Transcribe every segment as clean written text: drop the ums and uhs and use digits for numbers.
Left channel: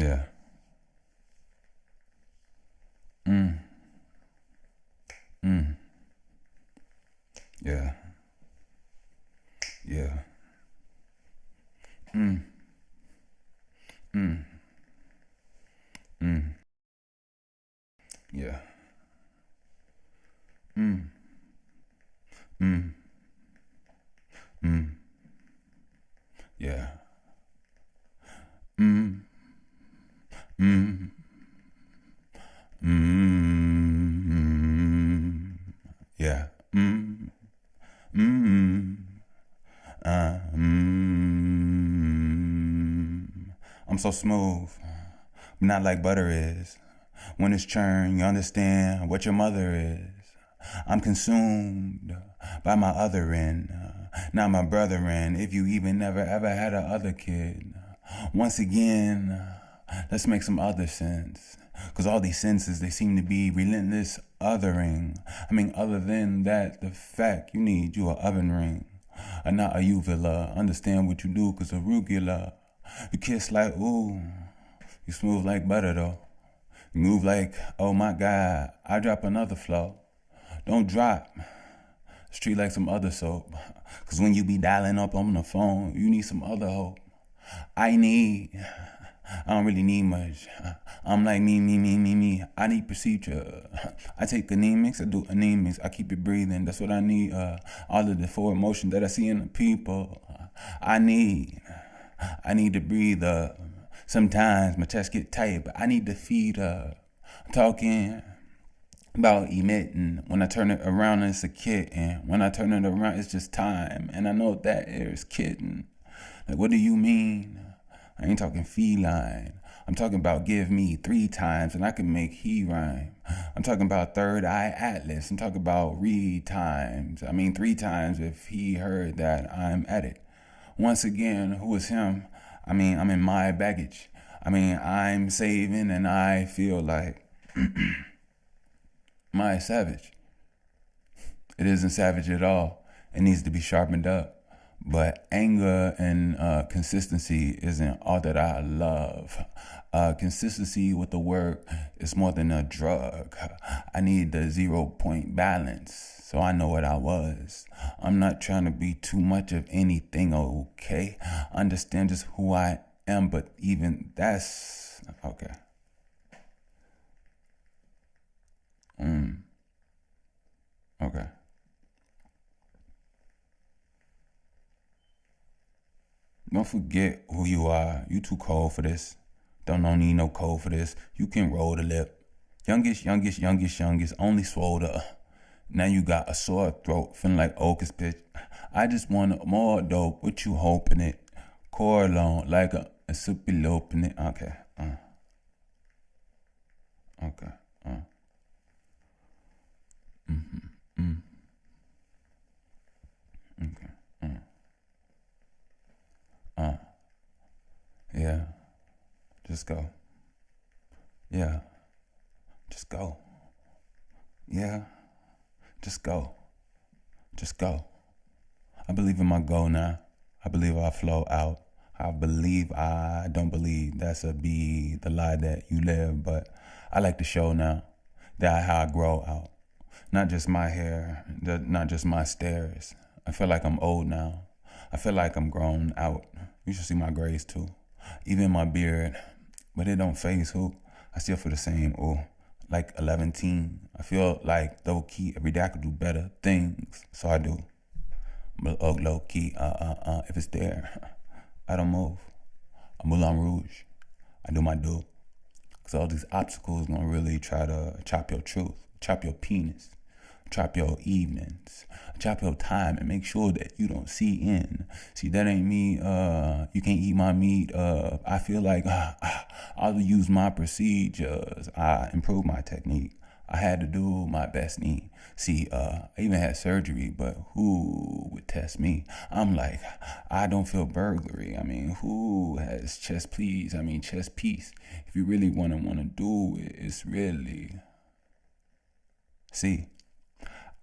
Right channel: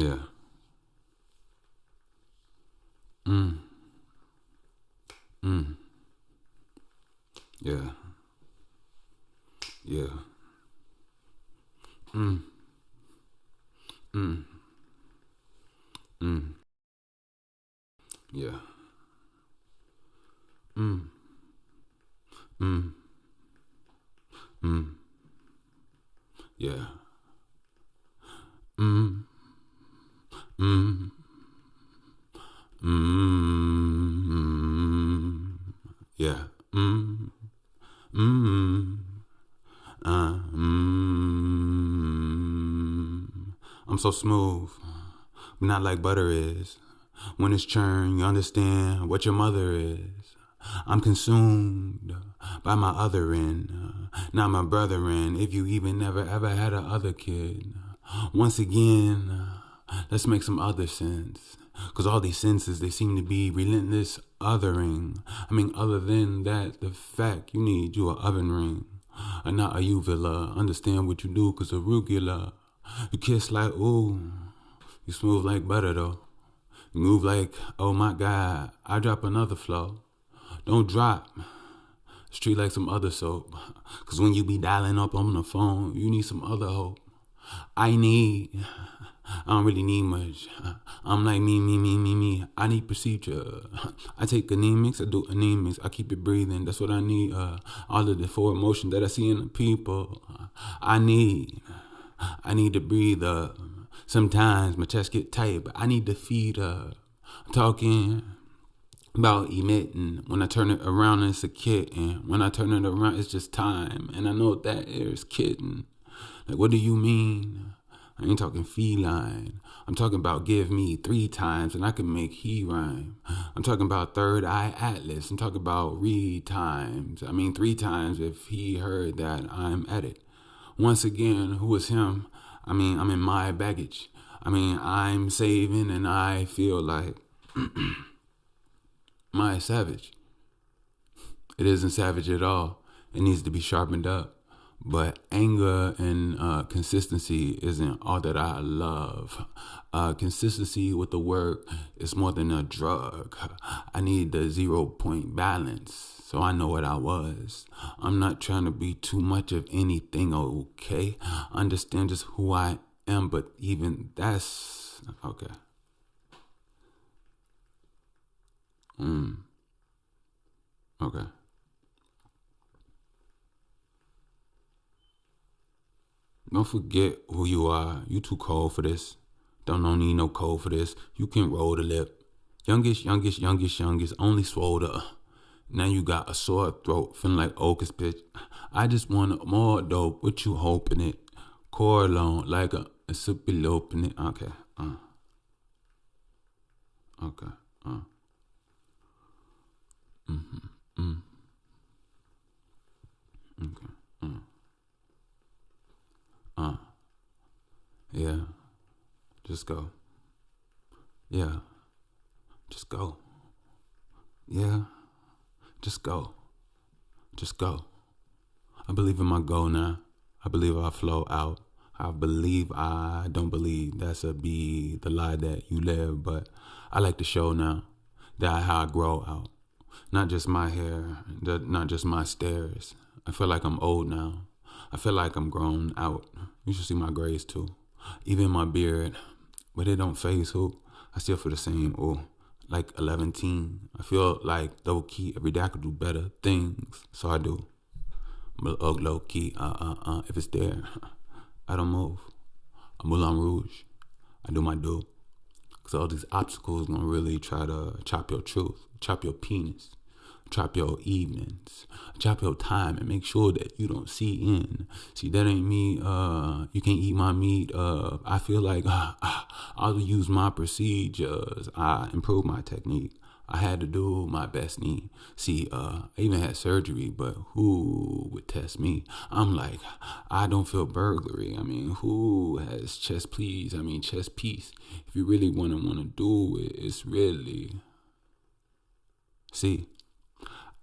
Yeah. Mm. Mm. Yeah. Yeah. Mm. Mm. Mm. Yeah. Mm. Mm. Mm. Yeah. Mm. Mm. Mm. Yeah. Mm. Mm. Mm. I'm so smooth, but not like butter is. When it's churned, you understand what your mother is. I'm consumed by my other end, not my brethren. If you even never ever had a other kid, once again, let's make some other sense. Cause all these senses, they seem to be relentless othering. I mean, other than that, the fact you need you a oven ring, not a uvula. Understand what you do, cause arugula. You kiss like ooh, you smooth like butter though. You move like, oh my God, I drop another flow. Don't drop. Street like some other soap. Cause when you be dialing up on the phone, you need some other hope. I don't really need much. I'm like me. I need procedure. I take anemics, I do anemics. I keep it breathing. That's what I need. All of the forward motion that I see in the people. I need. I need to breathe. Sometimes my chest get tight, but I need to feed. Talking about emitting. When I turn it around, it's a kitten. When I turn it around, it's just time. And I know that is kitten. Like, what do you mean? I ain't talking feline. I'm talking about give me 3 times and I can make he rhyme. I'm talking about third eye atlas. I'm talking about read times. I mean 3 times if he heard that I'm at it. Once again, who is him? I mean, I'm in my baggage. I mean, I'm saving and I feel like my savage. It isn't savage at all. It needs to be sharpened up. But anger and consistency isn't all that I love. Consistency with the work is more than a drug. I need the 0 point balance so I know what I was. I'm not trying to be too much of anything, okay? Understand just who I am, but even that's okay. Okay. Don't forget who you are. You too cold for this. Don't need no code for this. You can roll the lip. Youngest. Only swole the. Now you got a sore throat, feeling like Ocus pitch. I just want more dope. What you hoping it? Core alone, like a super open it. Okay. Okay. Uh. Okay. Uh. Yeah. Just go. Yeah. Just go. Yeah. Just go. Just go. I believe in my goal now. I believe I flow out. I believe I don't believe. That's a be the lie that you live. But I like to show now that how I grow out. Not just my hair, not just my stairs. I feel like I'm old now. I feel like I'm grown out. You should see my grays too. Even my beard. But it don't phase who. I still feel the same. Oh, like 11 teen. I feel like low key every day I could do better things. So I do. But low key, if it's there, I don't move. I'm Moulin Rouge. I do my do. Cause all these obstacles gonna really try to chop your truth, chop your penis, chop your evenings, chop your time, and make sure that you don't see in. See, that ain't me. You can't eat my meat. I feel like I'll use my procedures. I improve my technique. I had to do my best knee. See, I even had surgery, but who would test me? I'm like, I don't feel burglary. I mean, who has chest please? I mean, chest piece. If you really wanna do it, it's really. See,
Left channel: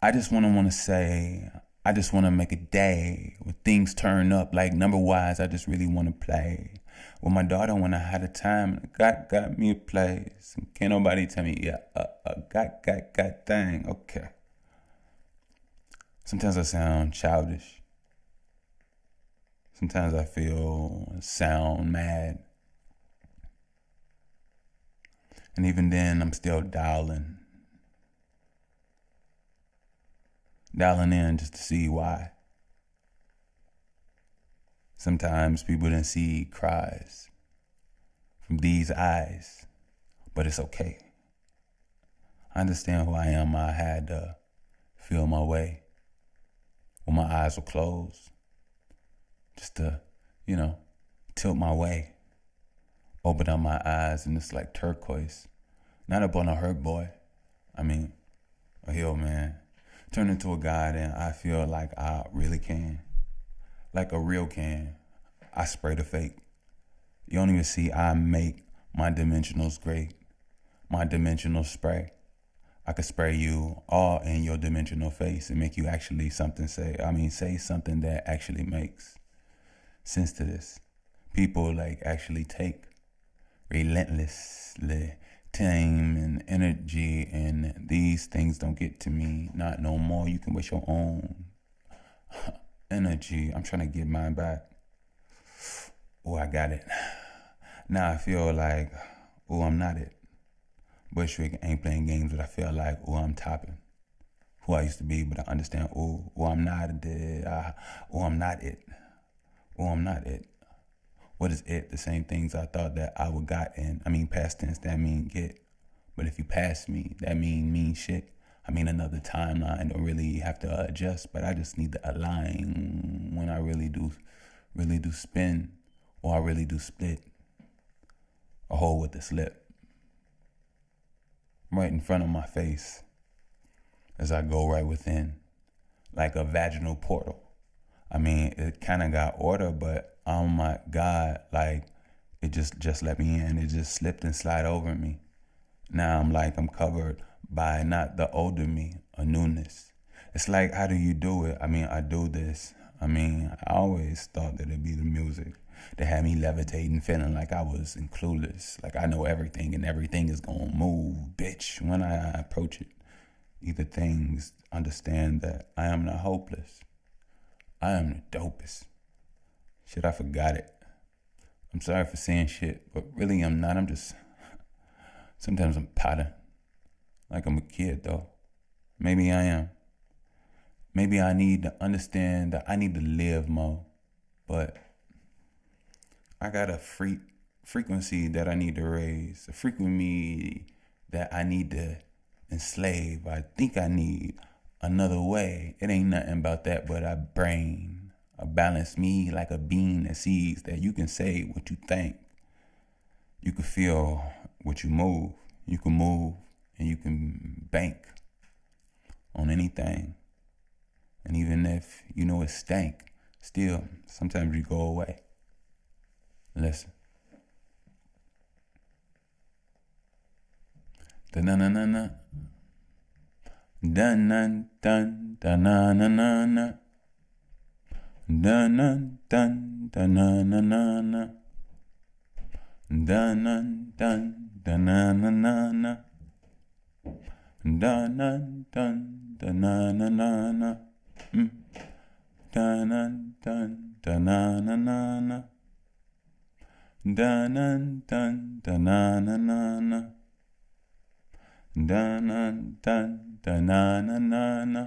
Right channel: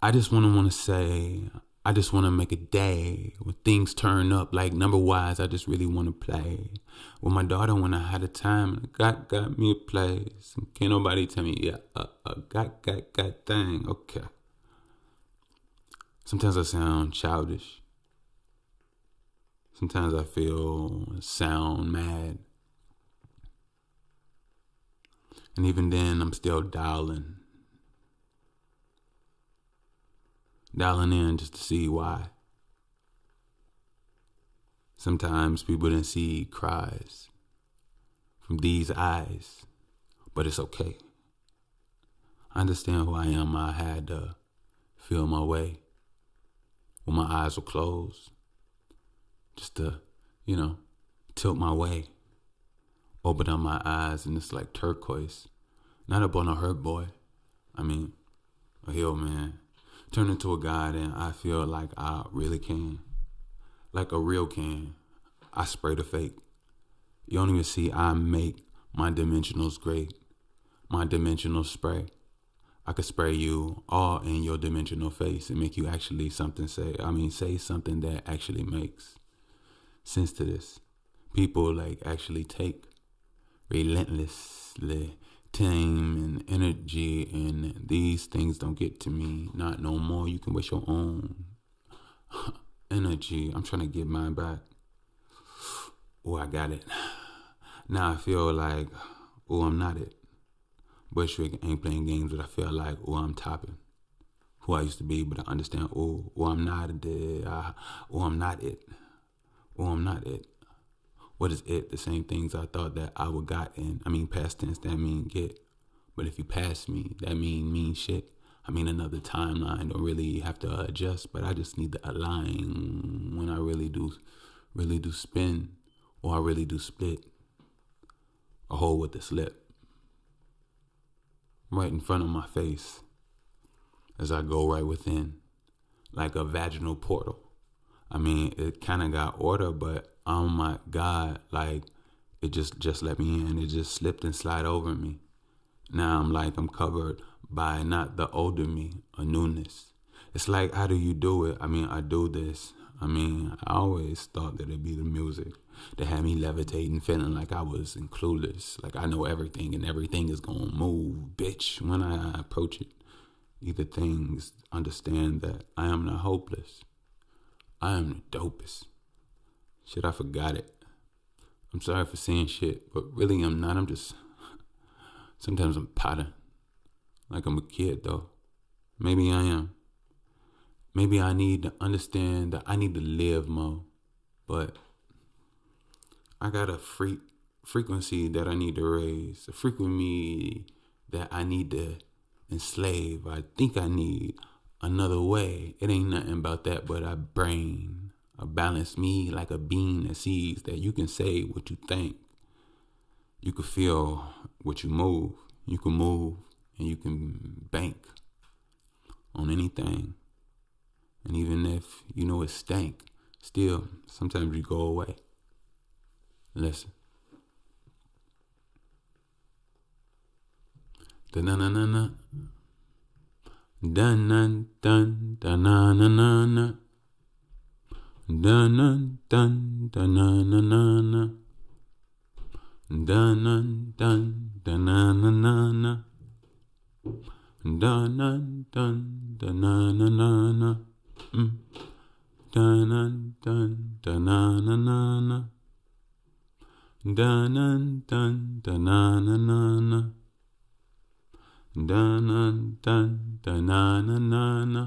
I just wanna say I just want to make a day when things turn up like number wise. I just really want to play with my daughter when I had a time. Got me a place. Can't nobody tell me, yeah, got thing. Okay. Sometimes I sound childish. Sometimes I sound mad. And even then, I'm still dialing in just to see why. Sometimes people didn't see cries from these eyes, but it's okay. I understand who I am. I had to feel my way when my eyes were closed, just to, tilt my way, open up my eyes, and it's like turquoise. Not up on a hurt boy. I mean, a healed man. Turn into a guy, then I feel like I really can. Like a real can. I spray the fake. You don't even see I make my dimensionals great. My dimensional spray. I could spray you all in your dimensional face and make you actually say something that actually makes sense to this. People like actually take relentlessly time and energy, and these things don't get to me. Not no more. You can waste your own energy. I'm trying to get mine back. Oh, I got it. Now I feel like, I'm not it. Bushwick ain't playing games, but I feel like, I'm topping who I used to be, but I understand, I'm not it. I'm not it. I'm not it. What is it? The same things I thought that I would got in. I mean, past tense, that mean get. But if you pass me, that mean shit. I mean, another timeline. Don't really have to adjust, but I just need to align when I really do spin, or I really do split a hole with a slip right in front of my face as I go right within, like a vaginal portal. I mean, it kind of got order, but oh my God, like it just let me in. It just slipped and slide over me. Now I'm covered by not the older me, a newness. It's like, how do you do it? I mean, I do this. I mean, I always thought that it'd be the music that had me levitating, feeling like I was clueless, like I know everything and everything is gonna move, bitch, when I approach it. Either things understand that I am not hopeless. I am the dopest. Shit, I forgot it. I'm sorry for saying shit, but really I'm not. Sometimes I'm potting. Like I'm a kid though. Maybe I am. Maybe I need to understand that I need to live more. But I got a frequency that I need to raise. A frequency that I need to enslave. I think I need another way. It ain't nothing about that but a brain. A balance me like a bean that sees that you can say what you think. You can feel what you move. You can move and you can bank on anything. And even if you know it stank, still, sometimes you go away. Listen. Da-na-na-na-na. Dun-dun-dun, da-na-na-na-na. Dun-dun-dun, da-na-na-na-na. Dun-dun-dun, da-na-na-na-na. Dun-dun-dun, da-na-na-na-na. Dun-dun-dun, da-na-na-na-na. Dun-dun-dun, da-na-na-na-na. Dun-dun-dun, da-na-na-na-na.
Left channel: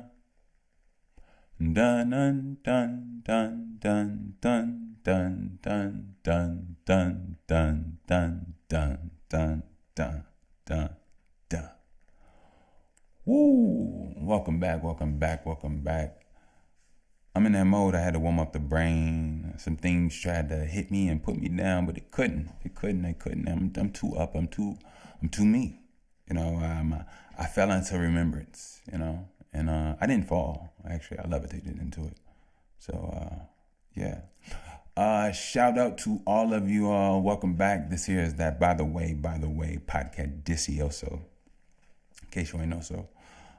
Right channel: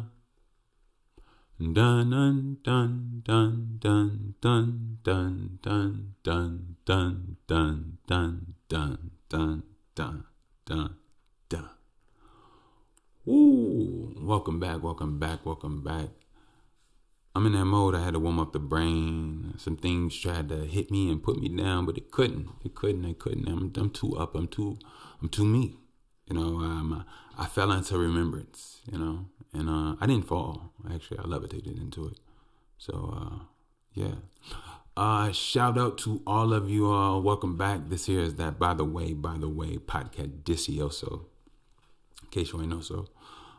Dun dun dun dun dun dun dun dun dun dun dun dun dun dun dun dun dun. Woo! Welcome back. I'm in that mode. I had to warm up the brain. Some things tried to hit me and put me down, but it couldn't. I'm too up. I'm too me. I fell into remembrance. And I didn't fall. Actually, I levitated into it. So, yeah. Shout out to all of you. Welcome back. This here is that By the Way podcast Discioso. In case you ain't know so.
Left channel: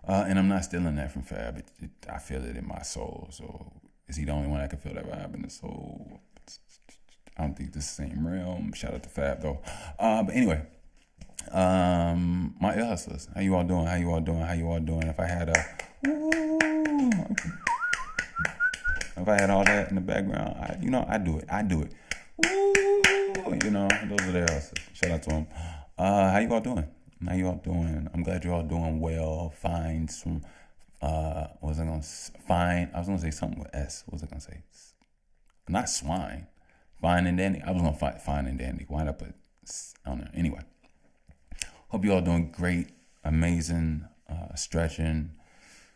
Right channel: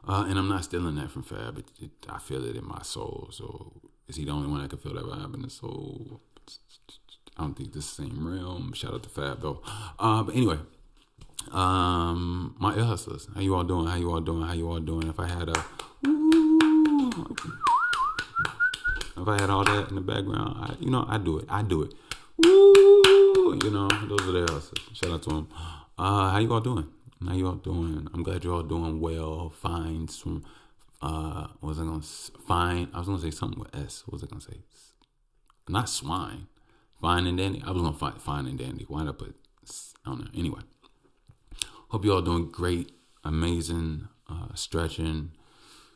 And I'm not stealing that from Fab. I feel it in my soul. So is he the only one that can feel that vibe in his soul? I don't think this is the same realm. Shout out to Fab though. But anyway, my ear hustlers, how you all doing? How you all doing? How you all doing? If I had all that in the background, I do it. Woo! Those are the hustlers. Shout out to them. How you all doing? How you all doing? I'm glad you're all doing well. Fine. What was I gonna fine? I was gonna say something with S. What was I gonna say? Not swine. Fine and dandy. I was gonna find fine and dandy. Why'd I put? I don't know. Anyway, hope you all doing great, amazing, stretching,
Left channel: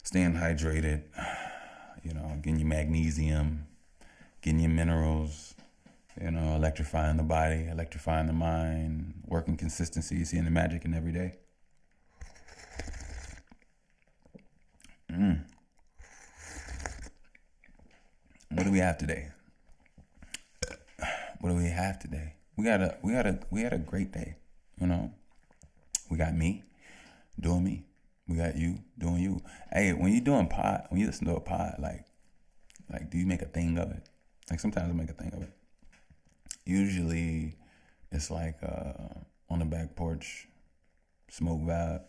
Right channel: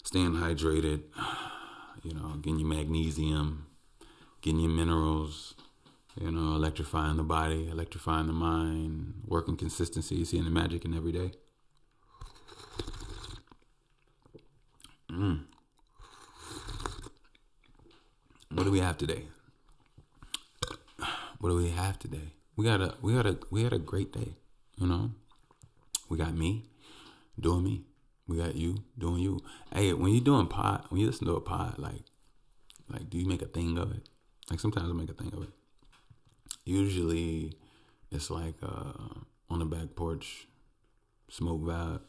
staying hydrated. Getting your magnesium, getting your minerals. Electrifying the body, electrifying the mind, working consistency, seeing the magic in every day. What do we have today? We had a great day. We got me doing me. We got you doing you. Hey, when you listen to a pod, like, do you make a thing of it? Like, sometimes I make a thing of it. Usually, it's like on the back porch, smoke vibe,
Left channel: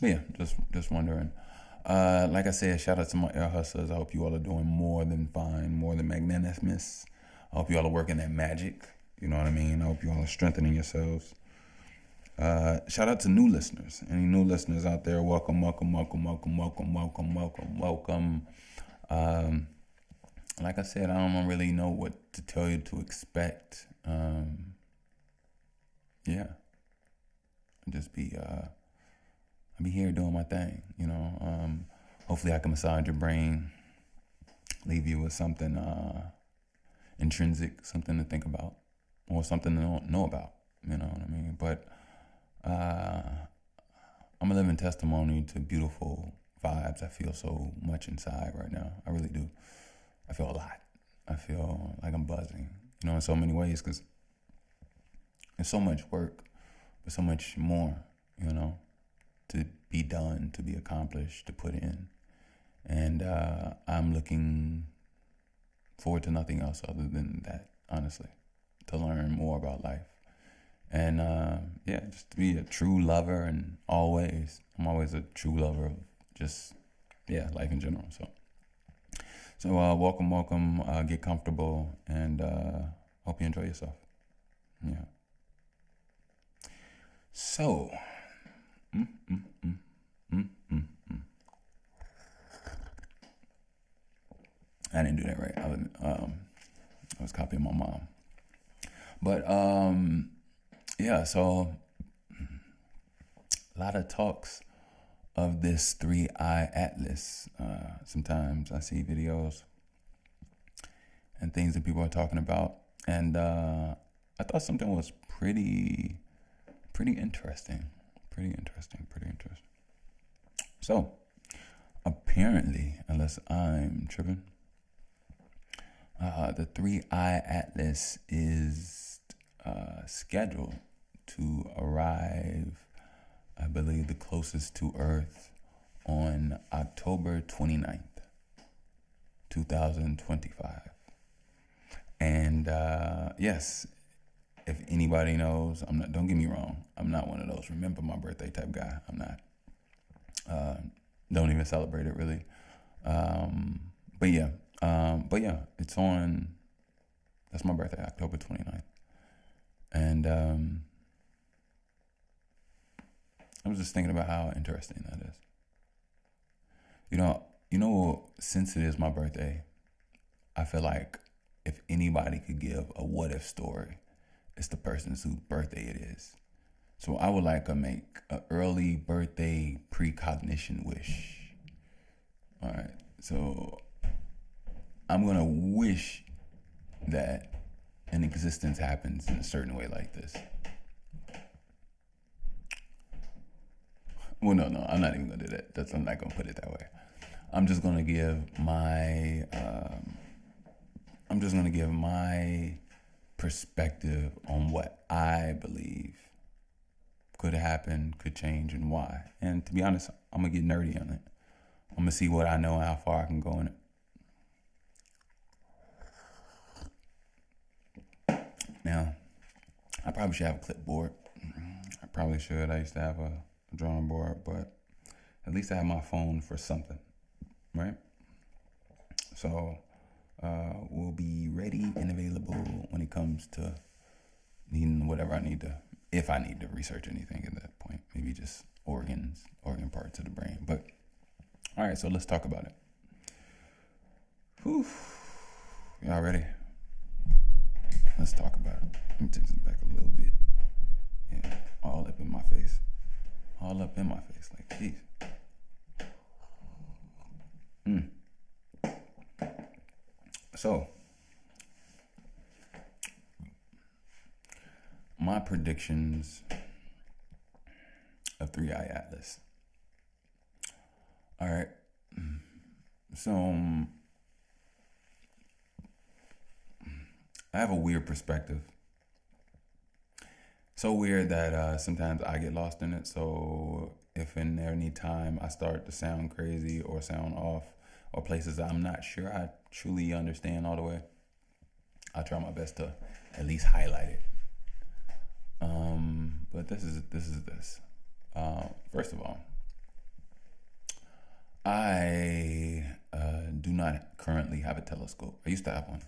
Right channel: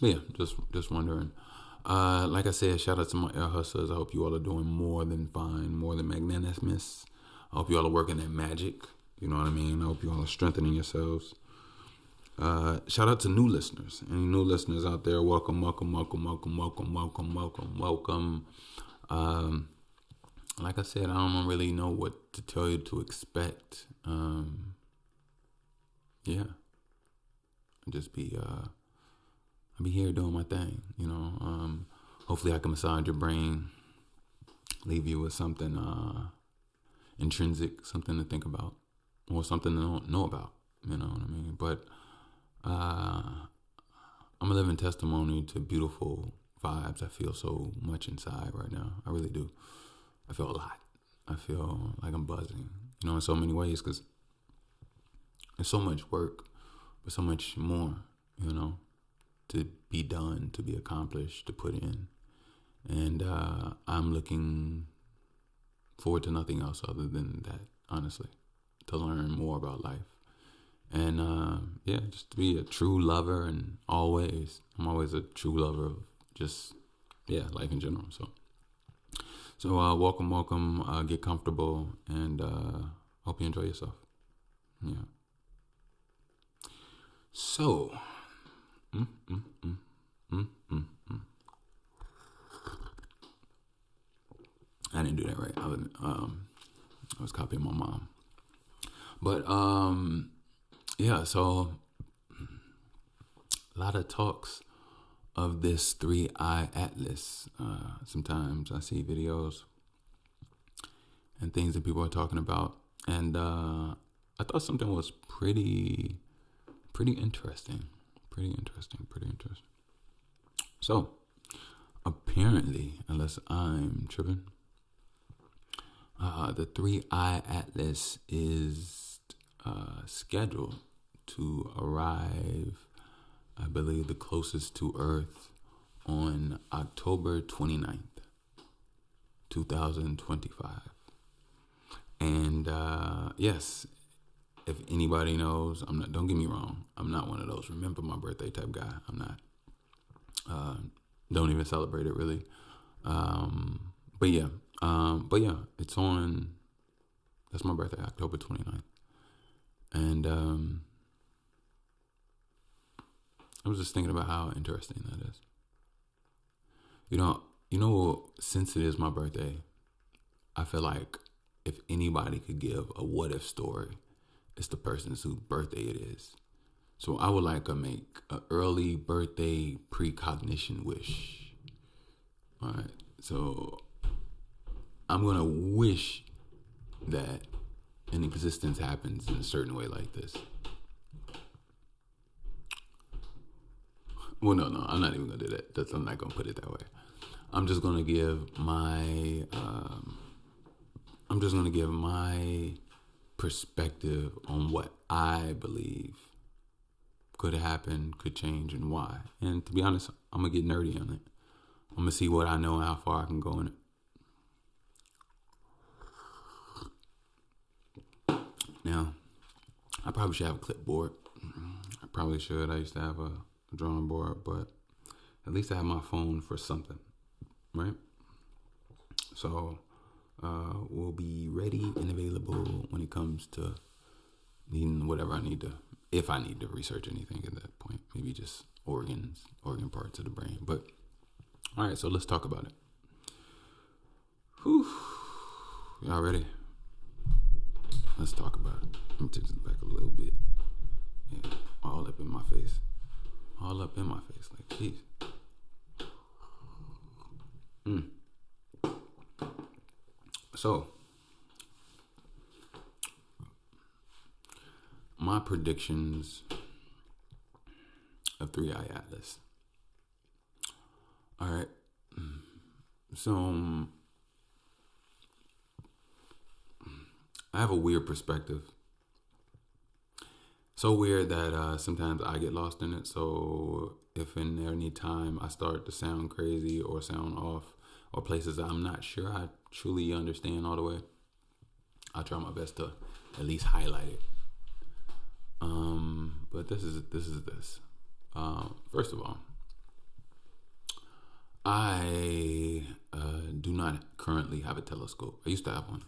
But yeah, just wondering. Like I said, shout out to my air hustlers. I hope you all are doing more than fine, more than magnanimous. I hope you all are working that magic. You know what I mean? I hope you all are strengthening yourselves. Shout out to new listeners. Any new listeners out there, welcome. Like I said, I don't really know what to tell you to expect. Yeah. I'll be here doing my thing, hopefully I can massage your brain, leave you with something intrinsic, something to think about, or something to know about, you know what I mean? But I'm a living testimony to beautiful vibes. I feel so much inside right now. I really do. I feel a lot. I feel like I'm buzzing, in so many ways, because there's so much work, but so much more, to be done, to be accomplished, to put in. And I'm looking forward to nothing else other than that, honestly, to learn more about life. And just to be a true lover, and I'm always a true lover of just, life in general. So welcome, get comfortable, and hope you enjoy yourself. Yeah. So, I didn't do that right. I was copying my mom. But so a lot of talks of this 3-eye atlas. Sometimes I see videos and things that people are talking about, and I thought something was pretty interesting. Pretty interesting. So, apparently, unless I'm tripping, the 3-eye atlas is scheduled to arrive, I believe, the closest to Earth on October 29th, 2025. And yes, if anybody knows, don't get me wrong, I'm not one of those remember my birthday type guy. I'm not. Don't even celebrate it really. But yeah, it's on, that's my birthday, October 29th. And I was just thinking about how interesting that is. Since it is my birthday, I feel like if anybody could give a what if story, it's the person's whose birthday it is. So I would like to make an early birthday precognition wish. All right. So I'm going to wish that an existence happens in a certain way like this. Well, no, I'm not even going to do that. I'm not going to put it that way. I'm just going to give my perspective on what I believe could happen, could change, and why. And to be honest, I'm gonna get nerdy on it. I'm gonna see what I know and how far I can go in it. Now, I probably should have a clipboard. I probably should. I used to have a drawing board, but at least I have my phone for something, right? So we'll be ready and available when it comes to needing whatever I need to, if I need to research anything at that point. Maybe just organ parts of the brain. But all right, so let's talk about it. Whew. Y'all ready? Let's talk about it. Let me take this back a little bit. Yeah, all up in my face. All up in my face. Like, jeez. So, my predictions of 3i Atlas. All right. So, I have a weird perspective. So weird that sometimes I get lost in it. So if in any time I start to sound crazy or sound off or places I'm not sure I truly understand all the way, I'll try my best to at least highlight it. But this is this. First of all, I do not currently have a telescope. I used to have one.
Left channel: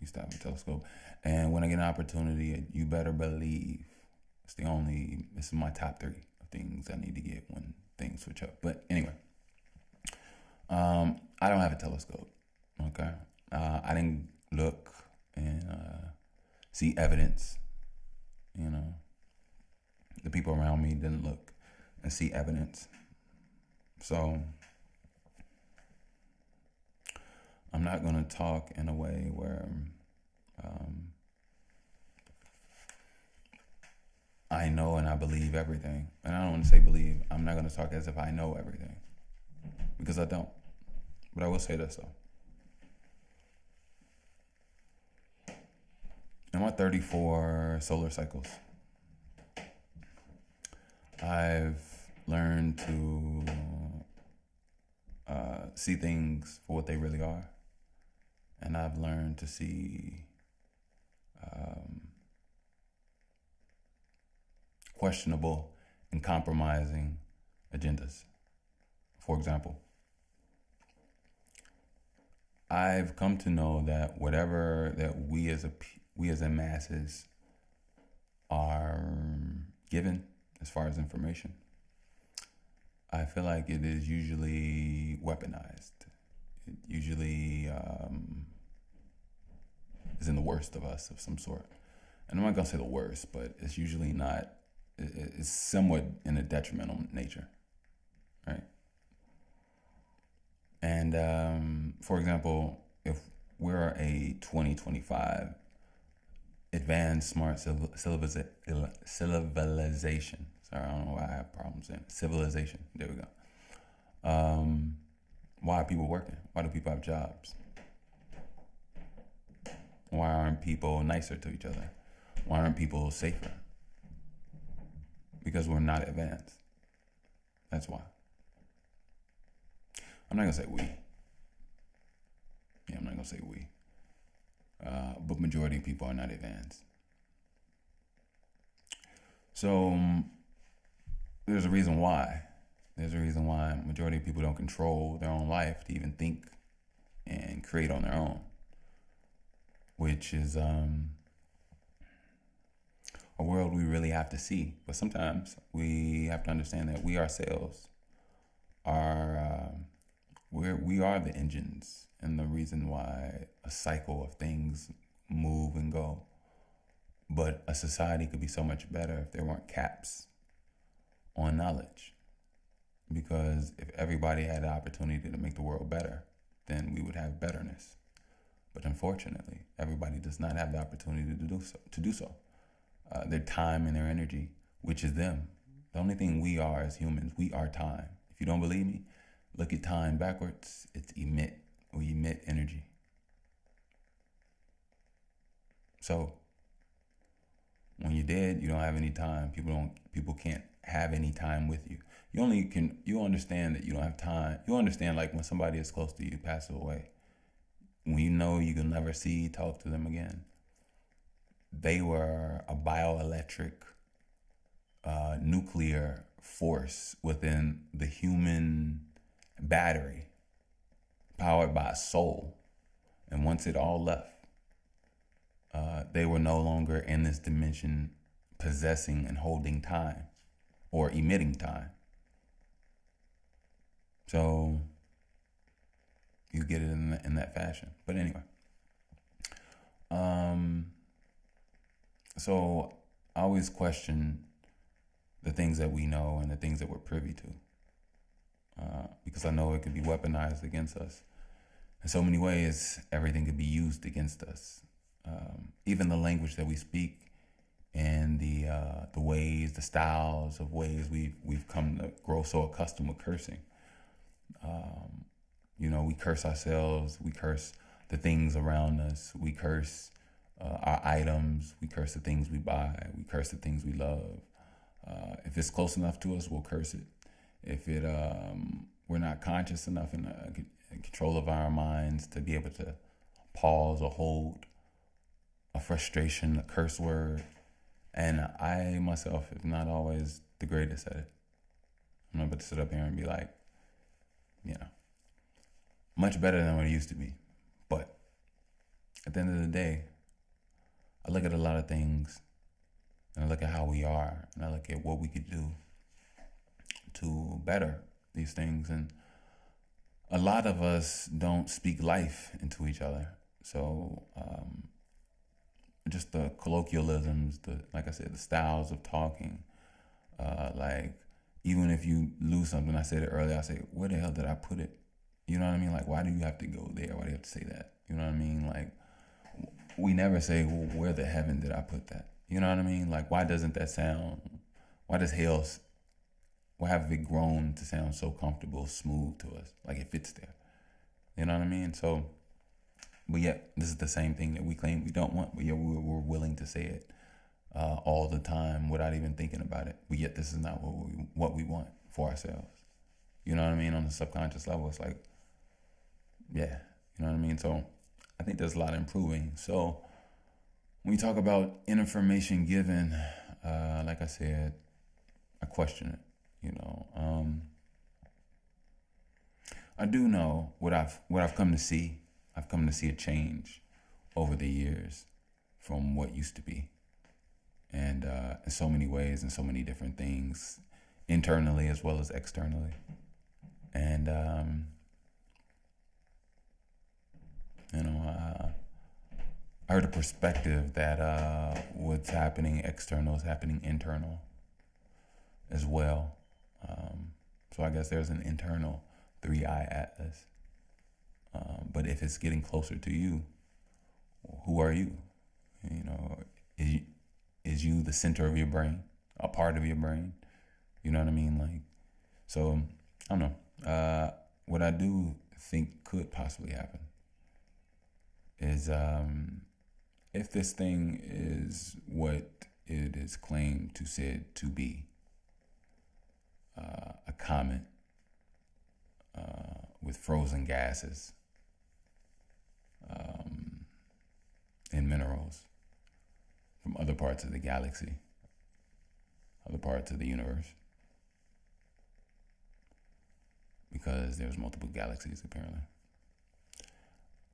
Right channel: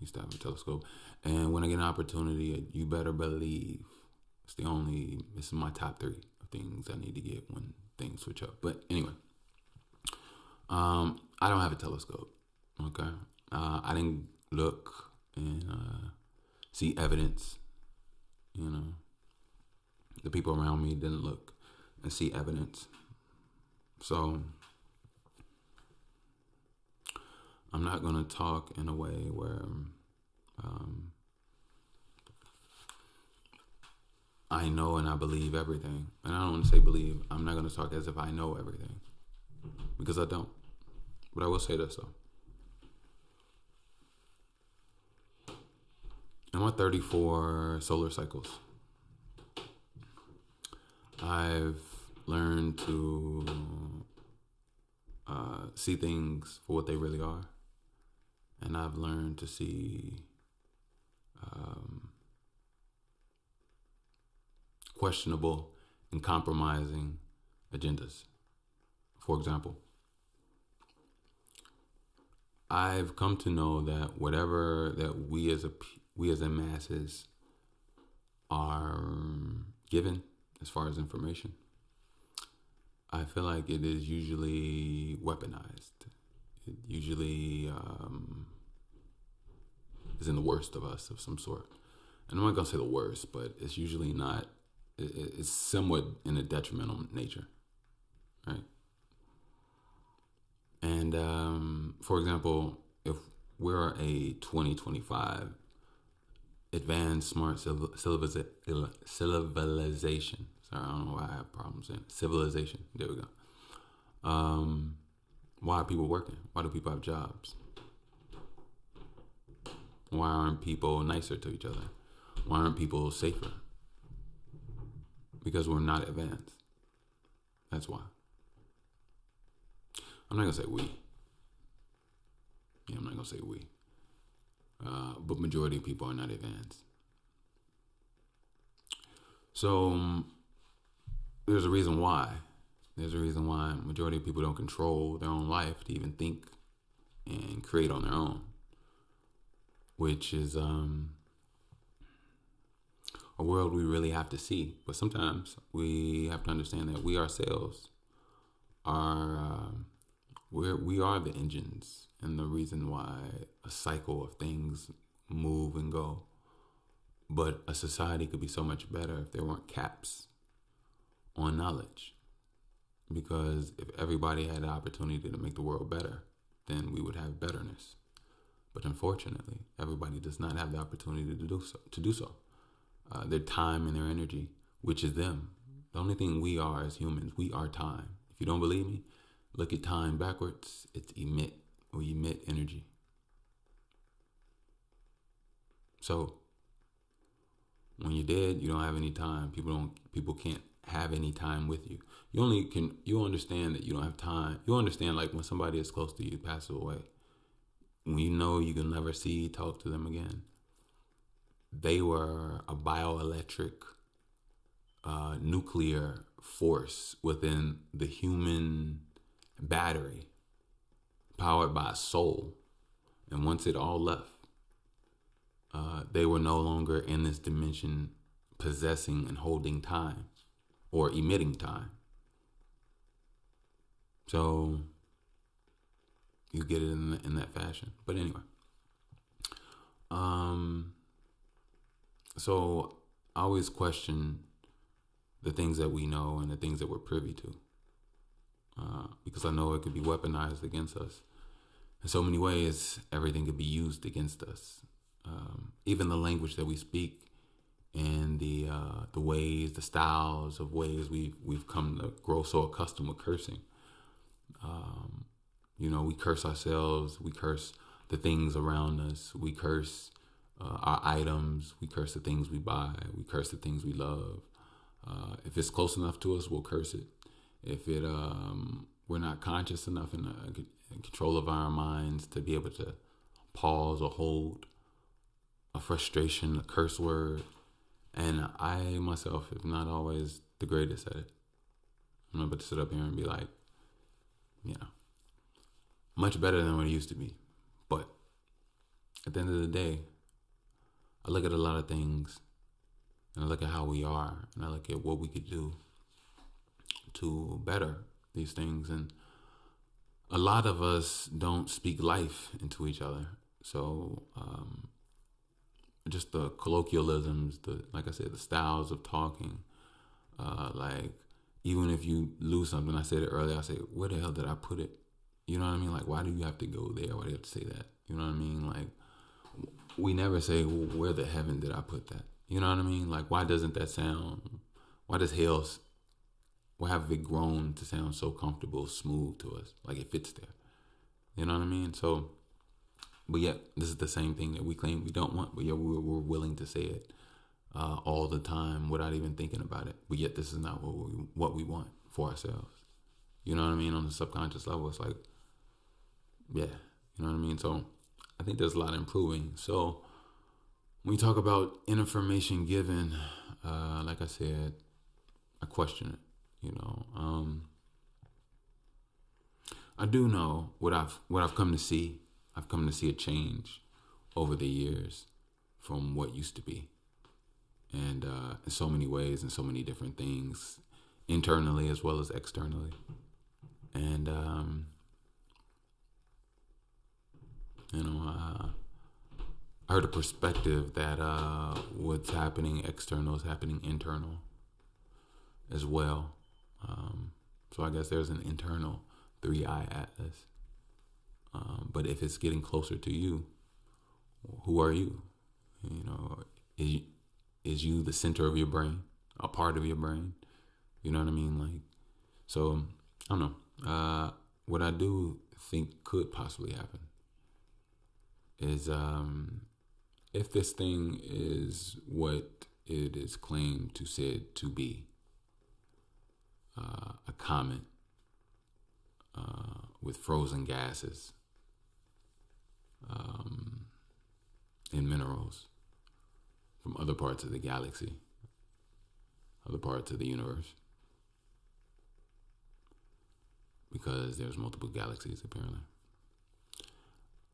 Used to have a telescope. And when I get an opportunity, you better believe this is my top 3 of things I need to get when things switch up. But anyway, I don't have a telescope. Okay. I didn't look and see evidence. You know, the people around me didn't look and see evidence. So I'm not going to talk in a way where I know and I believe everything. And I don't want to say believe. I'm not going to talk as if I know everything, because I don't. But I will say this, though. In my 34 solar cycles, I've learned to see things for what they really are. And I've learned to see questionable and compromising agendas. For example, I've come to know that whatever that we as a masses are given as far as information, I feel like it is usually weaponized. It usually is in the worst of us of some sort. And I'm not going to say the worst, but it's usually not, it's somewhat in a detrimental nature, right? And for example, if we're a 2025 advanced smart civilization, sorry, I don't know why I have problems saying civilization, there we go. Why are people working? Why do people have jobs? Why aren't people nicer to each other? Why aren't people safer? Because we're not advanced. That's why. I'm not going to say we. Yeah, I'm not going to say we. But majority of people are not advanced. So there's a reason why. There's a reason why majority of people don't control their own life to even think and create on their own, which is a world we really have to see. But sometimes we have to understand that we ourselves are we are the engines and the reason why a cycle of things move and go. But a society could be so much better if there weren't caps on knowledge. Because if everybody had the opportunity to make the world better, then we would have betterness. But unfortunately, everybody does not have the opportunity to do so. Their time and their energy, which is them. The only thing we are as humans, we are time. If you don't believe me, look at time backwards. It's emit. We emit energy. So When you're dead, you don't have any time. People can't have any time with you. You understand that you don't have time. You understand like when somebody is close to you passes away. When you know you can never see, talk to them again. They were a bioelectric nuclear force within the human battery, powered by a soul. And once it all left, they were no longer in this dimension possessing and holding time or emitting time. So you get it in that fashion. But anyway, so I always question the things that we know and the things that we're privy to, because I know it could be weaponized against us. In so many ways, everything could be used against us. Even the language that we speak and the ways, the styles of ways we've come to grow so accustomed with cursing. We curse ourselves. We curse the things around us. We curse our items. We curse the things we buy. We curse the things we love. If it's close enough to us, we'll curse it. If we're not conscious enough in control of our minds to be able to pause or hold a frustration, a curse word. And I myself am not always the greatest at it. I'm not about to sit up here and be like, much better than what it used to be. But at the end of the day, I look at a lot of things and I look at how we are and I look at what we could do to better these things. And a lot of us don't speak life into each other. So just the colloquialisms, like I said, the styles of talking, like even if you lose something, I said it earlier, I say, where the hell did I put it? You know what I mean? Like, why do you have to go there? Why do you have to say that? You know what I mean? Like, we never say, well, where the heaven did I put that? You know what I mean? Like, why doesn't that sound, why have it grown to sound so comfortable, smooth to us? Like it fits there. You know what I mean? So, but yet, this is the same thing that we claim we don't want, but yet we're willing to say it all the time without even thinking about it. But yet, this is not what we want for ourselves. You know what I mean? On the subconscious level, it's like, yeah, you know what I mean? So I think there's a lot of improving. So when you talk about information given, like I said, I question it, I do know what I've come to see. I've come to see a change over the years from what used to be. And in so many ways and so many different things, internally as well as externally. And, I heard a perspective that what's happening external is happening internal as well. So I guess there's an internal 3-eye atlas. But if it's getting closer to you, who are you? Is you the center of your brain, a part of your brain? You know what I mean? Like, so I don't know. What I do think could possibly happen is if this thing is what it is claimed to said to be, a comet with frozen gases and minerals from other parts of the galaxy, other parts of the universe, because there's multiple galaxies apparently.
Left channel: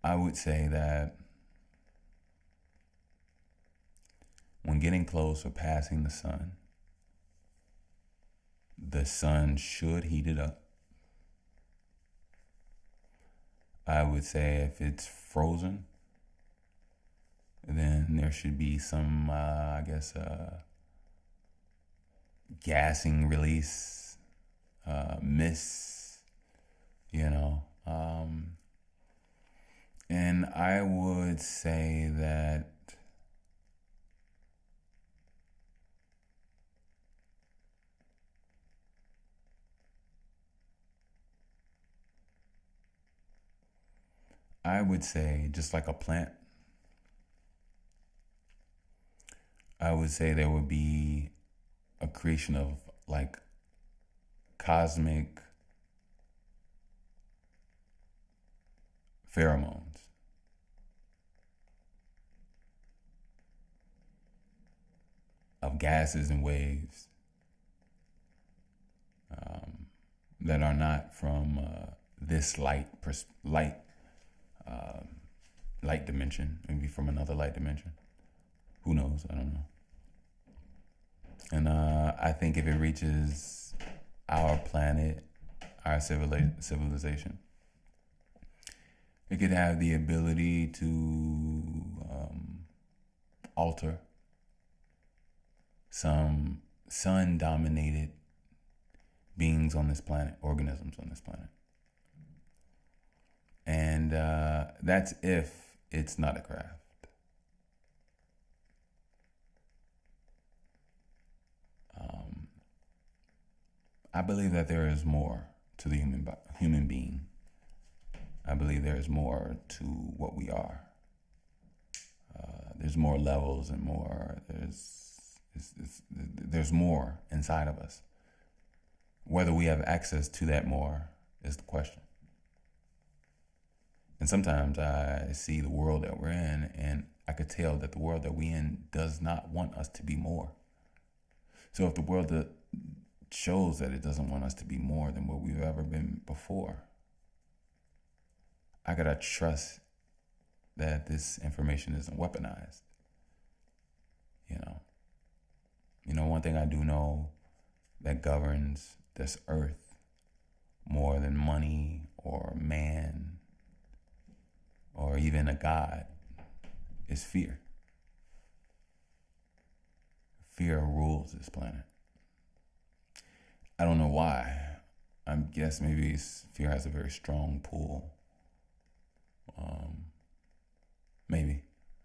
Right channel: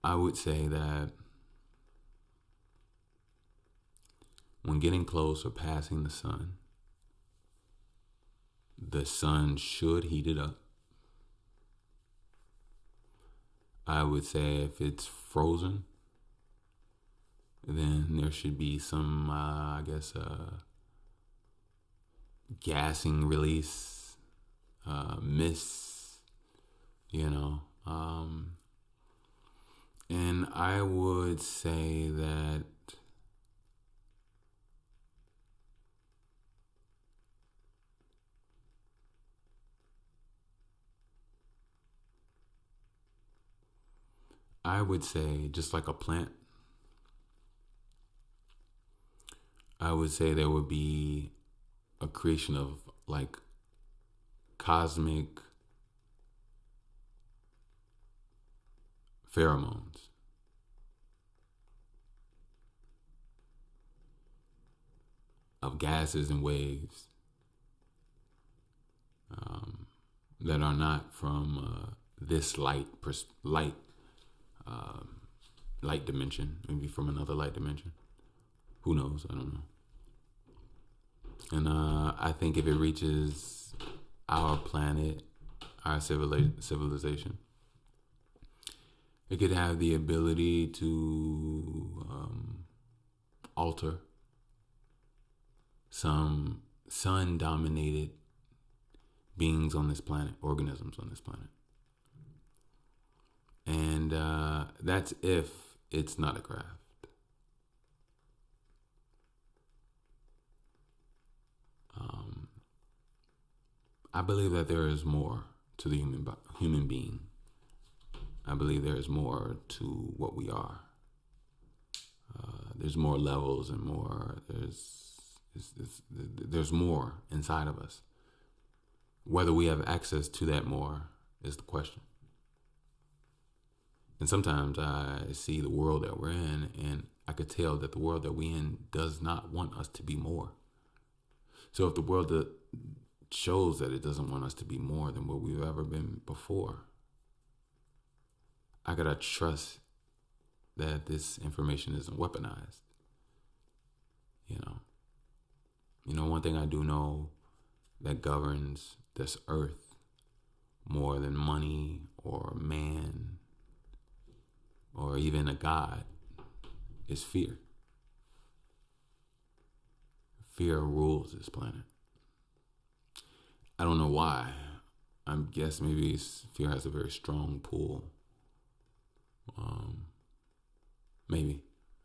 I would say that when getting close or passing the sun should heat it up. I would say if it's frozen, then there should be some, gassing release, mist, and I would say that just like a plant, I would say there would be a creation of like cosmic pheromones. Of gases and waves um, that are not from this um, light dimension, maybe from another light dimension. Who knows? I don't know. And I think if it reaches our planet, our civilization, it could have the ability to alter some sun dominated beings on this planet, organisms on this planet. And that's if it's not a craft. I believe that there is more to the human being. I believe there is more to what we are. There's more levels and more. There's more inside of us. Whether we have access to that more is the question. And sometimes I see the world that we're in, and I could tell that the world that we're in does not want us to be more. So if the world that shows that it doesn't want us to be more than what we've ever been before, I gotta trust that this information isn't weaponized. One thing I do know that governs this earth more than money or man or even a god is fear. Fear rules this planet. I don't know why. I guess maybe fear has a very strong pull. Maybe.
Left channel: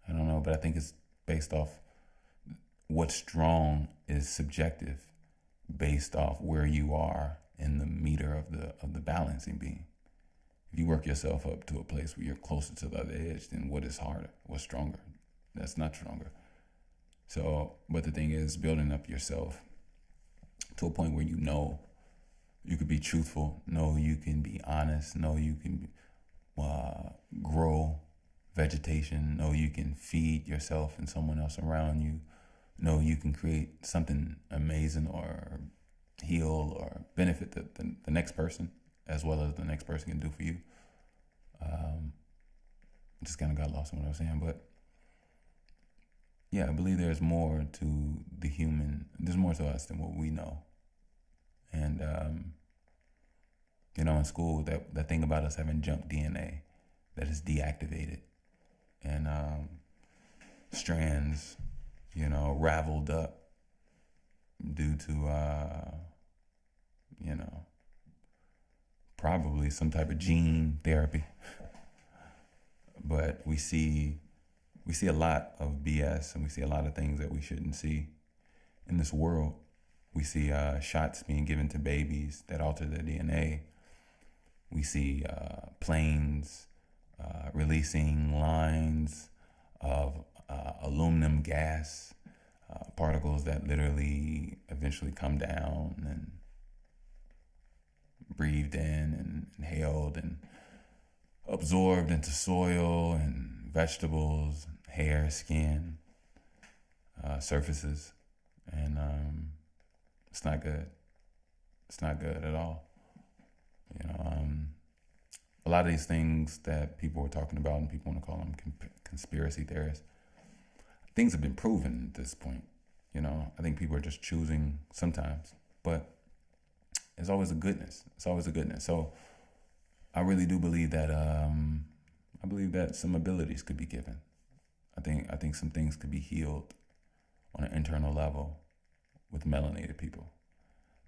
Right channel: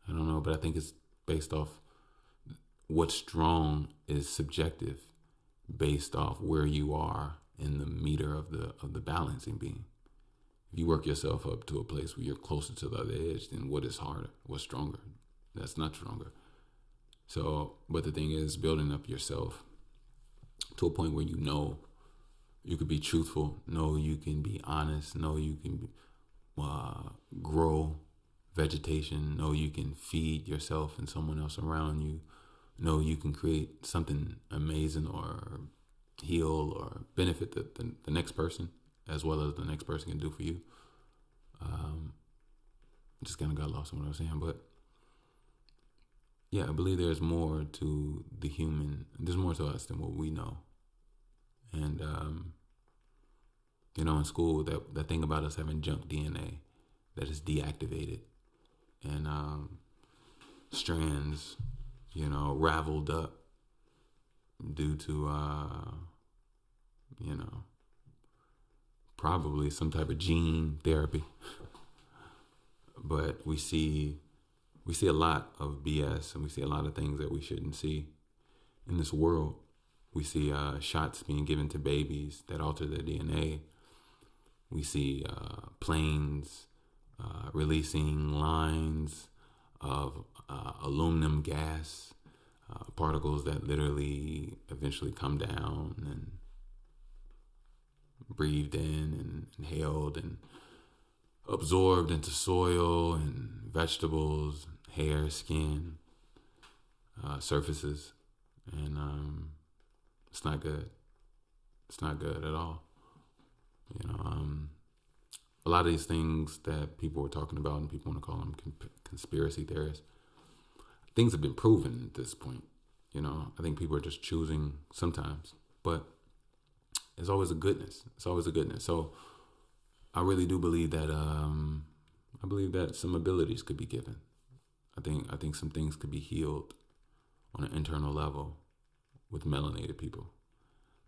I don't know, but I think it's based off what's strong is subjective based off where you are in the meter of the balancing beam. If you work yourself up to a place where you're closer to the other edge, then what is harder? What's stronger? That's not stronger. So, but the thing is building up yourself to a point where you could be truthful, know you can be honest, know you can grow vegetation, know you can feed yourself and someone else around you, know you can create something amazing or heal or benefit the next person as well as the next person can do for you. Just kind of got lost in what I was saying, but yeah, I believe there's more to the human. There's more to us than what we know. And in school, that thing about us having junk DNA that is deactivated and strands, raveled up due to probably some type of gene therapy. But we see a lot of BS, and we see a lot of things that we shouldn't see in this world. We see shots being given to babies that alter their DNA. We see planes releasing lines of aluminum gas, particles that literally eventually come down and breathed in and inhaled and absorbed into soil and vegetables, hair, skin, surfaces. And it's not good. It's not good at all. A lot of these things that people were talking about, and people want to call them conspiracy theorists, things have been proven at this point. I think people are just choosing sometimes, but there's always a goodness. It's always a goodness. So I really do believe that. I believe that some abilities could be given. I think some things could be healed on an internal level with melanated people.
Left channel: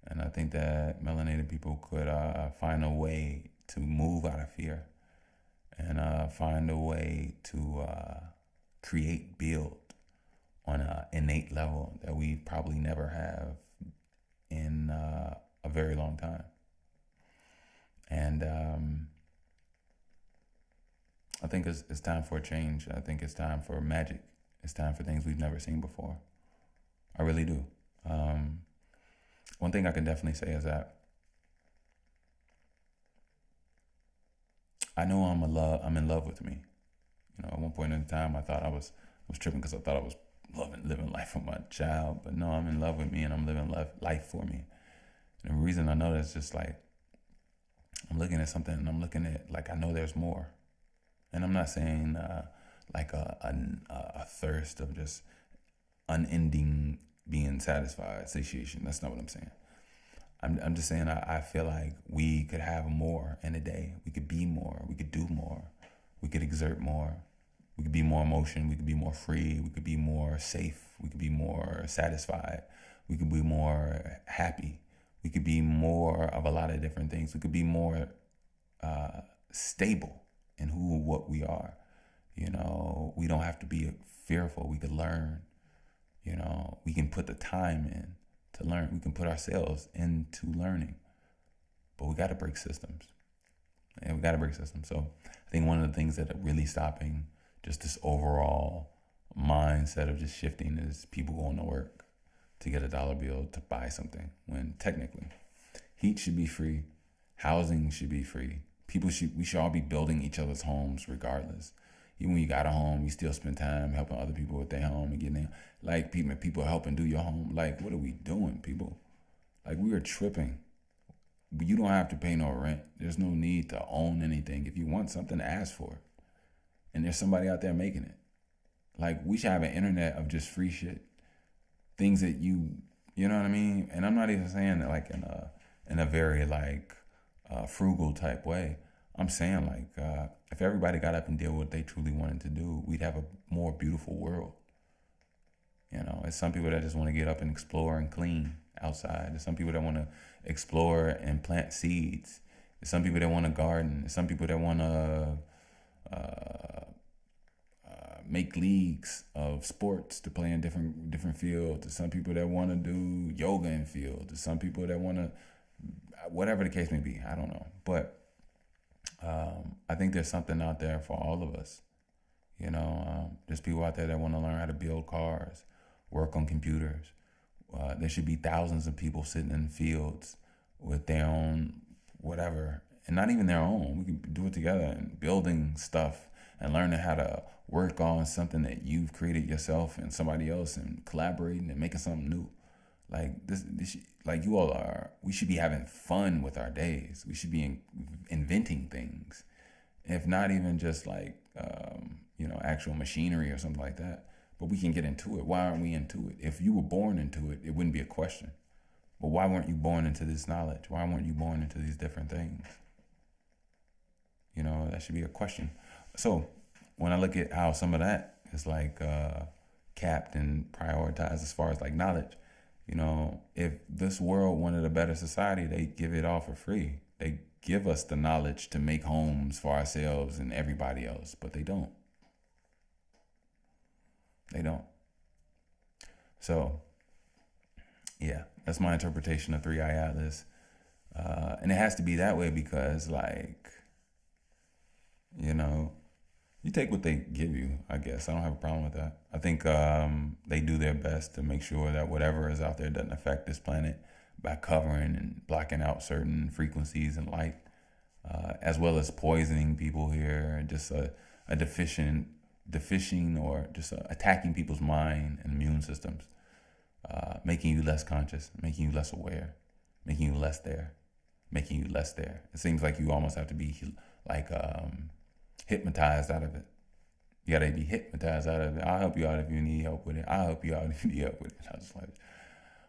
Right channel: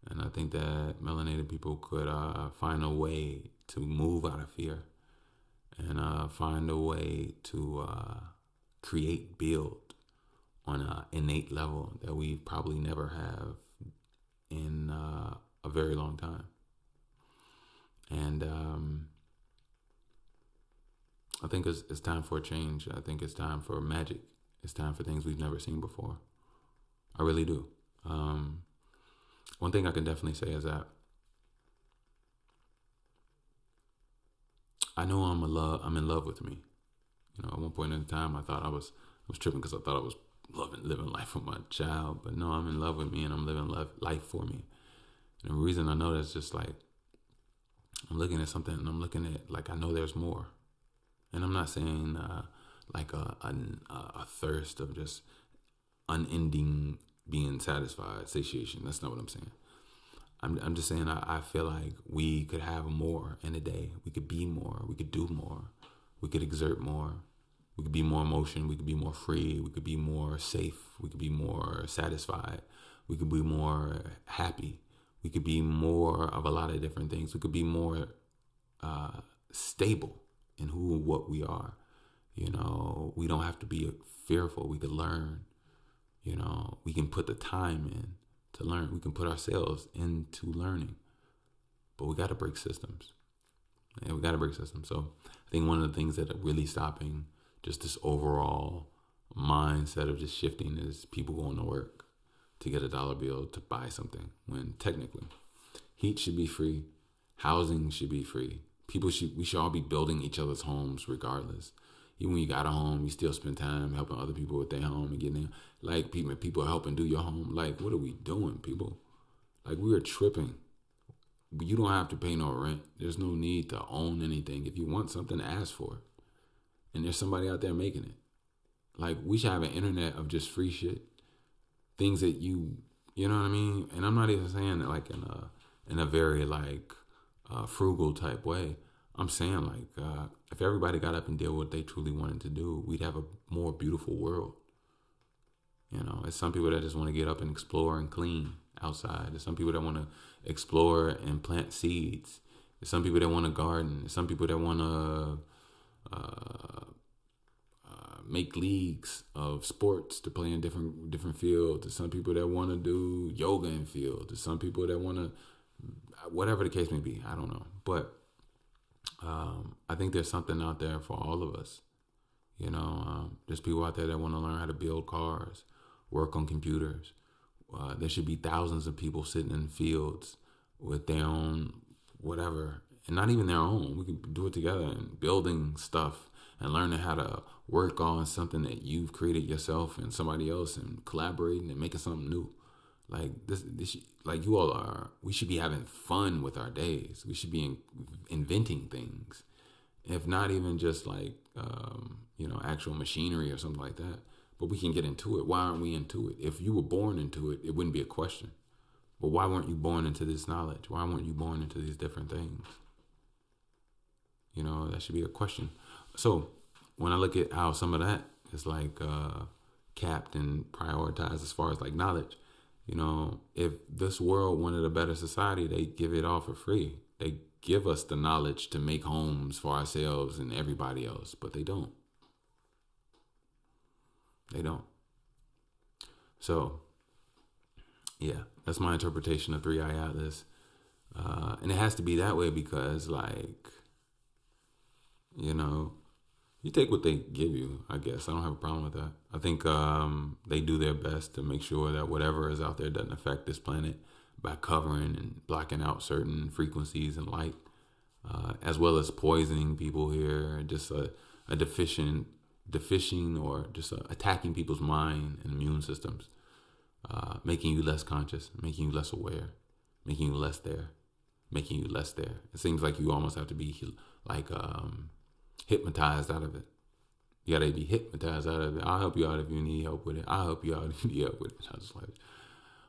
And I think that melanated people could find a way to move out of fear and find a way to build on an innate level that we probably never have in a very long time. And I think it's time for a change. I think it's time for magic. It's time for things we've never seen before. I really do. Um, One thing I can definitely say is that I know I'm in love with me. You know, at one point in time, I thought I was tripping because I thought I was living life for my child, but no, I'm in love with me and I'm living life for me. And the reason I know that's just like I'm looking at something and I'm looking at like I know there's more, and I'm not saying like a thirst of just unending being satisfied, satiation. That's not what I'm saying. I'm just saying I feel like we could have more in a day. We could be more. We could do more. We could exert more. We could be more emotion. We could be more free. We could be more safe. We could be more satisfied. We could be more happy. We could be more of a lot of different things. We could be more stable in who and what we are. You know, we don't have to be fearful. We could learn. You know, we can put the time in to learn. We can put ourselves into learning, but we got to break systems. And we got to break systems. So I think one of the things that are really stopping just this overall mindset of just shifting is people going to work to get a dollar bill to buy something when technically heat should be free, housing should be free. We should all be building each other's homes regardless. Even when you got a home, you still spend time helping other people with their home and getting like people helping do your home. Like, what are we doing, people? Like, we are tripping. You don't have to pay no rent. There's no need to own anything. If you want something, ask for it. And there's somebody out there making it. Like, we should have an internet of just free shit. Things that you know what I mean? And I'm not even saying that like in a very like frugal type way. I'm saying like if everybody got up and did what they truly wanted to do, we'd have a more beautiful world. You know, it's some people that just want to get up and explore and clean outside. There's some people that want to explore and plant seeds. There's some people that want to garden. There's some people that want to make leagues of sports to play in different fields. There's some people that want to do yoga in fields. There's some people that want to, whatever the case may be. I don't know, but I think there's something out there for all of us. You know, there's people out there that want to learn how to build cars, work on computers. There should be thousands of people sitting in fields with their own whatever, and not even their own. We can do it together and building stuff and learning how to work on something that you've created yourself and somebody else and collaborating and making something new. Like this like you all are, we should be having fun with our days. We should be inventing things, if not even just like, actual machinery or something like that. But we can get into it. Why aren't we into it? If you were born into it, it wouldn't be a question. But why weren't you born into this knowledge? Why weren't you born into these different things? You know, that should be a question. So when I look at how some of that is like capped and prioritized as far as like knowledge, you know, if this world wanted a better society, they give it all for free. They give us the knowledge to make homes for ourselves and everybody else, but they don't. They don't. So, yeah, that's my interpretation of Three Eye Atlas. And it has to be that way because, like, you know, you take what they give you, I guess. I don't have a problem with that. I think they do their best to make sure that whatever is out there doesn't affect this planet by covering and blocking out certain frequencies and light, as well as poisoning people here, just a deficient or just attacking people's mind and immune systems, making you less conscious, making you less aware, making you less there, making you less there. It seems like you almost have to be like hypnotized out of it. You gotta be hypnotized out of it. I'll help you out if you need help with it. I'll help you out if you need help with it. I just like,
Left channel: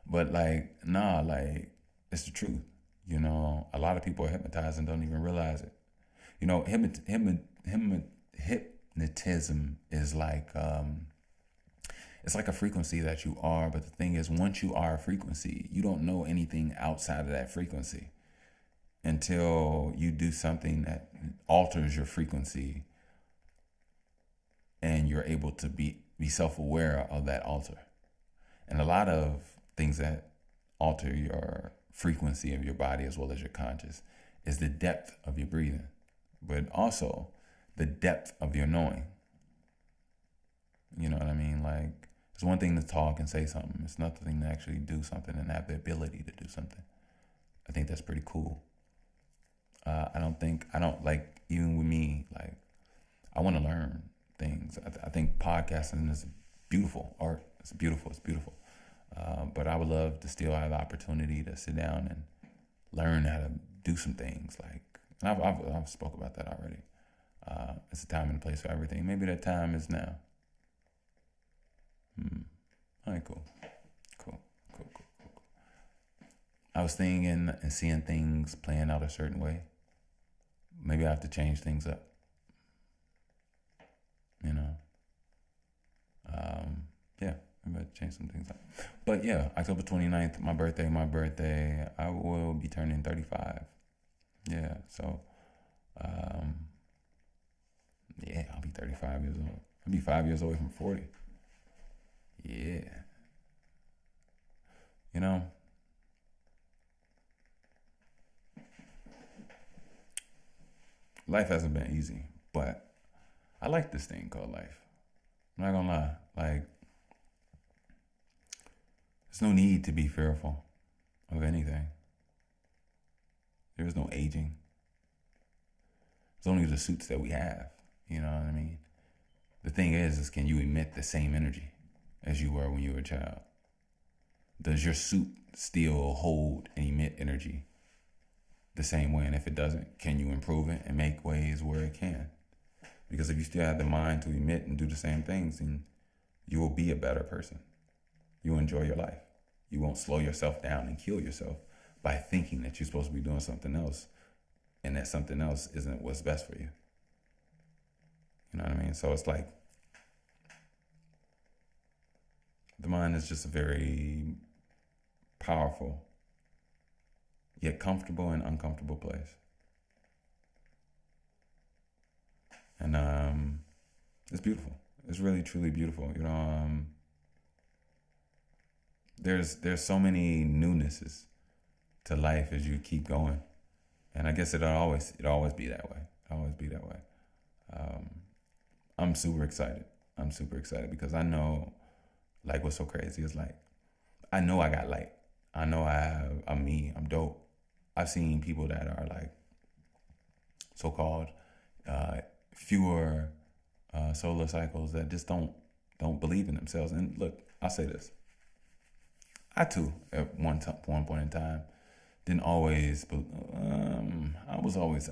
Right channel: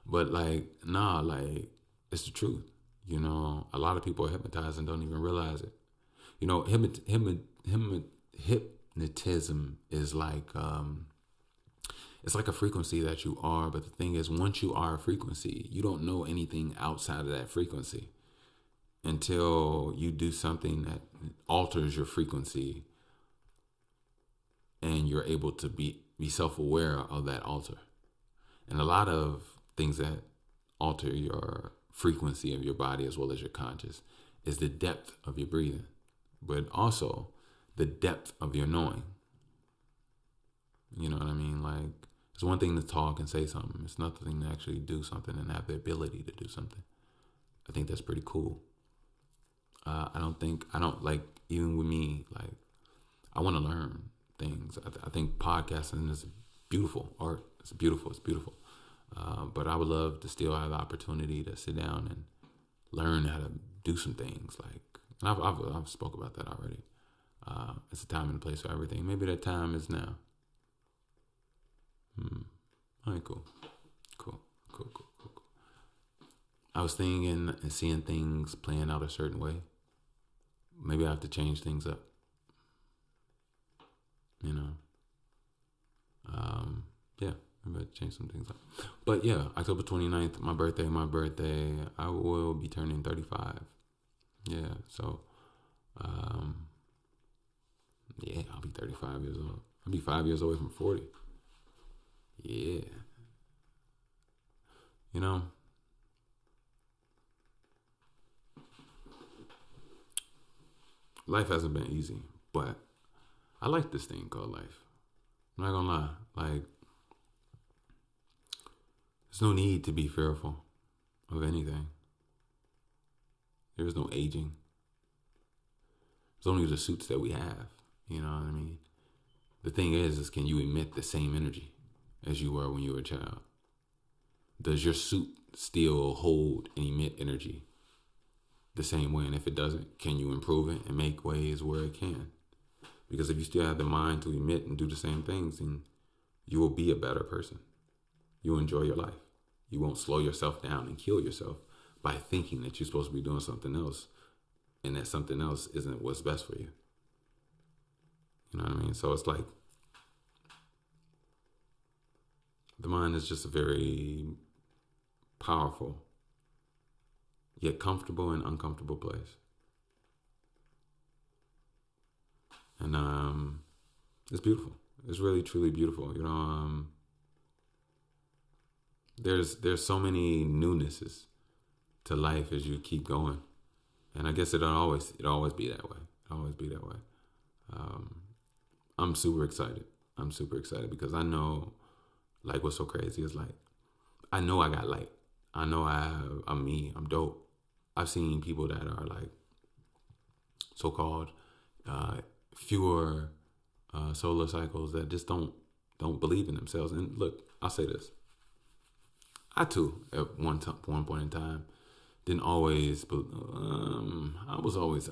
but like, nah, like it's the truth. You know, a lot of people are hypnotized and don't even realize it. You know, hypnotism is like, it's like a frequency that you are. But the thing is, once you are a frequency, you don't know anything outside of that frequency until you do something that alters your frequency and you're able to be self-aware of that alter. And a lot of things that alter your frequency of your body as well as your conscious is the depth of your breathing, but also the depth of your knowing. You know what I mean? Like, It's one thing to talk and say something. It's another thing to actually do something and have the ability to do something. I think that's pretty cool. I don't like, even with me, like, I want to learn things. I think podcasting is beautiful art. It's beautiful. It's beautiful. But I would love to still have the opportunity to sit down and learn how to do some things. Like, and I've spoke about that already. It's a time and a place for everything. Maybe that time is now. All right, cool. I was thinking and seeing things playing out a certain way. Maybe I have to change things up. You know. Yeah, maybe I have to change some things up. But yeah, October 29th, my birthday, I will be turning 35. Yeah, so yeah, I'll be 35 years old. I'll be 5 years away from 40. Yeah. You know, life hasn't been easy, but I like this thing called life. I'm not gonna lie. Like, there's no need to be fearful of anything. There is no aging. It's only the suits that we have. You know what I mean? The thing is can you emit the same energy as you were when you were a child? Does your suit still hold and emit energy the same way? And if it doesn't, can you improve it and make ways where it can? Because if you still have the mind to emit and do the same things, then you will be a better person. You'll enjoy your life. You won't slow yourself down and kill yourself by thinking that you're supposed to be doing something else and that something else isn't what's best for you. You know what I mean? So it's like the mind is just a very powerful, yet comfortable and uncomfortable place. And it's beautiful. It's really, truly beautiful. You know, there's so many newnesses to life as you keep going, and I guess it'll always be that way. It'll always be that way. I'm super excited. Because I know, like, what's so crazy is, like, I know I got light. I know I'm me. I'm dope. I've seen people that are like so-called fewer solar cycles that just don't believe in themselves. And look, I'll say this: I too, at one point in time, didn't always. I was always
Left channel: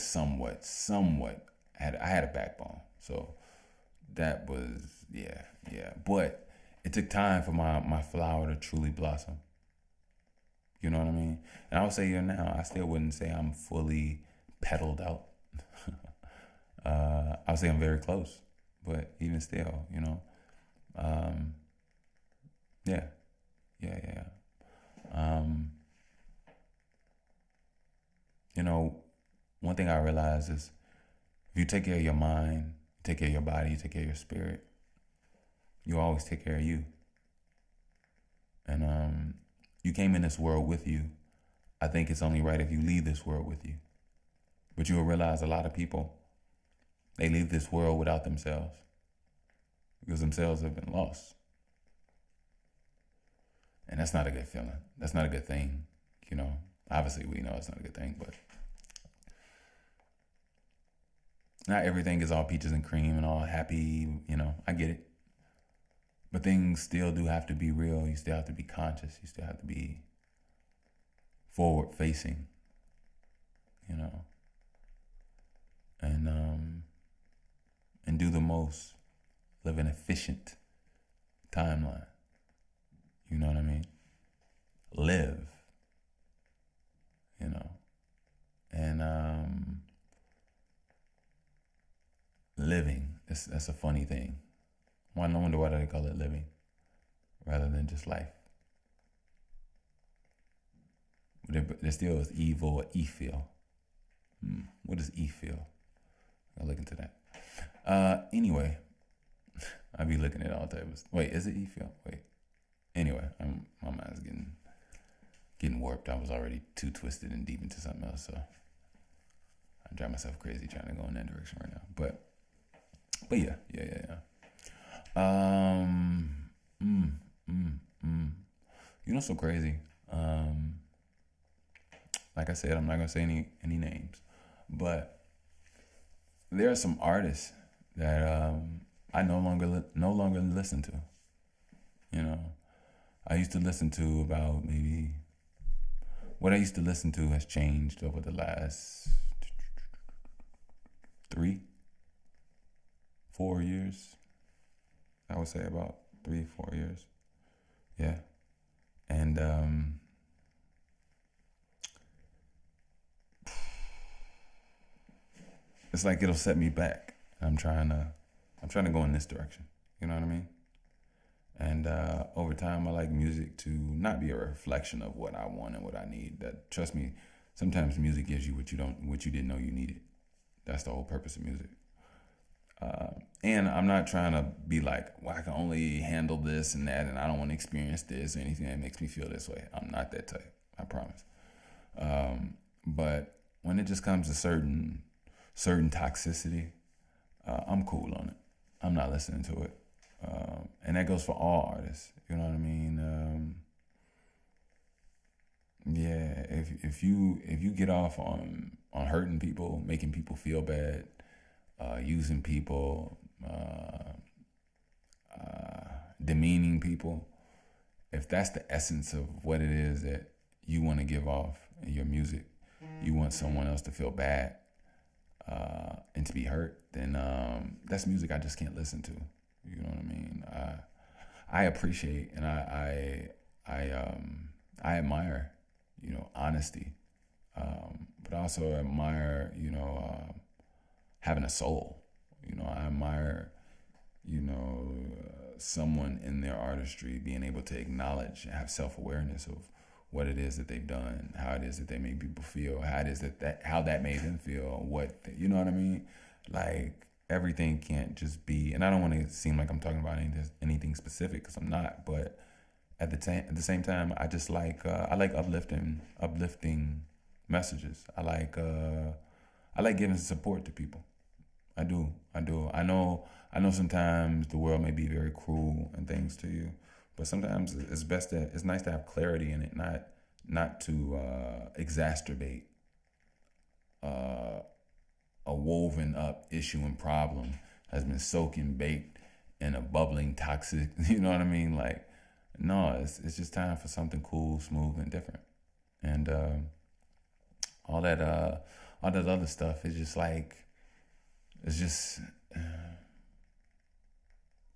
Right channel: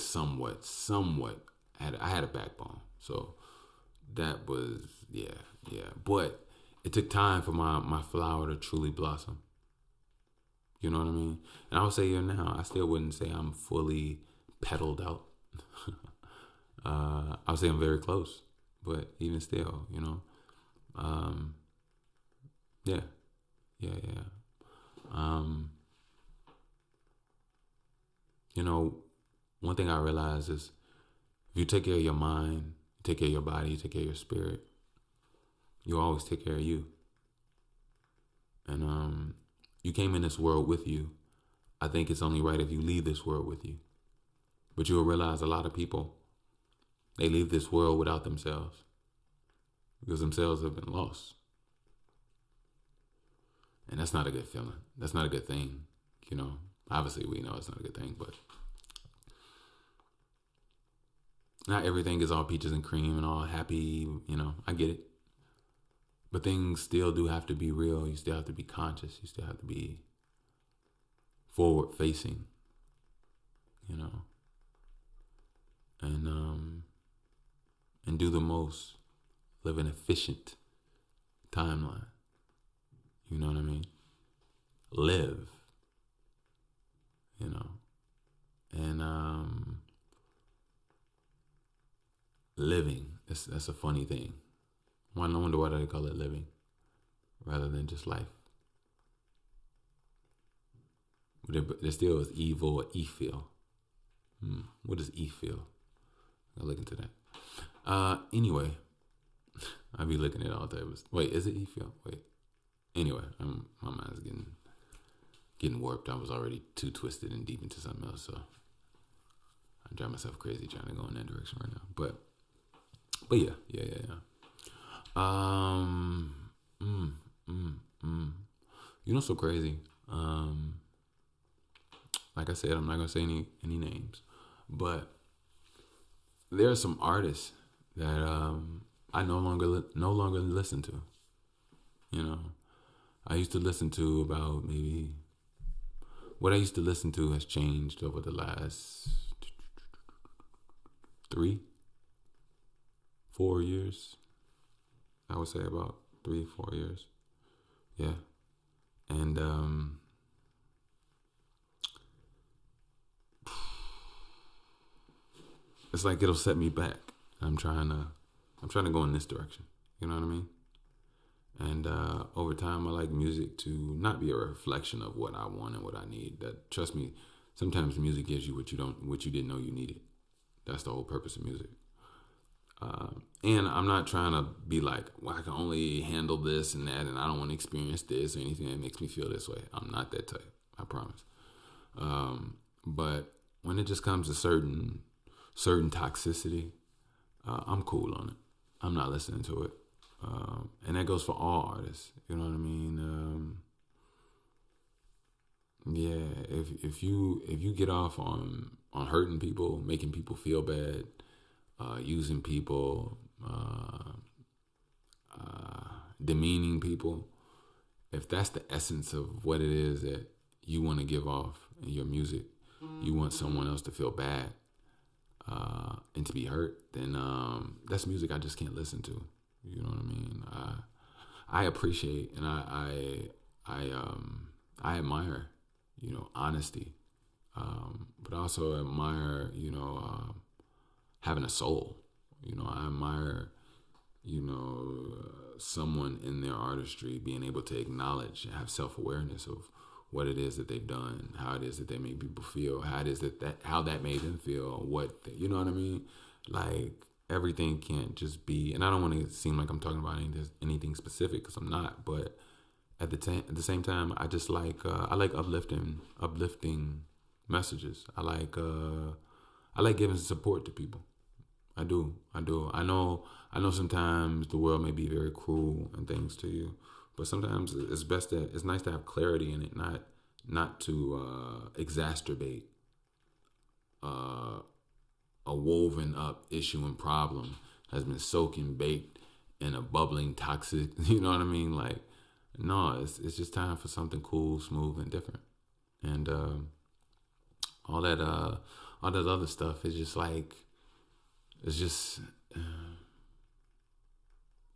somewhat. I had a backbone, so that was yeah. But it took time for my flower to truly blossom. You know what I mean? And I would say now, I still wouldn't say I'm fully petaled out. I would say I'm very close, but even still, you know, yeah. You know, one thing I realize is if you take care of your mind, you take care of your body, you take care of your spirit, you always take care of you. And you came in this world with you. I think it's only right if you leave this world with you. But you'll realize a lot of people, they leave this world without themselves because themselves have been lost. And that's not a good feeling. That's not a good thing. You know, obviously we know it's not a good thing, but not everything is all peaches and cream and all happy. You know, I get it. But things still do have to be real. You still have to be conscious. You still have to be forward facing, you know, and do the most, live an efficient timeline. You know what I mean? Live, you know, and living. That's a funny thing. I wonder why they call it living rather than just life. There still is evil or e-feel. What does e-feel? I'll look into that. Anyway, I be looking at all types. Wait, is it e-feel? Wait. Anyway, my mind's getting warped. I was already too twisted and deep into something else, so I drive myself crazy trying to go in that direction right now. But yeah. Mm, mm, mm. You know, so crazy. Um, like I said, I'm not gonna say any names, but there are some artists that I no longer listen to. You know, I used to listen to about maybe what I used to listen to has changed over the last 3, 4 years. I would say about 3, 4 years. Yeah, and it's like it'll set me back. I'm trying to go in this direction. You know what I mean? And over time, I like music to not be a reflection of what I want and what I need. That trust me, sometimes music gives you what you didn't know you needed. That's the whole purpose of music. Uh, and I'm not trying to be like, well, I can only handle this and that, and I don't want to experience this or anything that makes me feel this way. I'm not that type. I promise. But when it just comes to certain toxicity, I'm cool on it. I'm not listening to it. And that goes for all artists. You know what I mean? Yeah. If you get off on hurting people, making people feel bad, using people, demeaning people, if that's the essence of what it is that you want to give off in your music, you want someone else to feel bad and to be hurt, then that's music I just can't listen to. You know what I mean? I appreciate and I admire, honesty, but I also admire, having a soul. I admire, someone in their artistry being able to acknowledge and have self awareness of what it is that they've done, how it is that they make people feel, how it is that how that made them feel, you know what I mean? Like everything can't just be, and I don't want to seem like I'm talking about anything specific because I'm not, but at the same time, I like uplifting messages. I like giving support to people. I do. I do. I know sometimes the world may be very cruel and things to you, but sometimes it's nice to have clarity in it, not to exacerbate uh, a woven up issue and problem has been soaking baked in a bubbling toxic. You know what I mean? Like, no, it's just time for something cool, smooth, and different. And all that all that other stuff is just like it's just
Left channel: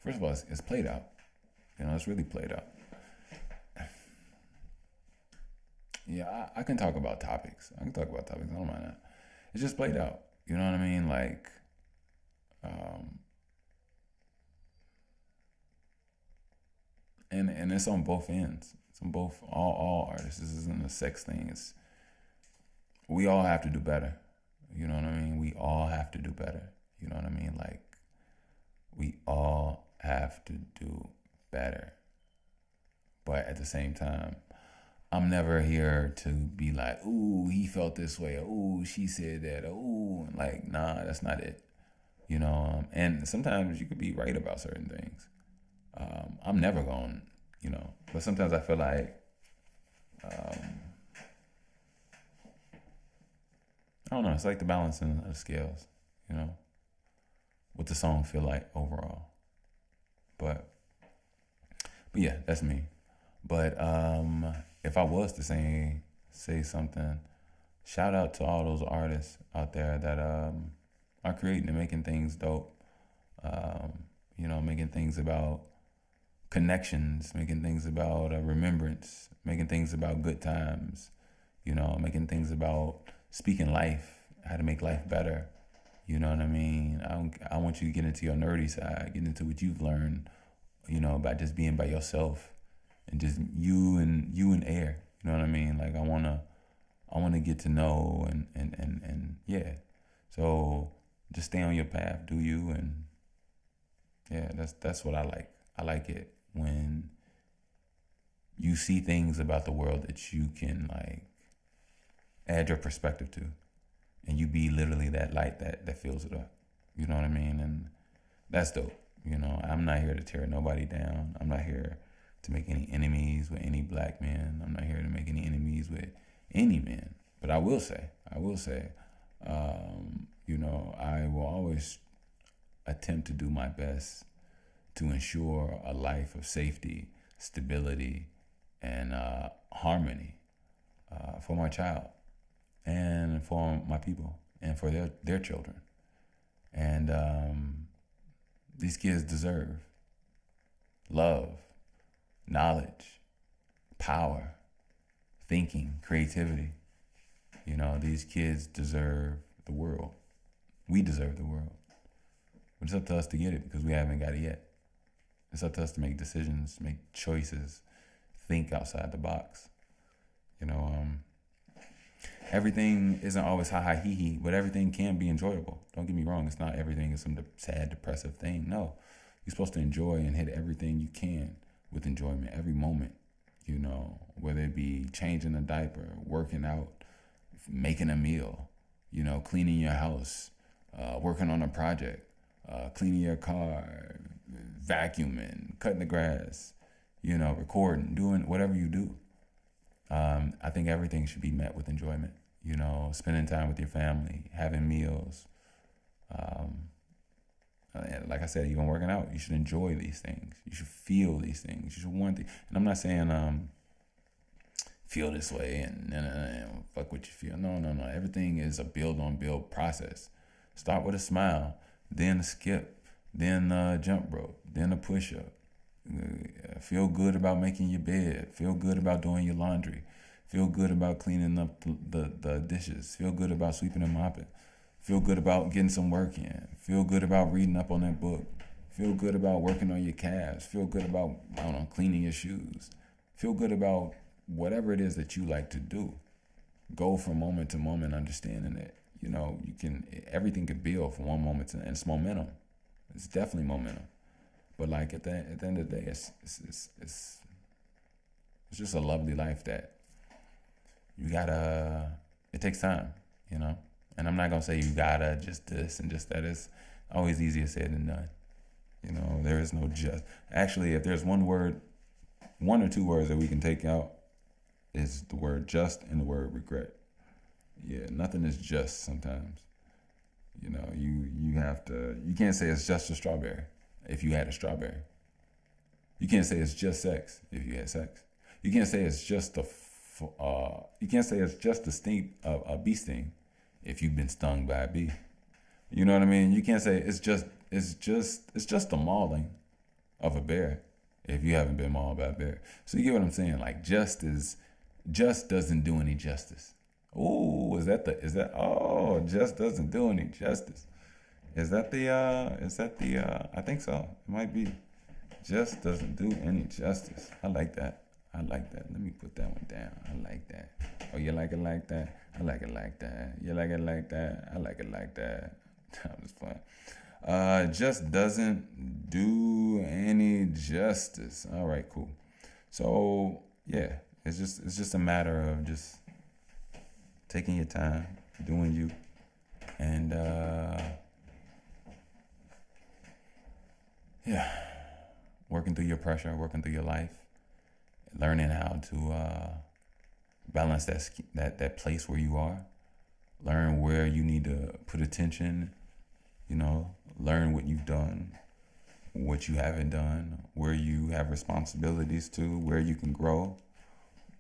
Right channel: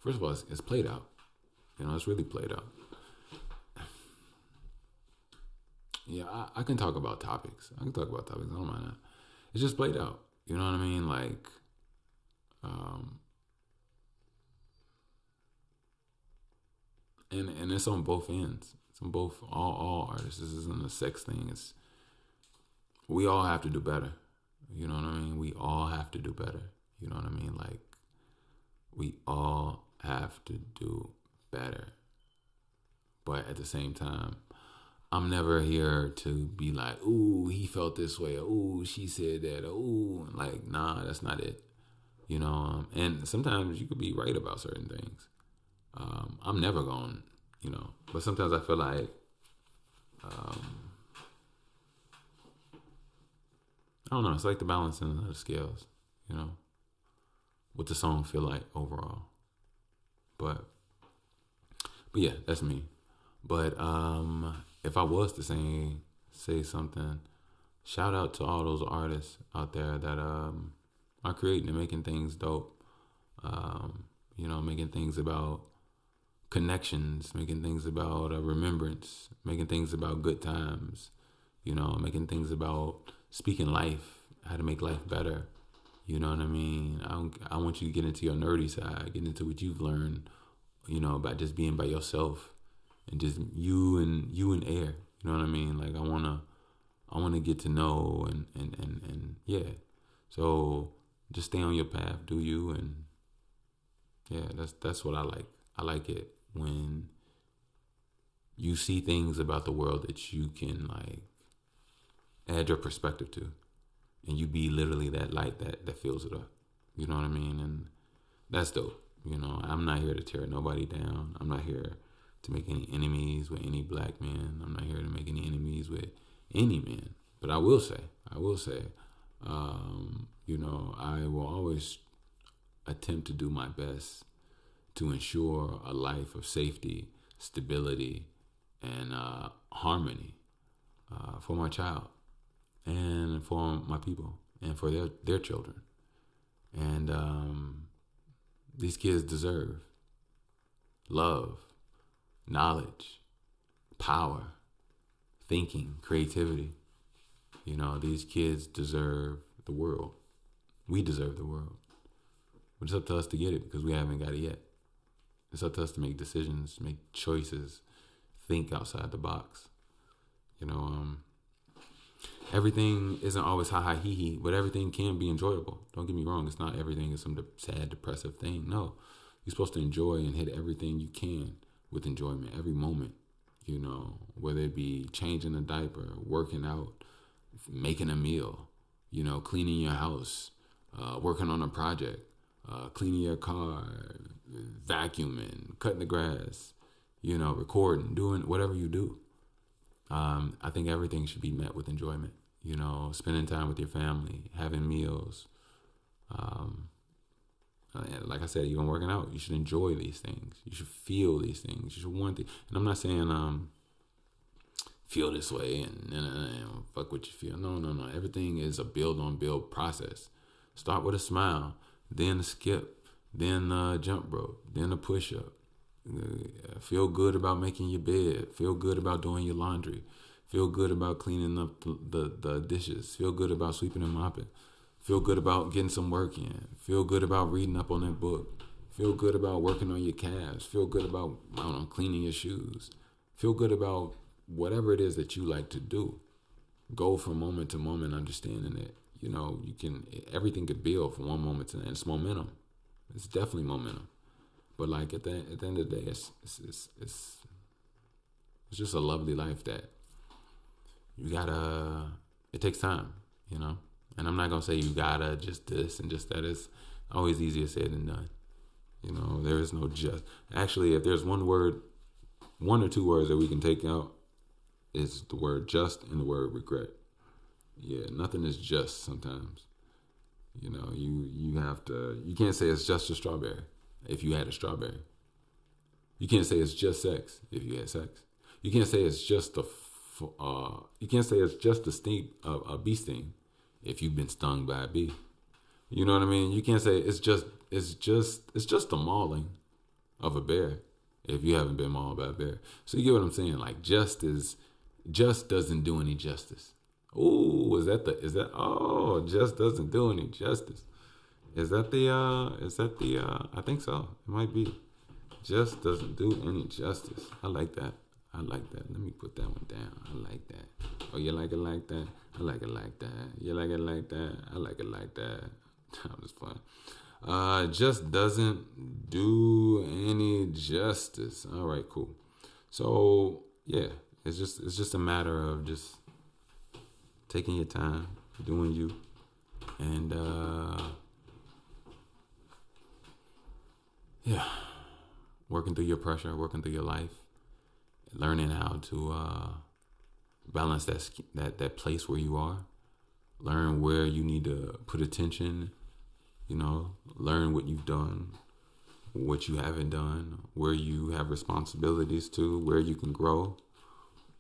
first of all, it's played out. It's really played out. Yeah, I can talk about topics. I can talk about topics. I don't mind that. It's just played out. You know what I mean? Like, um, and it's on both ends. It's on both all artists. This isn't a sex thing. It's we all have to do better. You know what I mean? We all have to do better. You know what I mean? Like, we all have to do better. But at the same time, I'm never here to be like, ooh, he felt this way, or ooh, she said that, or ooh, like, nah, that's not it. And sometimes you could be right about certain things. I'm never going, but sometimes I feel like, um, I don't know, it's like the balancing of the scales, you know, what the song feel like overall. But, but yeah, that's me. But if I was to say something, shout out to all those artists out there that are creating and making things dope. Making things about connections, making things about remembrance, making things about good times. Making things about speaking life, how to make life better. You know what I mean? I want you to get into your nerdy side, get into what you've learned. About just being by yourself and just you and air. You know what I mean? Like I wanna get to know and yeah. So just stay on your path, do you, and yeah, that's what I like. I like it when you see things about the world that you can like add your perspective to, and you be literally that light that fills it up. You know what I mean? And that's dope. You know, I'm not here to tear nobody down. I'm not here to make any enemies with any black men. I'm not here to make any enemies with any men. But I will say, you know, I will always attempt to do my best to ensure a life of safety, stability, and harmony for my child and for my people and for their children. And these kids deserve love, knowledge, power, thinking, creativity. You know, these kids deserve the world. We deserve the world. But it's up to us to get it because we haven't got it yet. It's up to us to make decisions, make choices, think outside the box. You know, everything isn't always ha ha he he, but everything can be enjoyable. Don't get me wrong. It's not everything is some sad, depressive thing. No, you're supposed to enjoy and hit everything you can with enjoyment, every moment. You know, whether it be changing a diaper, working out, making a meal, you know, cleaning your house, working on a project, cleaning your car, vacuuming, cutting the grass, you know, recording, doing whatever you do. I think everything should be met with enjoyment. You know, spending time with your family, having meals. Like I said, even working out, you should enjoy these things. You should feel these things. You should want the. And I'm not saying feel this way and fuck what you feel. No. Everything is a build on build process. Start with a smile, then a skip, then a jump rope, then a push up. Feel good about making your bed. Feel good about doing your laundry. Feel good about cleaning up the dishes. Feel good about sweeping and mopping. Feel good about getting some work in. Feel good about reading up on that book. Feel good about working on your calves. Feel good about, I don't know, cleaning your shoes. Feel good about whatever it is that you like to do. Go from moment to moment, understanding that, you know, everything could build from one moment to the end. It's momentum. It's definitely momentum. But like at the end of the day, it's just a lovely life that you gotta. It takes time, you know. And I'm not gonna say you gotta just this and just that. It's always easier said than done. You know, there is no just. Actually, if there's one or two words that we can take out, is the word just and the word regret. Yeah, nothing is just sometimes. You know, you have to. You can't say it's just a strawberry if you had a strawberry. You can't say it's just sex if you had sex. You can't say it's just you can't say it's just a bee sting if you've been stung by a bee. You know what I mean? You can't say it's just a mauling of a bear if you haven't been mauled by a bear. So you get what I'm saying? Like just doesn't do any justice. Oh, just doesn't do any justice. Is that the I think so. It might be. Just doesn't do any justice. I like that. Let me put that one down. I like that. Oh, you like it like that? I like it like that. You like it like that? I like it like that. I'm just playing. Just doesn't do any justice. All right, cool. So yeah, it's just a matter of just taking your time, doing you, and yeah, working through your pressure, working through your life, learning how to balance that place where you are, learn where you need to put attention, you know, learn what you've done, what you haven't done, where you have responsibilities to, where you can grow,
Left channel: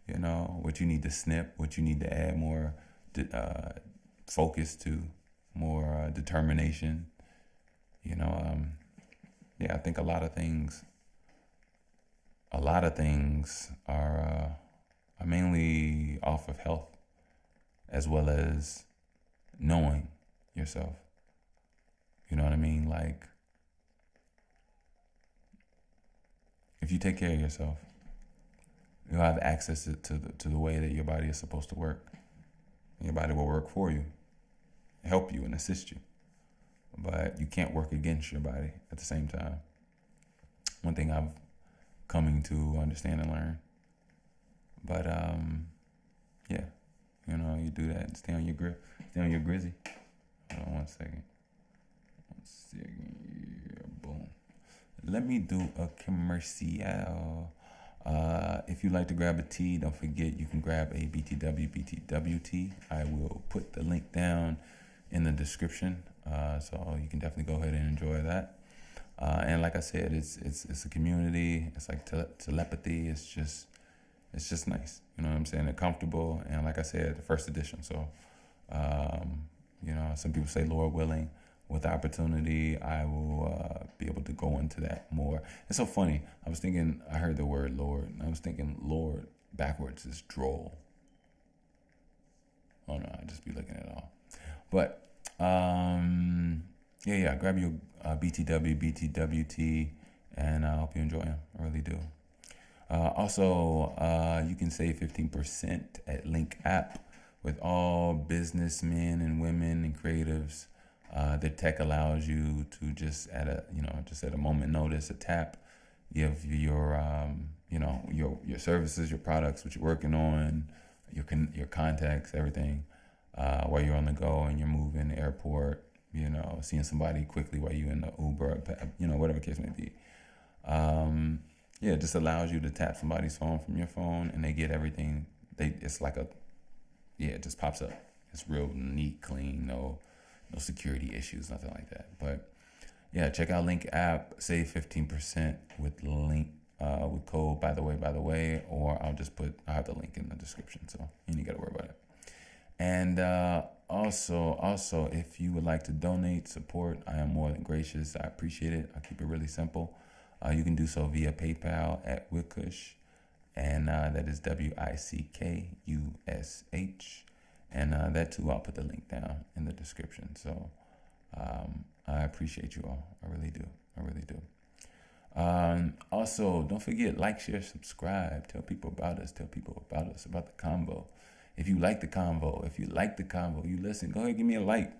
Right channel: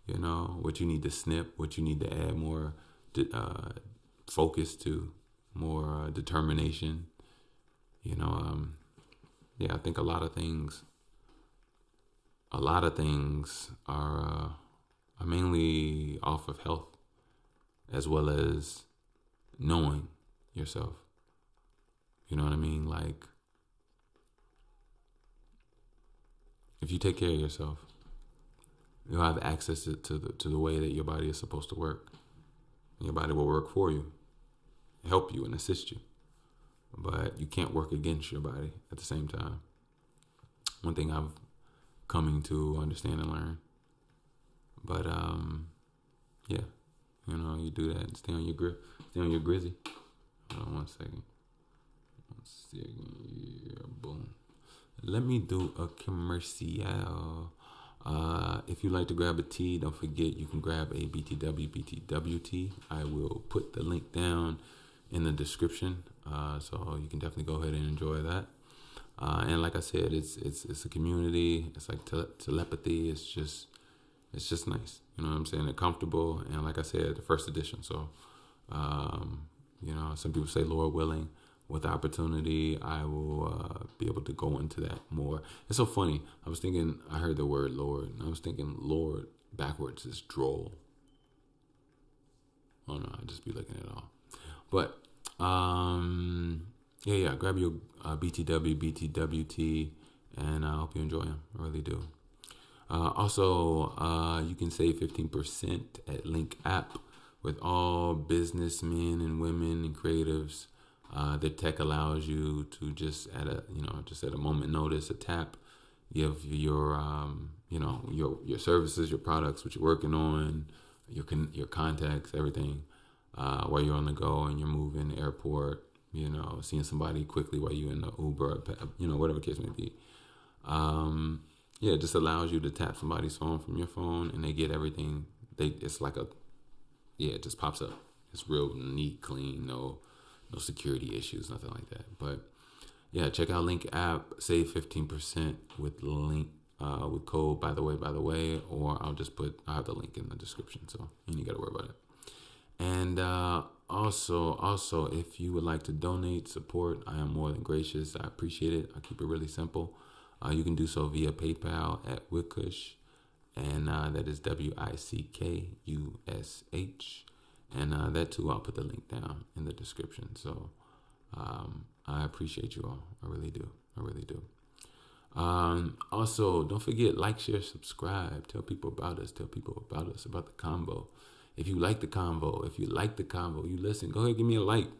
you know, what you need to snip, what you need to add more focus to, more determination, you know. Yeah, I think a lot of things are mainly off of health as well as knowing yourself. You know what I mean? Like, if you take care of yourself, you'll have access to the way that your body is supposed to work. And your body will work for you, help you, and assist you. But you can't work against your body at the same time. One thing I'm coming to understand and learn. But yeah, you know, you do that and stay on your grip, stay on your grizzy. Hold on 1 second. Yeah, boom. let me do a commercial. If you like to grab a tea, don't forget you can grab a BTW tea. I will put the link down in the description, so you can definitely go ahead and enjoy that. And like I said, it's a community. It's like telepathy. It's just nice. You know what I'm saying? They're comfortable, and like I said, the first edition. So, some people say, Lord willing, with opportunity, I will be able to go into that more. It's so funny. I heard the word Lord, and I was thinking Lord backwards is droll. Oh no, I just be looking at it all. But grab your BTWT, and I hope you enjoy them. I really do. Also, you can save 15% at Link App with all businessmen and women and creatives. The tech allows you to just at a moment notice, a tap, give your your services, your products, what you're working on, your contacts, everything, while you're on the go and you're moving, airport, seeing somebody quickly while you're in the Uber, whatever the case may be. It just allows you to tap somebody's phone from your phone, and they get everything. It's like it just pops up. It's real neat, clean, no security issues, nothing like that. But yeah, check out Link App, save 15% with link with code by the way, or I'll have the link in the description, so you ain't gotta worry about it. And also, if you would like to donate, support, I am more than gracious. I appreciate it. I keep it really simple. You can do so via PayPal at Wickush, and that is WICKUSH. And that too, I'll put the link down in the description. So I appreciate you all. I really do. Also, don't forget, like, share, subscribe. Tell people about us. About the convo. If you like the convo, you listen, go ahead, give me a like,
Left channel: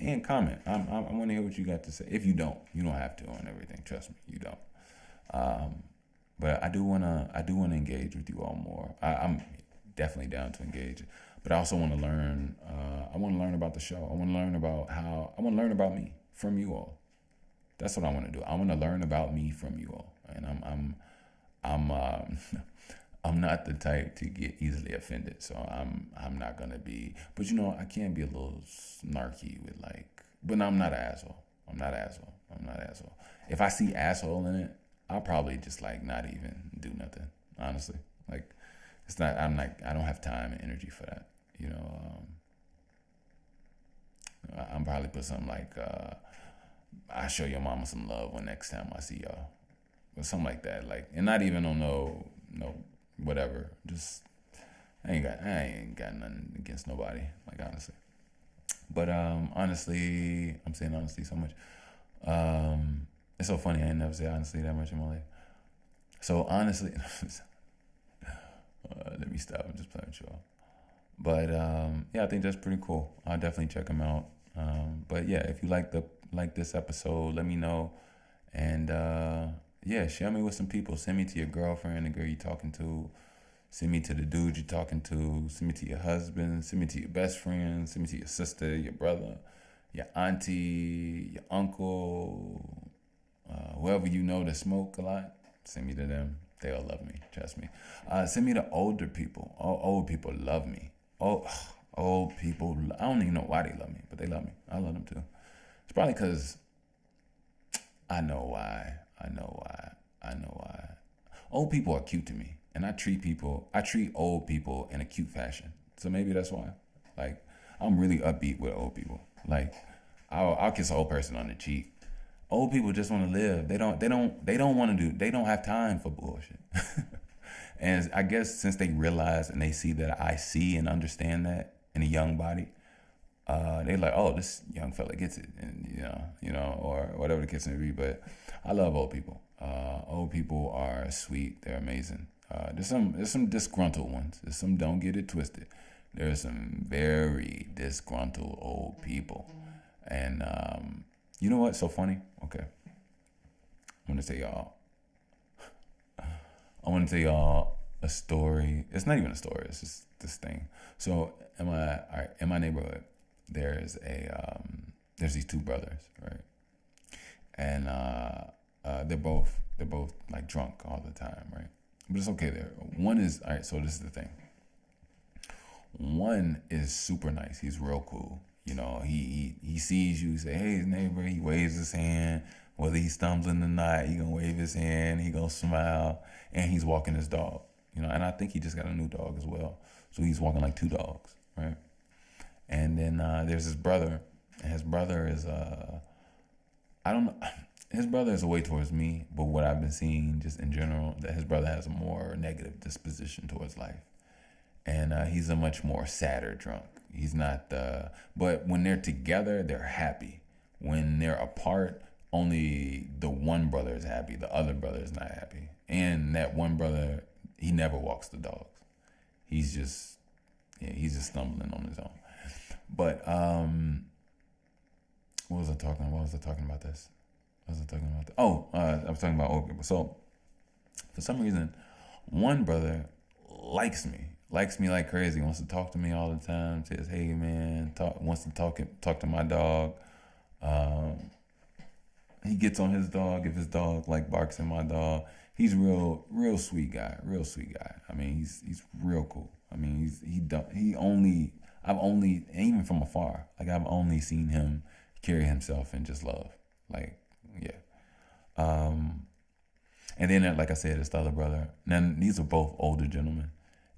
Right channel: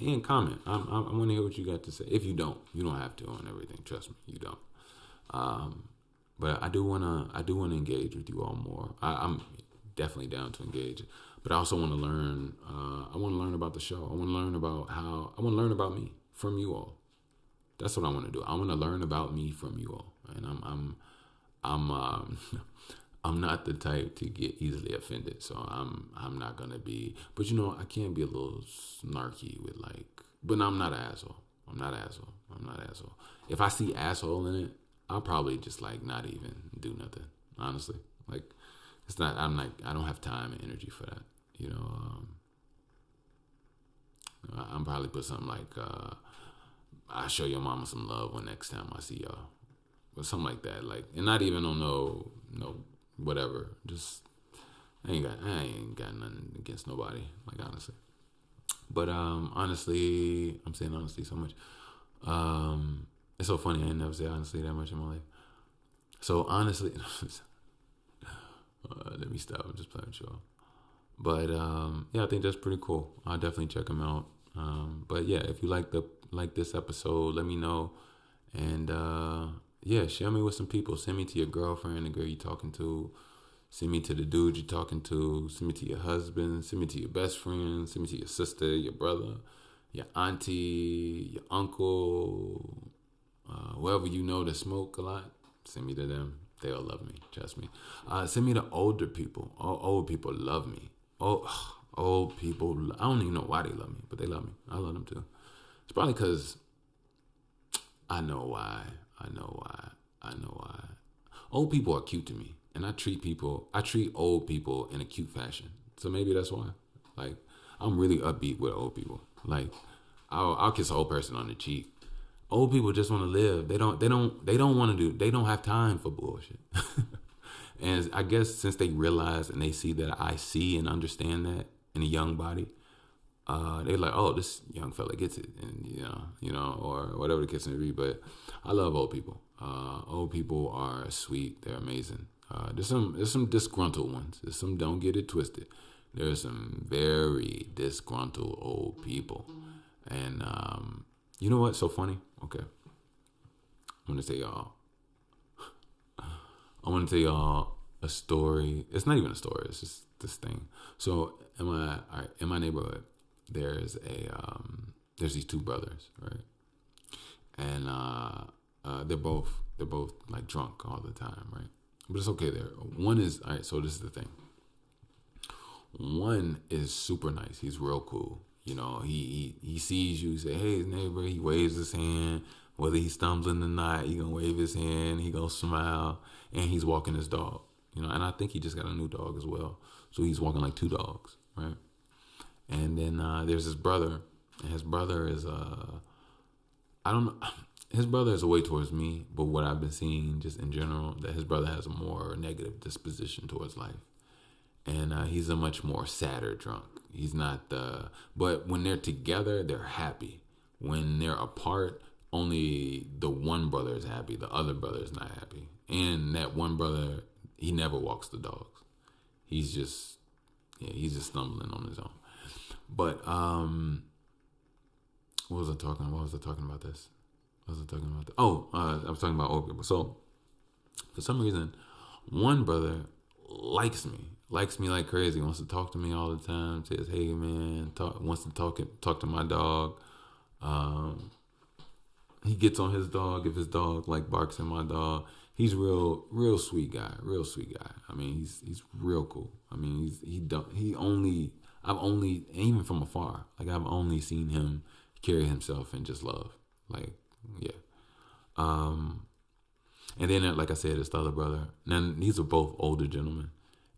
and comment. I want to hear what you got to say. If you don't have to on everything. Trust me, you don't. But I do wanna engage with you all more. I'm definitely down to engage, but I also want to learn. I want to learn about the show. I want to learn about me from you all. That's what I want to do. I want to learn about me from you all, and I'm not the type to get easily offended, so I'm not gonna be. But I can be a little snarky with but I'm not an asshole. I'm not an asshole. If I see asshole in it, I'll probably just not even do nothing. Honestly, it's not. I don't have time and energy for that. I'm probably put something I show your mama some love when next time I see y'all, or something like that. And not even on no whatever. Just I ain't got nothing against nobody. Honestly, but honestly, I'm saying honestly so much. It's so funny. I ain't never said honestly that much in my life. So honestly, let me stop. I'm just playing with y'all. But I think that's pretty cool. I'll definitely check them out. But yeah, if you like this episode, let me know. And share me with some people. Send me to your girlfriend, the girl you're talking to. Send me to the dude you're talking to. Send me to your husband. Send me to your best friend. Send me to your sister, your brother, your auntie, your uncle, whoever you know that smoke a lot. Send me to them. They all love me. Trust me. Send me to older people. Old people love me. Old people. I don't even know why they love me, but they love me. I love them too. It's probably because I know why. Old people are cute to me, and I treat old people in a cute fashion. So maybe that's why. I'm really upbeat with old people. I'll kiss an old person on the cheek. Old people just want to live. They don't want to do. They don't have time for bullshit. And I guess since they realize and they see that I see and understand that in a young body, they're like, oh, this young fella gets it, and or whatever the case may be. But I love old people. Old people are sweet. They're amazing. There's some disgruntled ones. There's some, don't get it twisted. There's some very disgruntled old people, and you know what's so funny? Okay, I want to tell y'all a story. It's not even a story. It's just this thing. So in my neighborhood, there's these two brothers, right? And they're both like drunk all the time, right? But it's okay there. One is all right. So this is the thing. One is super nice. He's real cool. You know, he sees you, say, "Hey, his neighbor." He waves his hand. Whether he's stumbling or not, he gonna wave his hand. He gonna smile, and he's walking his dog. You know, and I think he just got a new dog as well. So he's walking like two dogs, right? And then there's his brother, and his brother is I don't know. His brother is a way towards me, but what I've been seeing just in general, that his brother has a more negative disposition towards life, and he's a much more sadder drunk. He's not but when they're together, they're happy. When they're apart, only the one brother is happy. The other brother is not happy, and that one brother, he never walks the dogs. He's just, yeah, he's just stumbling on his own. But what was I talking? What was I talking about this? What was I talking about? I was talking about old people. So for some reason, one brother likes me like crazy. Wants to talk to me all the time. Says, "Hey man," wants to talk to my dog. He gets on his dog if his dog like barks at my dog. He's real sweet guy. Real sweet guy. I mean, he's real cool. I mean, I've only, even from afar, like I've only seen him carry himself in just love. Like, yeah. And then, like I said, it's the other brother. Now, these are both older gentlemen.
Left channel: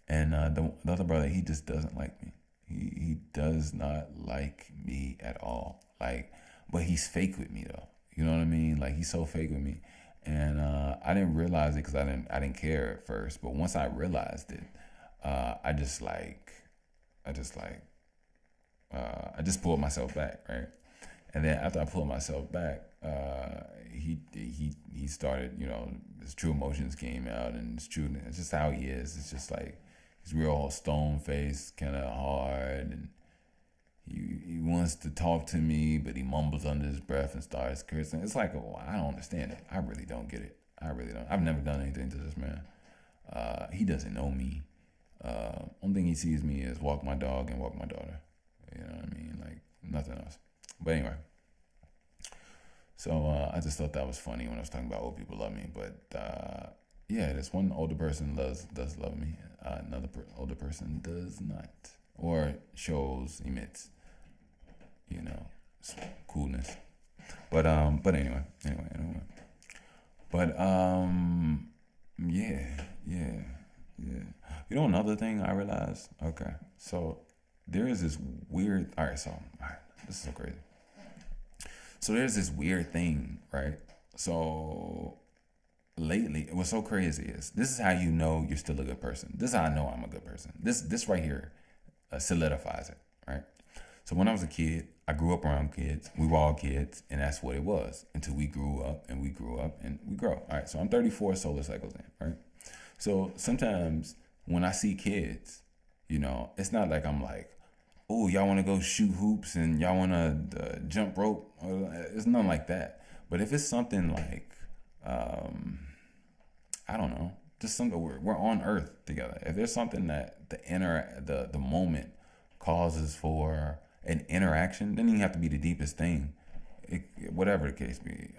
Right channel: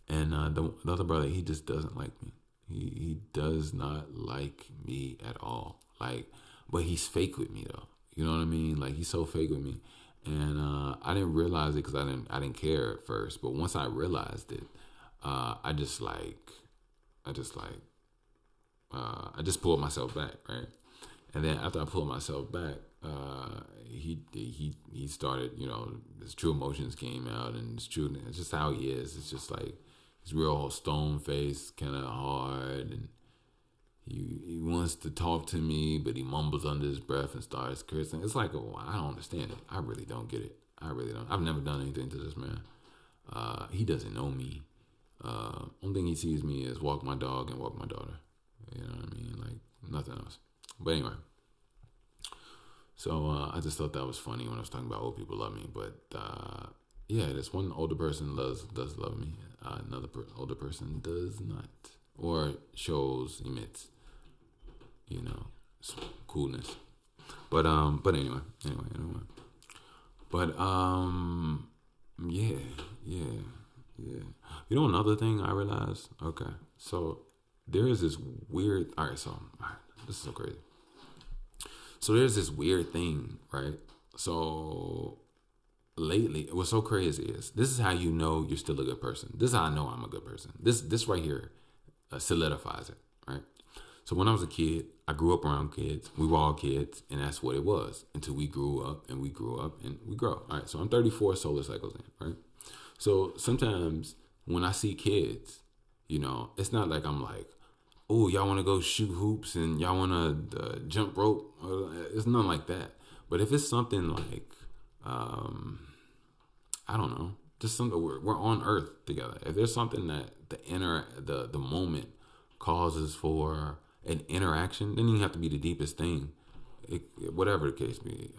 And the other brother, he just doesn't like me. He does not like me at all. Like, but he's fake with me though. You know what I mean? Like he's so fake with me, and I didn't realize it because I didn't care at first. But once I realized it, I just pulled myself back, right? And then after I pulled myself back, he started, you know, his true emotions came out, and it's just how he is. It's just like he's real stone faced, kind of hard, and he wants to talk to me, but he mumbles under his breath and starts cursing. It's like, oh, I don't understand it. I really don't get it. I really don't. I've never done anything to this man. He doesn't know me. Only thing he sees me is walk my dog and walk my daughter. You know what I mean? Like nothing else. But anyway, so I just thought that was funny when I was talking about old people love me. But yeah, this one older person does love me. Another older person does not, or emits, you know, coolness. But anyway. But yeah. You know another thing I realized? Okay, so there is this weird. All right, this is so crazy. So there's this weird thing, right? So lately, what's so crazy is this is how you know you're still a good person. This is how I know I'm a good person. This right here solidifies it, right? So when I was a kid, I grew up around kids. We were all kids, and that's what it was until we grew up and we grow. All right, so I'm 34 solar cycles in, right? So sometimes when I see kids, you know, it's not like I'm like, oh, y'all want to go shoot hoops and y'all want to jump rope. It's nothing like that. But if it's something like, I don't know, just something we're on Earth together. If there's something that the moment causes for an interaction, then you have to be the deepest thing. Whatever the case be,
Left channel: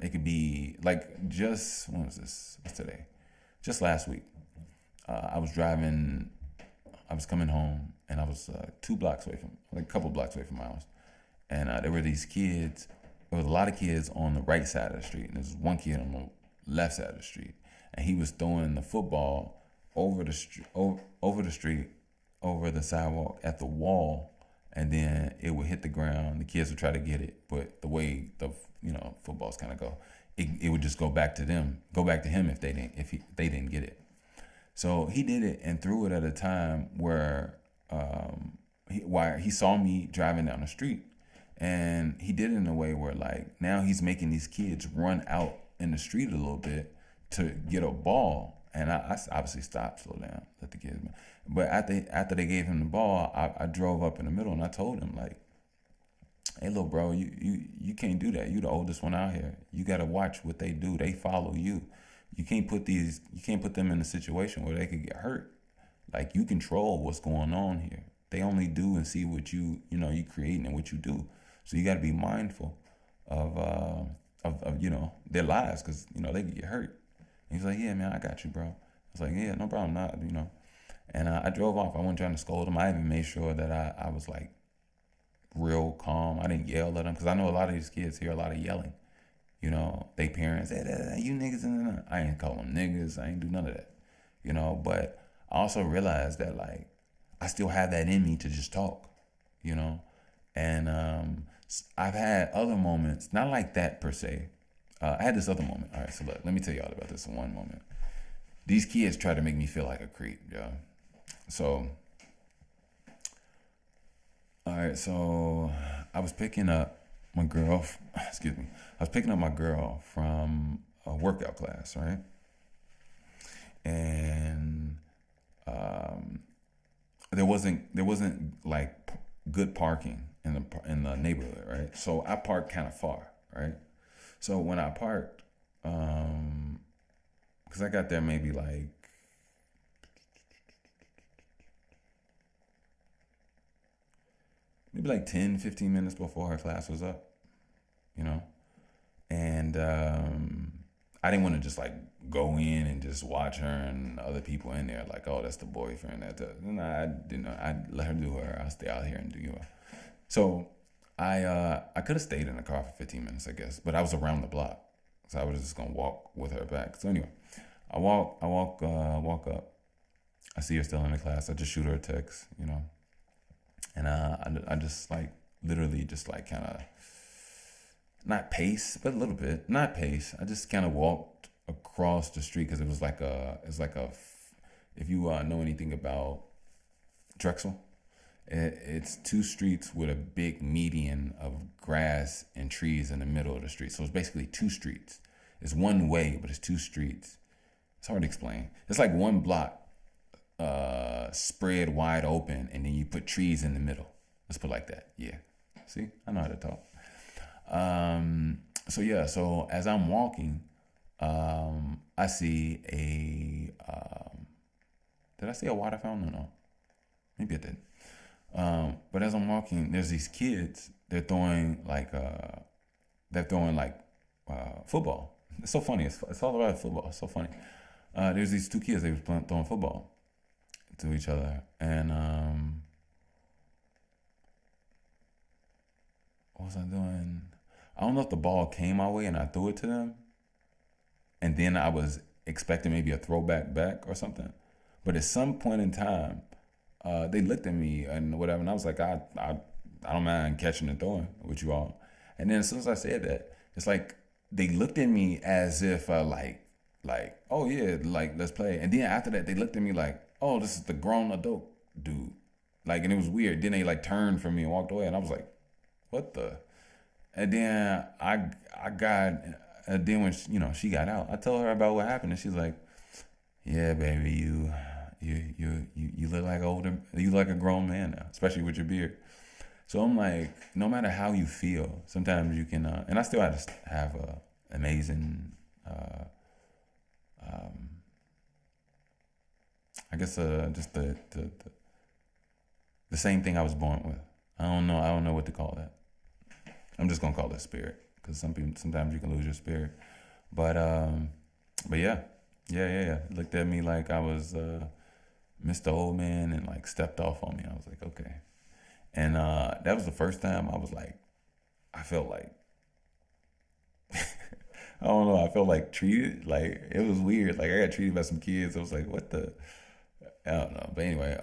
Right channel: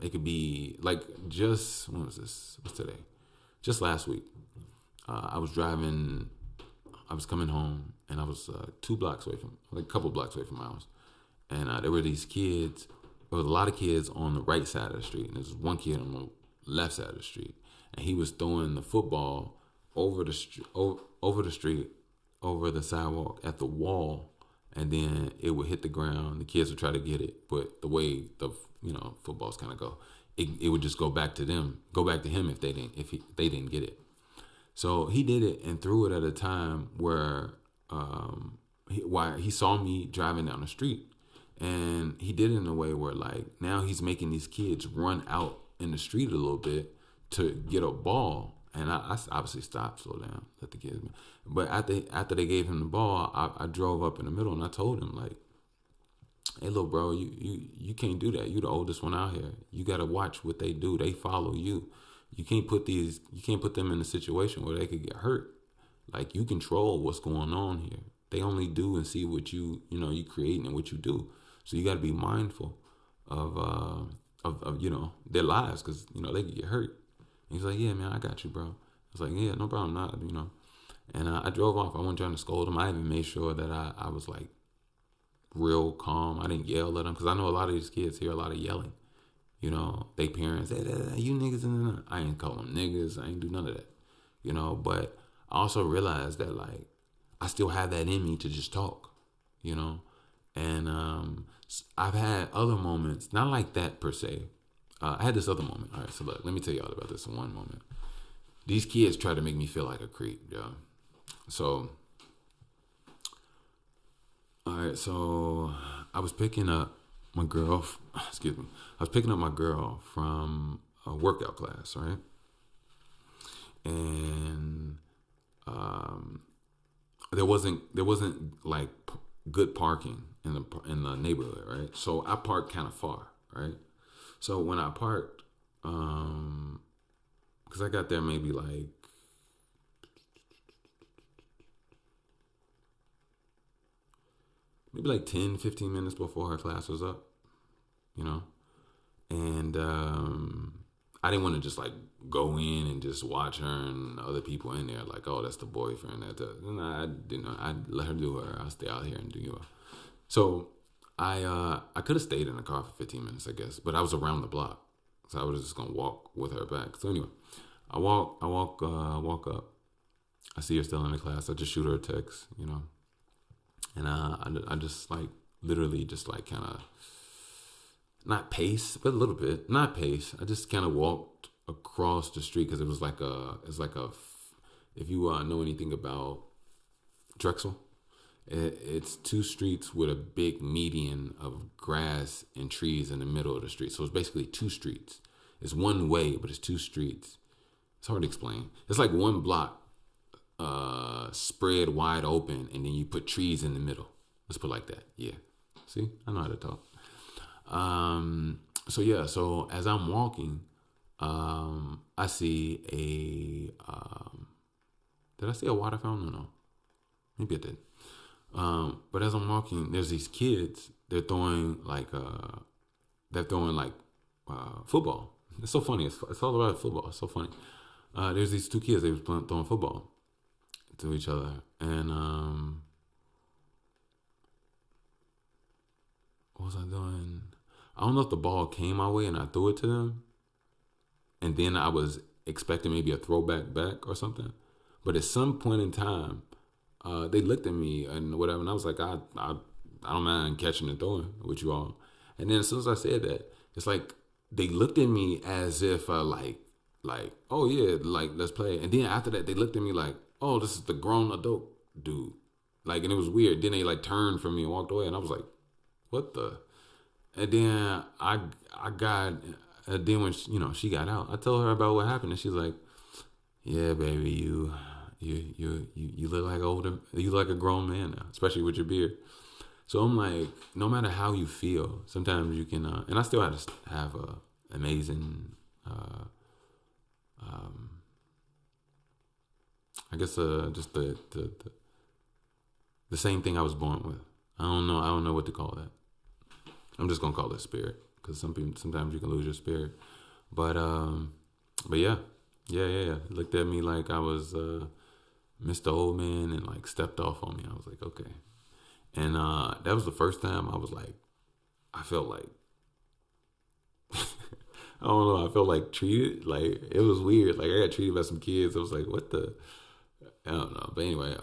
it could be like just when was this? What's today? Just last week, I was coming home, and I was 2 blocks away from, like a couple blocks away from my house, and there were these kids. There was a lot of kids on the right side of the street, and there was one kid on the left side of the street, and he was throwing the football over the street, over the sidewalk at the wall, and then it would hit the ground. The kids would try to get it, but the way the footballs kind of go, it would just go back to him if they didn't get it. So he did it and threw it at a time where he saw me driving down the street, and he did it in a way where like now he's making these kids run out in the street a little bit to get a ball. And I obviously stopped, slow down, let the kids. But after they gave him the ball, I drove up in the middle and I told him like, "Hey, little bro, you can't do that. You the oldest one out here. You gotta watch what they do. They follow you. You can't put them in a situation where they could get hurt. Like you control what's going on here. They only do and see what you creating and what you do. So you got to be mindful of of their lives, because they could get hurt. And he's like, yeah, man, I got you, bro. I was like, yeah, no problem, not. And I drove off. I wasn't trying to scold him. I even made sure that I was like real calm. I didn't yell at them, because I know a lot of these kids hear a lot of yelling. They parents, hey, you niggas, and I ain't call them niggas. I ain't do none of that. But I also realized that like I still have that in me to just talk. And I've had other moments, not like that per se. I had this other moment. All right, so look, let me tell y'all about this one moment. These kids try to make me feel like a creep, yo. So, all right, so I was picking up my girl. Excuse me. I was picking up my girl from a workout class, right? And there wasn't like good parking in the neighborhood, right? So I parked kind of far, right? So when I parked, because I got there maybe like 10, 15 minutes before her class was up, you know? And I didn't want to just like go in and just watch her and other people in there like, oh, that's the boyfriend. No, I didn't know. I let her do her. I'll stay out here and do you. So I could have stayed in the car for 15 minutes, I guess, but I was around the block, so I was just gonna walk with her back. So anyway, I walk up. I see her still in the class. I just shoot her a text, and I just like literally just like kind of not pace, but a little bit, not pace. I just kind of walked across the street because if you know anything about Drexel, it's two streets with a big median of grass and trees in the middle of the street. So it's basically two streets. It's one way, but it's two streets. It's hard to explain. It's like one block spread wide open, and then you put trees in the middle. Let's put it like that. Yeah. See, I know how to talk. So as I'm walking, I see did I see a water fountain? No. Maybe I did. But as I'm walking, there's these kids. They're throwing football. It's so funny. It's all about football. It's so funny. There's these two kids. They were throwing football to each other, and what was I doing? I don't know if the ball came my way and I threw it to them, and then I was expecting maybe a throwback back or something. But at some point in time, they looked at me and whatever, and I was like, I don't mind catching and throwing with you all. And then as soon as I said that, it's like they looked at me as if like oh yeah, like let's play. And then after that, they looked at me like, oh, this is the grown adult dude. Like, and it was weird. Then they like turned from me and walked away, and I was like, what the? And then I got. Then when she got out, I told her about what happened, and she's like, yeah, baby, you look like you look like a grown man now, especially with your beard. So I'm like, no matter how you feel, sometimes you can, and I still have to have a amazing, I guess just the same thing I was born with. I don't know what to call that. I'm just gonna call it spirit, because sometimes you can lose your spirit. But yeah. Looked at me like I was Mr. Old Man and like stepped off on me. I was like, okay. And that was the first time I was like, I felt like, I don't know, I felt like treated, like it was weird. Like I got treated by some kids. I was like, what the, I don't know. But anyway,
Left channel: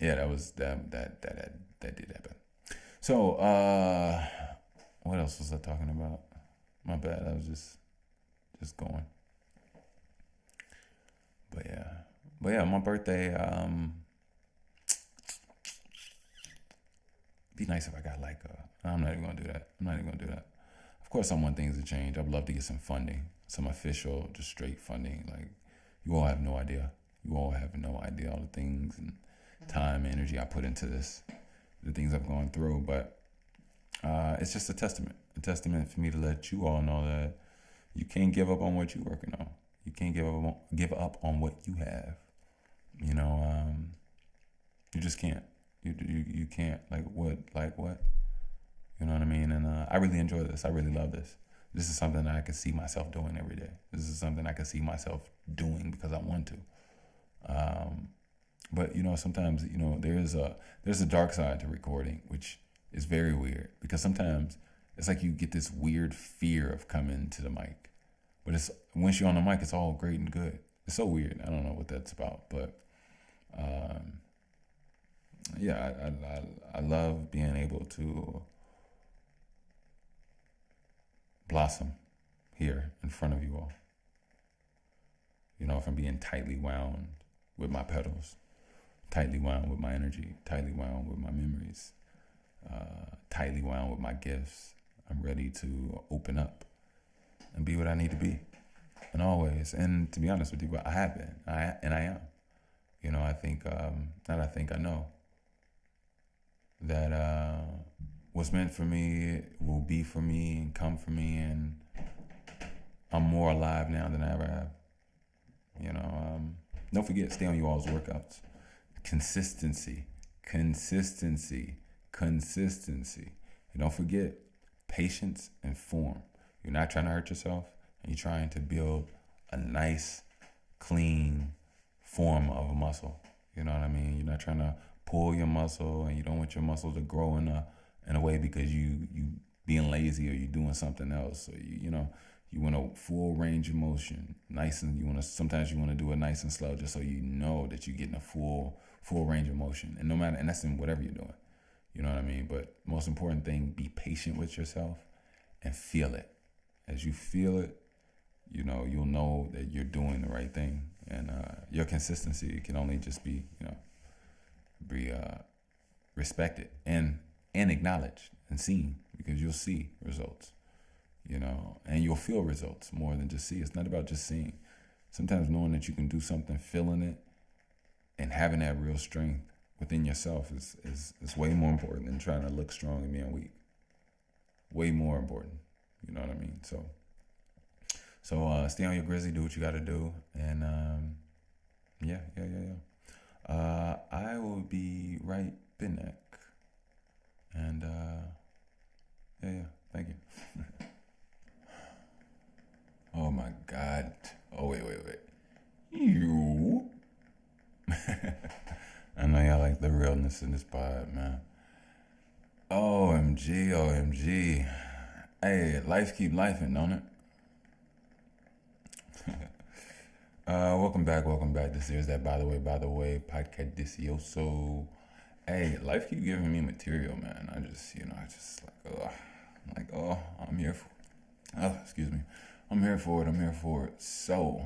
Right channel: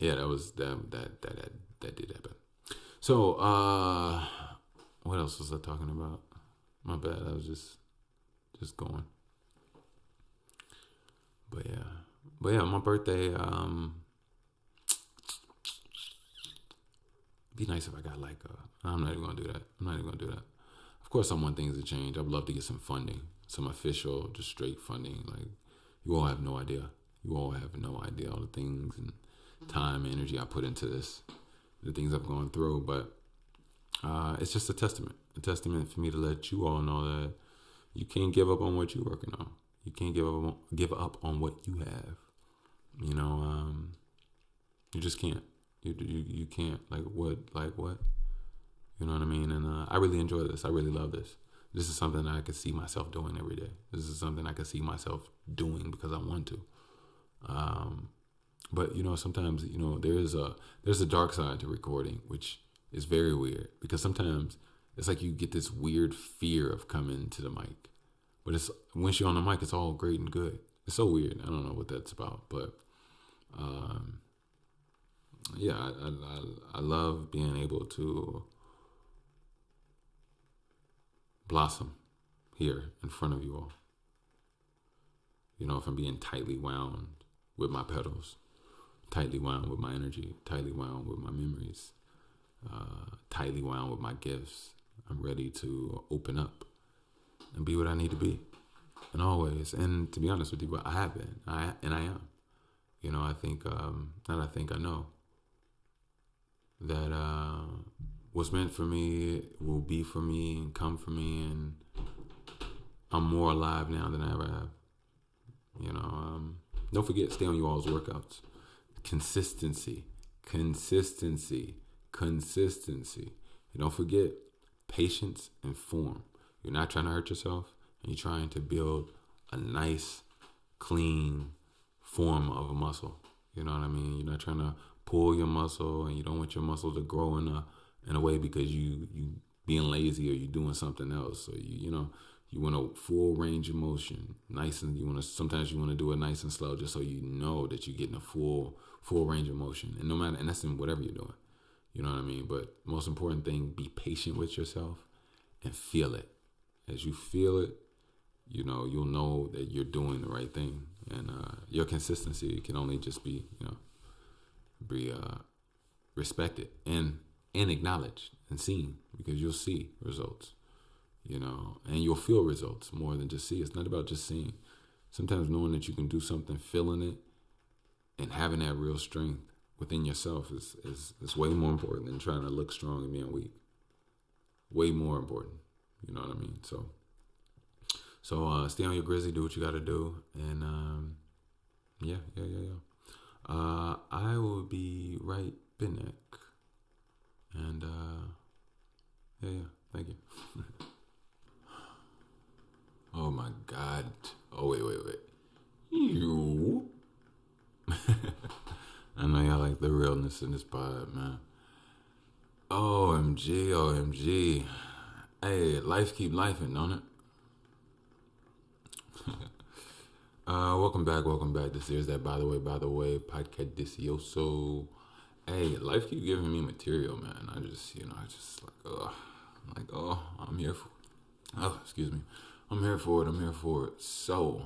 yeah, that was, that did happen. So, what else was I talking about? My bad. I was just going. But yeah, my birthday, be nice if I got like I'm not even gonna do that. Of course, I want things to change. I'd love to get some funding, some official, just straight funding. Like, you all have no idea. You all have no idea all the things and time and energy I put into this, the things I've gone through. But it's just a testament for me to let you all know that you can't give up on what you're working on. You can't give up on what you have. You just can't. You can't. Like what? You know what I mean? And I really enjoy this. I really love this. This is something that I can see myself doing every day. This is something I can see myself doing because I want to. But sometimes there's a dark side to recording, which is very weird because sometimes it's like you get this weird fear of coming to the mic, but it's once you're on the mic, it's all great and good. It's so weird. I don't know what that's about, but yeah, I love being able to blossom here in front of you all. If I'm being tightly wound with my pedals, tightly wound with my energy, tightly wound with my memories, tightly wound with my gifts, I'm ready to open up and be what I need to be. And always, and to be honest with you, I have been, I am. I think, I know that what's meant for me will be for me and come for me, and I'm more alive now than I ever have. Don't forget, stay on you all's workouts. Consistency. And don't forget, patience and form. You're not trying to hurt yourself, and you're trying to build a nice, clean form of a muscle. You know what I mean? You're not trying to pull your muscle, and you don't want your muscle to grow in a way because you being lazy or you doing something else, or you want a full range of motion, nice, and sometimes you want to do it nice and slow, just so you know that you're getting a full range of motion, and that's in whatever you're doing. You know what I mean? But most important thing, be patient with yourself and feel it. As you feel it, you'll know that you're doing the right thing, and your consistency can only just be respected and acknowledged and seen, because you'll see results. And you'll feel results more than just see. It's not about just seeing. Sometimes knowing that you can do something, feeling it, and having that real strength within yourself is way more important than trying to look strong and being weak. Way more important. You know what I mean? So stay on your grizzly, do what you got to do, and yeah. I will be right back, and yeah. Thank you. Oh my God. Oh, wait. You. I know y'all like the realness in this pod, man. OMG. Hey, life keep lifing, don't it? Welcome back. This here's that by the way, podcast Delicioso. Hey, life keep giving me material, man. I just I'm here for excuse me. I'm here for it. So,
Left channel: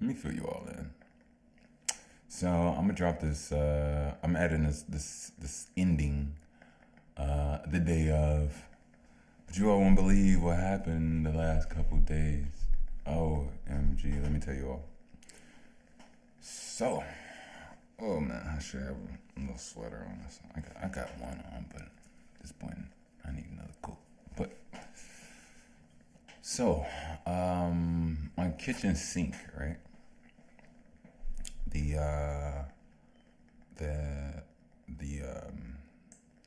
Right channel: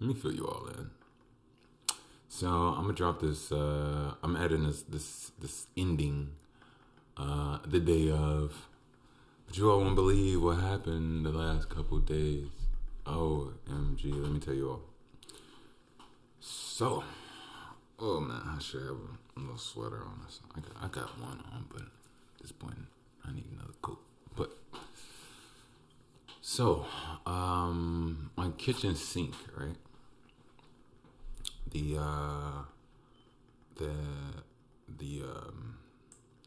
let me fill you all in. So, I'm gonna drop this. I'm adding this ending, the day of. But you all won't believe what happened the last couple days. OMG, let me tell you all. So, oh man, I should have a little sweater on this. I got one on, but at this point, I need another coat. But so, my kitchen sink, right? The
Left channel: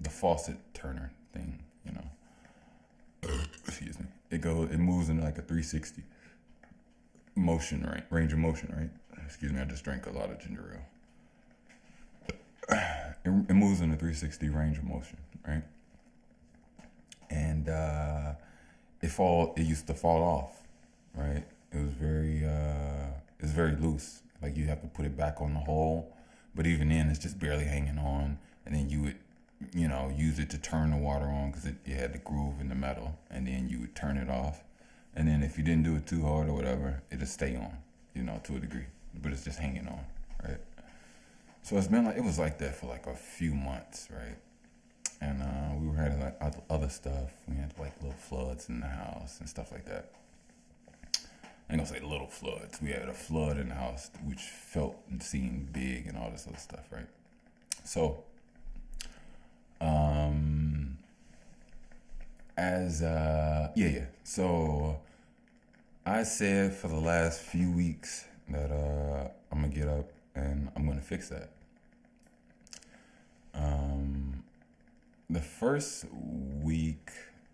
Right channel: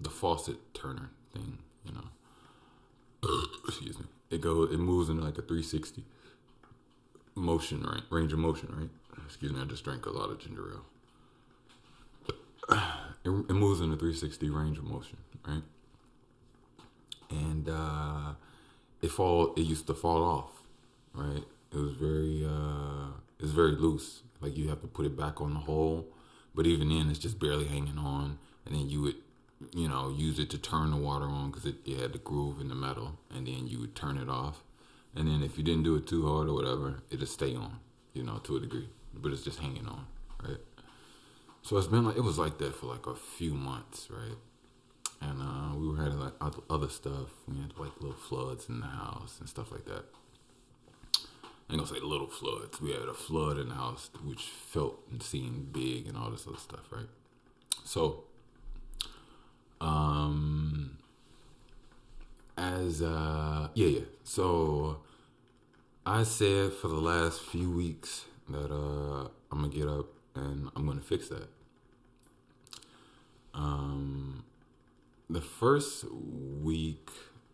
faucet turner thing, excuse me. It moves in like a 360 motion, right? Range of motion, right? Excuse me, I just drank a lot of ginger ale. It moves in a 360 range of motion, right? And it used to fall off, right? It was very loose. Like you have to put it back on the hole, but even then it's just barely hanging on. And then you would, use it to turn the water on because it had the groove in the metal, and then you would turn it off. And then if you didn't do it too hard or whatever, it'd stay on, to a degree, but it's just hanging on, right? So it was like that for like a few months, right? And we were having like other stuff. We had like little floods in the house and stuff like that. I ain't gonna say little floods. We had a flood in the house which felt and seemed big and all this other stuff, right? So, So I said for the last few weeks that I'm gonna get up and I'm gonna fix that. The first week,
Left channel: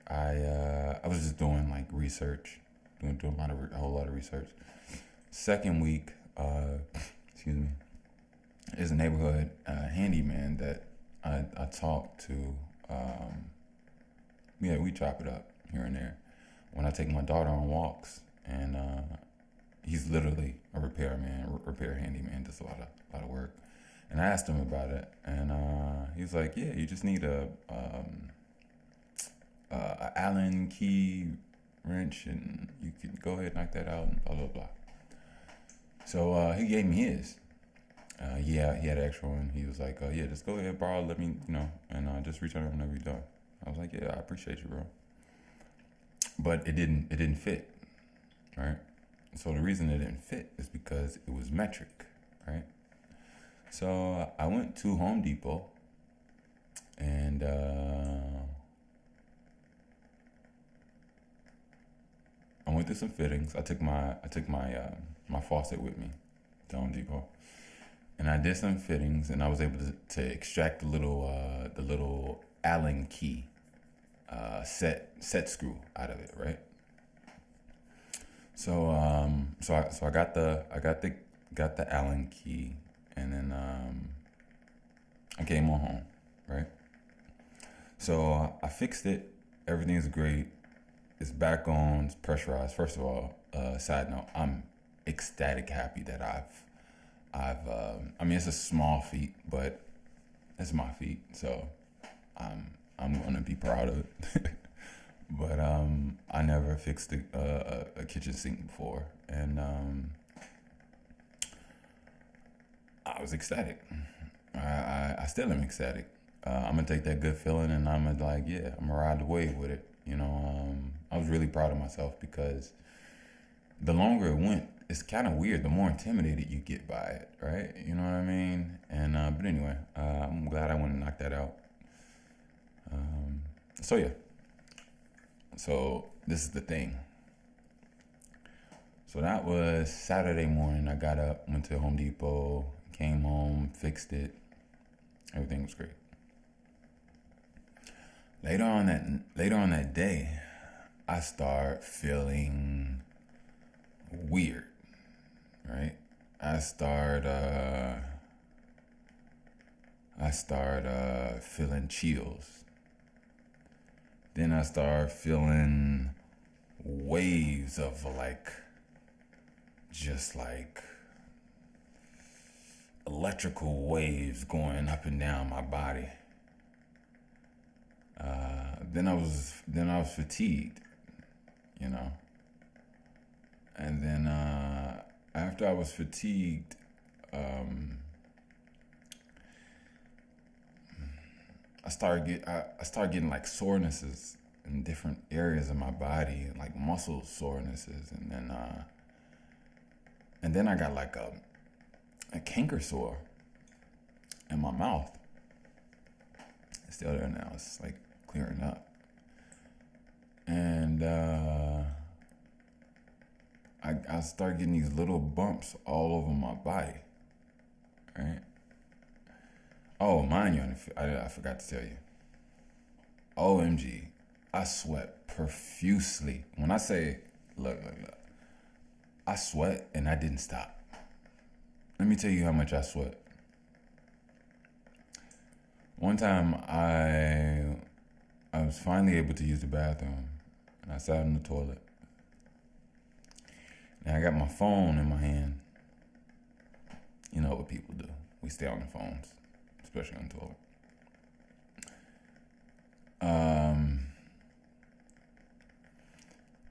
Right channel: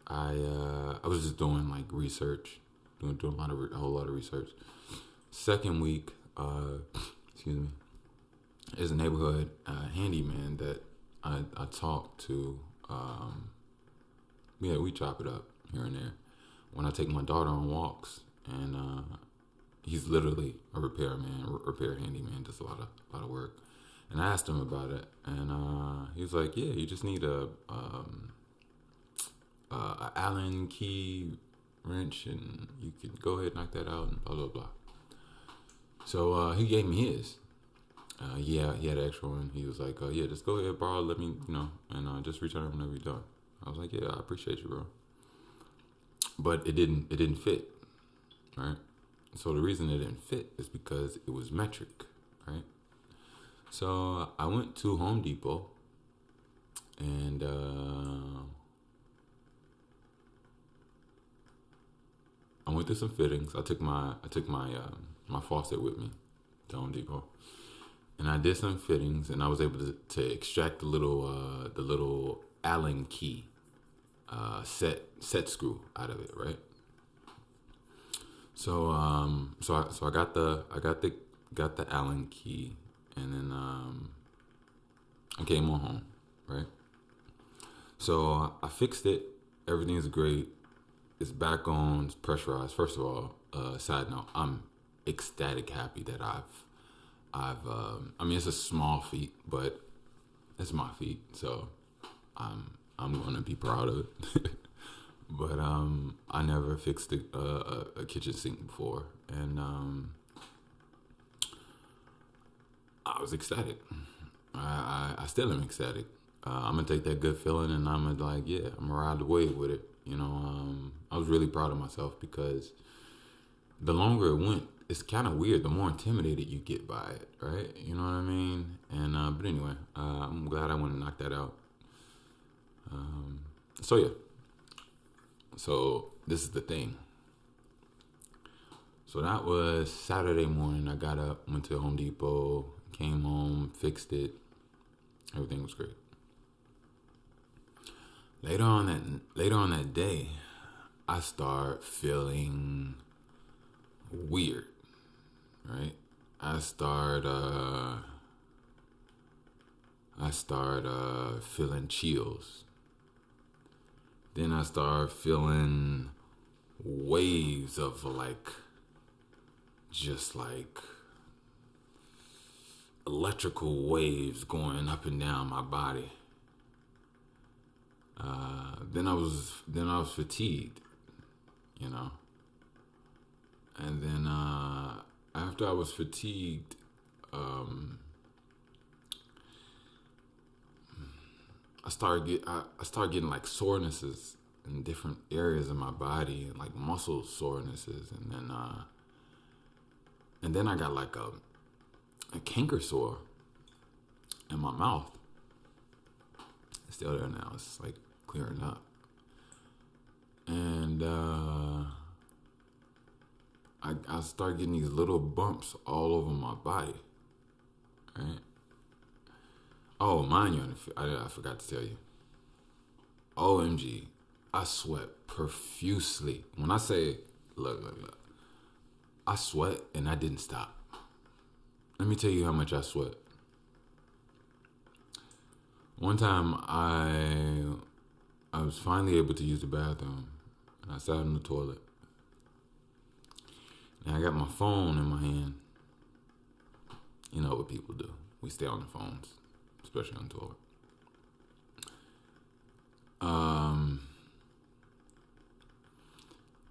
I was just doing like research, doing a whole lot of research. Second week, excuse me, is a neighborhood handyman that I talk to. Yeah, we chop it up here and there. When I take my daughter on walks, and he's literally a repair handyman, does a lot of work. And I asked him about it, and he was like, "Yeah, you just need a Allen key wrench, and you can go ahead and knock that out, and blah blah blah." So he gave me his. Yeah, he had an extra one. He was like, "Yeah, just go ahead, borrow. Let me, and just return it whenever you're done." I was like, "Yeah, I appreciate you, bro." But it didn't fit, right? So the reason it didn't fit is because it was metric, right? So I went to Home Depot, and I went through some fittings. I took my faucet with me to Home Depot, and I did some fittings, and I was able to extract the little Allen key set screw out of it, right? So I got the Allen key, and then I came on home, right? So I fixed it. Everything's great. It's back on. It's pressurized. First of all, side note, I'm ecstatic, happy that I mean, it's a small feat, but it's my feat, so I'm gonna be proud of it. But I never fixed a kitchen sink before, and I was ecstatic. I still am ecstatic. I'm gonna take that good feeling, and I'm gonna I'm gonna ride the wave with it. I was really proud of myself because the longer it went, it's kind of weird. The more intimidated you get by it, right? You know what I mean? And but anyway, I'm glad I went and knocked that out. So yeah. So this is the thing. So that was Saturday morning. I got up, went to Home Depot, came home, fixed it. Everything was great. Later on that day, I start feeling weird, right? I start feeling chills. Then I start feeling waves of just like electrical waves going up and down my body. Then I was fatigued, and then after I was fatigued, I started getting like sorenesses in different areas of my body, like muscle sorenesses, and then I got like a canker sore in my mouth. It's still there now. It's like clearing up, and I start getting these little bumps all over my body, right? Oh, mind you, I forgot to tell you. OMG, I sweat profusely. When I say, look, I sweat and I didn't stop. Let me tell you how much I sweat. One time I was finally able to use the bathroom, and I sat in the toilet. And I got my phone in my hand. You know what people do. We stay on the phones, especially on the toilet.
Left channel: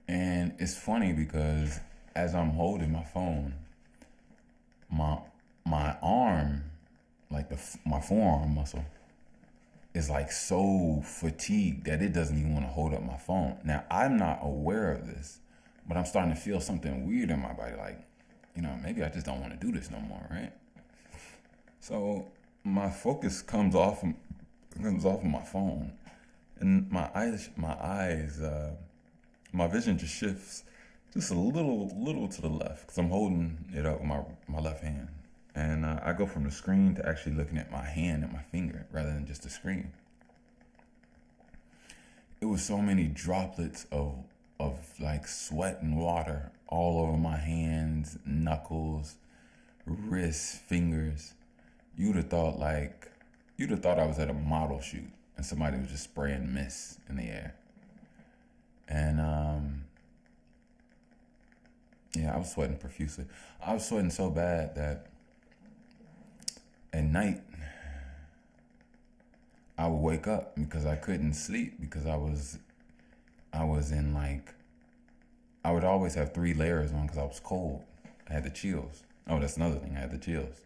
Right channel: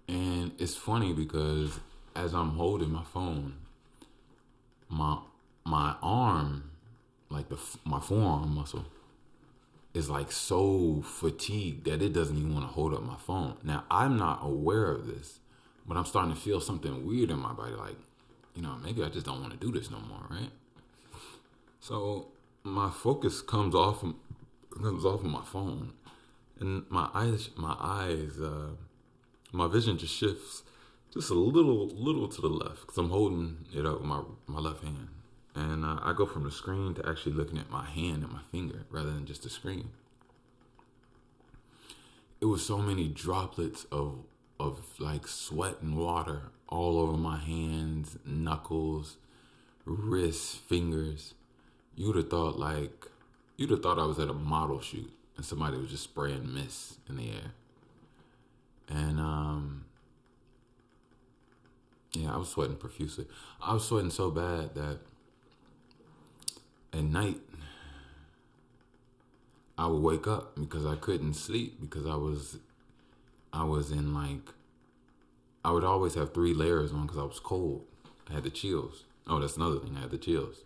And it's funny because as I'm holding my phone, my arm, like my forearm muscle, is like so fatigued that it doesn't even want to hold up my phone. Now, I'm not aware of this, but I'm starting to feel something weird in my body. Like, maybe I just don't want to do this no more, right? So my focus comes off of my phone, and my vision just shifts just a little to the left because I'm holding it up with my left hand. And I go from the screen to actually looking at my hand and my finger rather than just the screen. it was so many droplets of like sweat and water all over my hands, knuckles, wrists, fingers. You'd have thought like you'd have thought I was at a model shoot and somebody was just spraying mist in the air. And yeah, I was sweating profusely. I was sweating so bad that at night I would wake up because I couldn't sleep because I was in like I would always have 3 layers on because I was cold. I had the chills. Oh, that's another thing. I had the chills.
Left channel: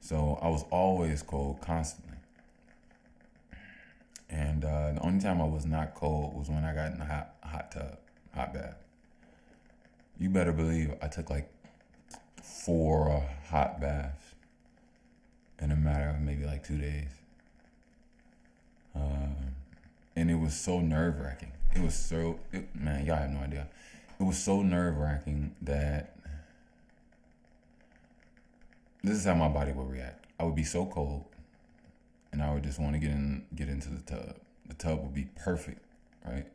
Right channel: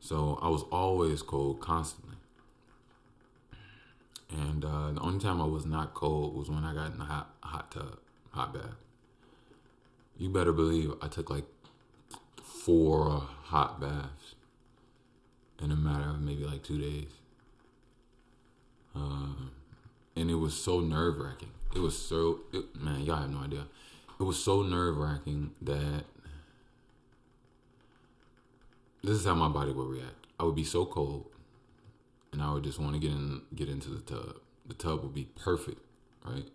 So I was always cold constantly. And the only time I was not cold was when I got in the hot tub, hot bath. You better believe I took like 4 hot baths in a matter of maybe like 2 days. And it was so nerve wracking. Man, y'all have no idea. It was so nerve wracking that this is how my body would react. I would be so cold, and I would just want to get into the tub. The tub would be perfect, right?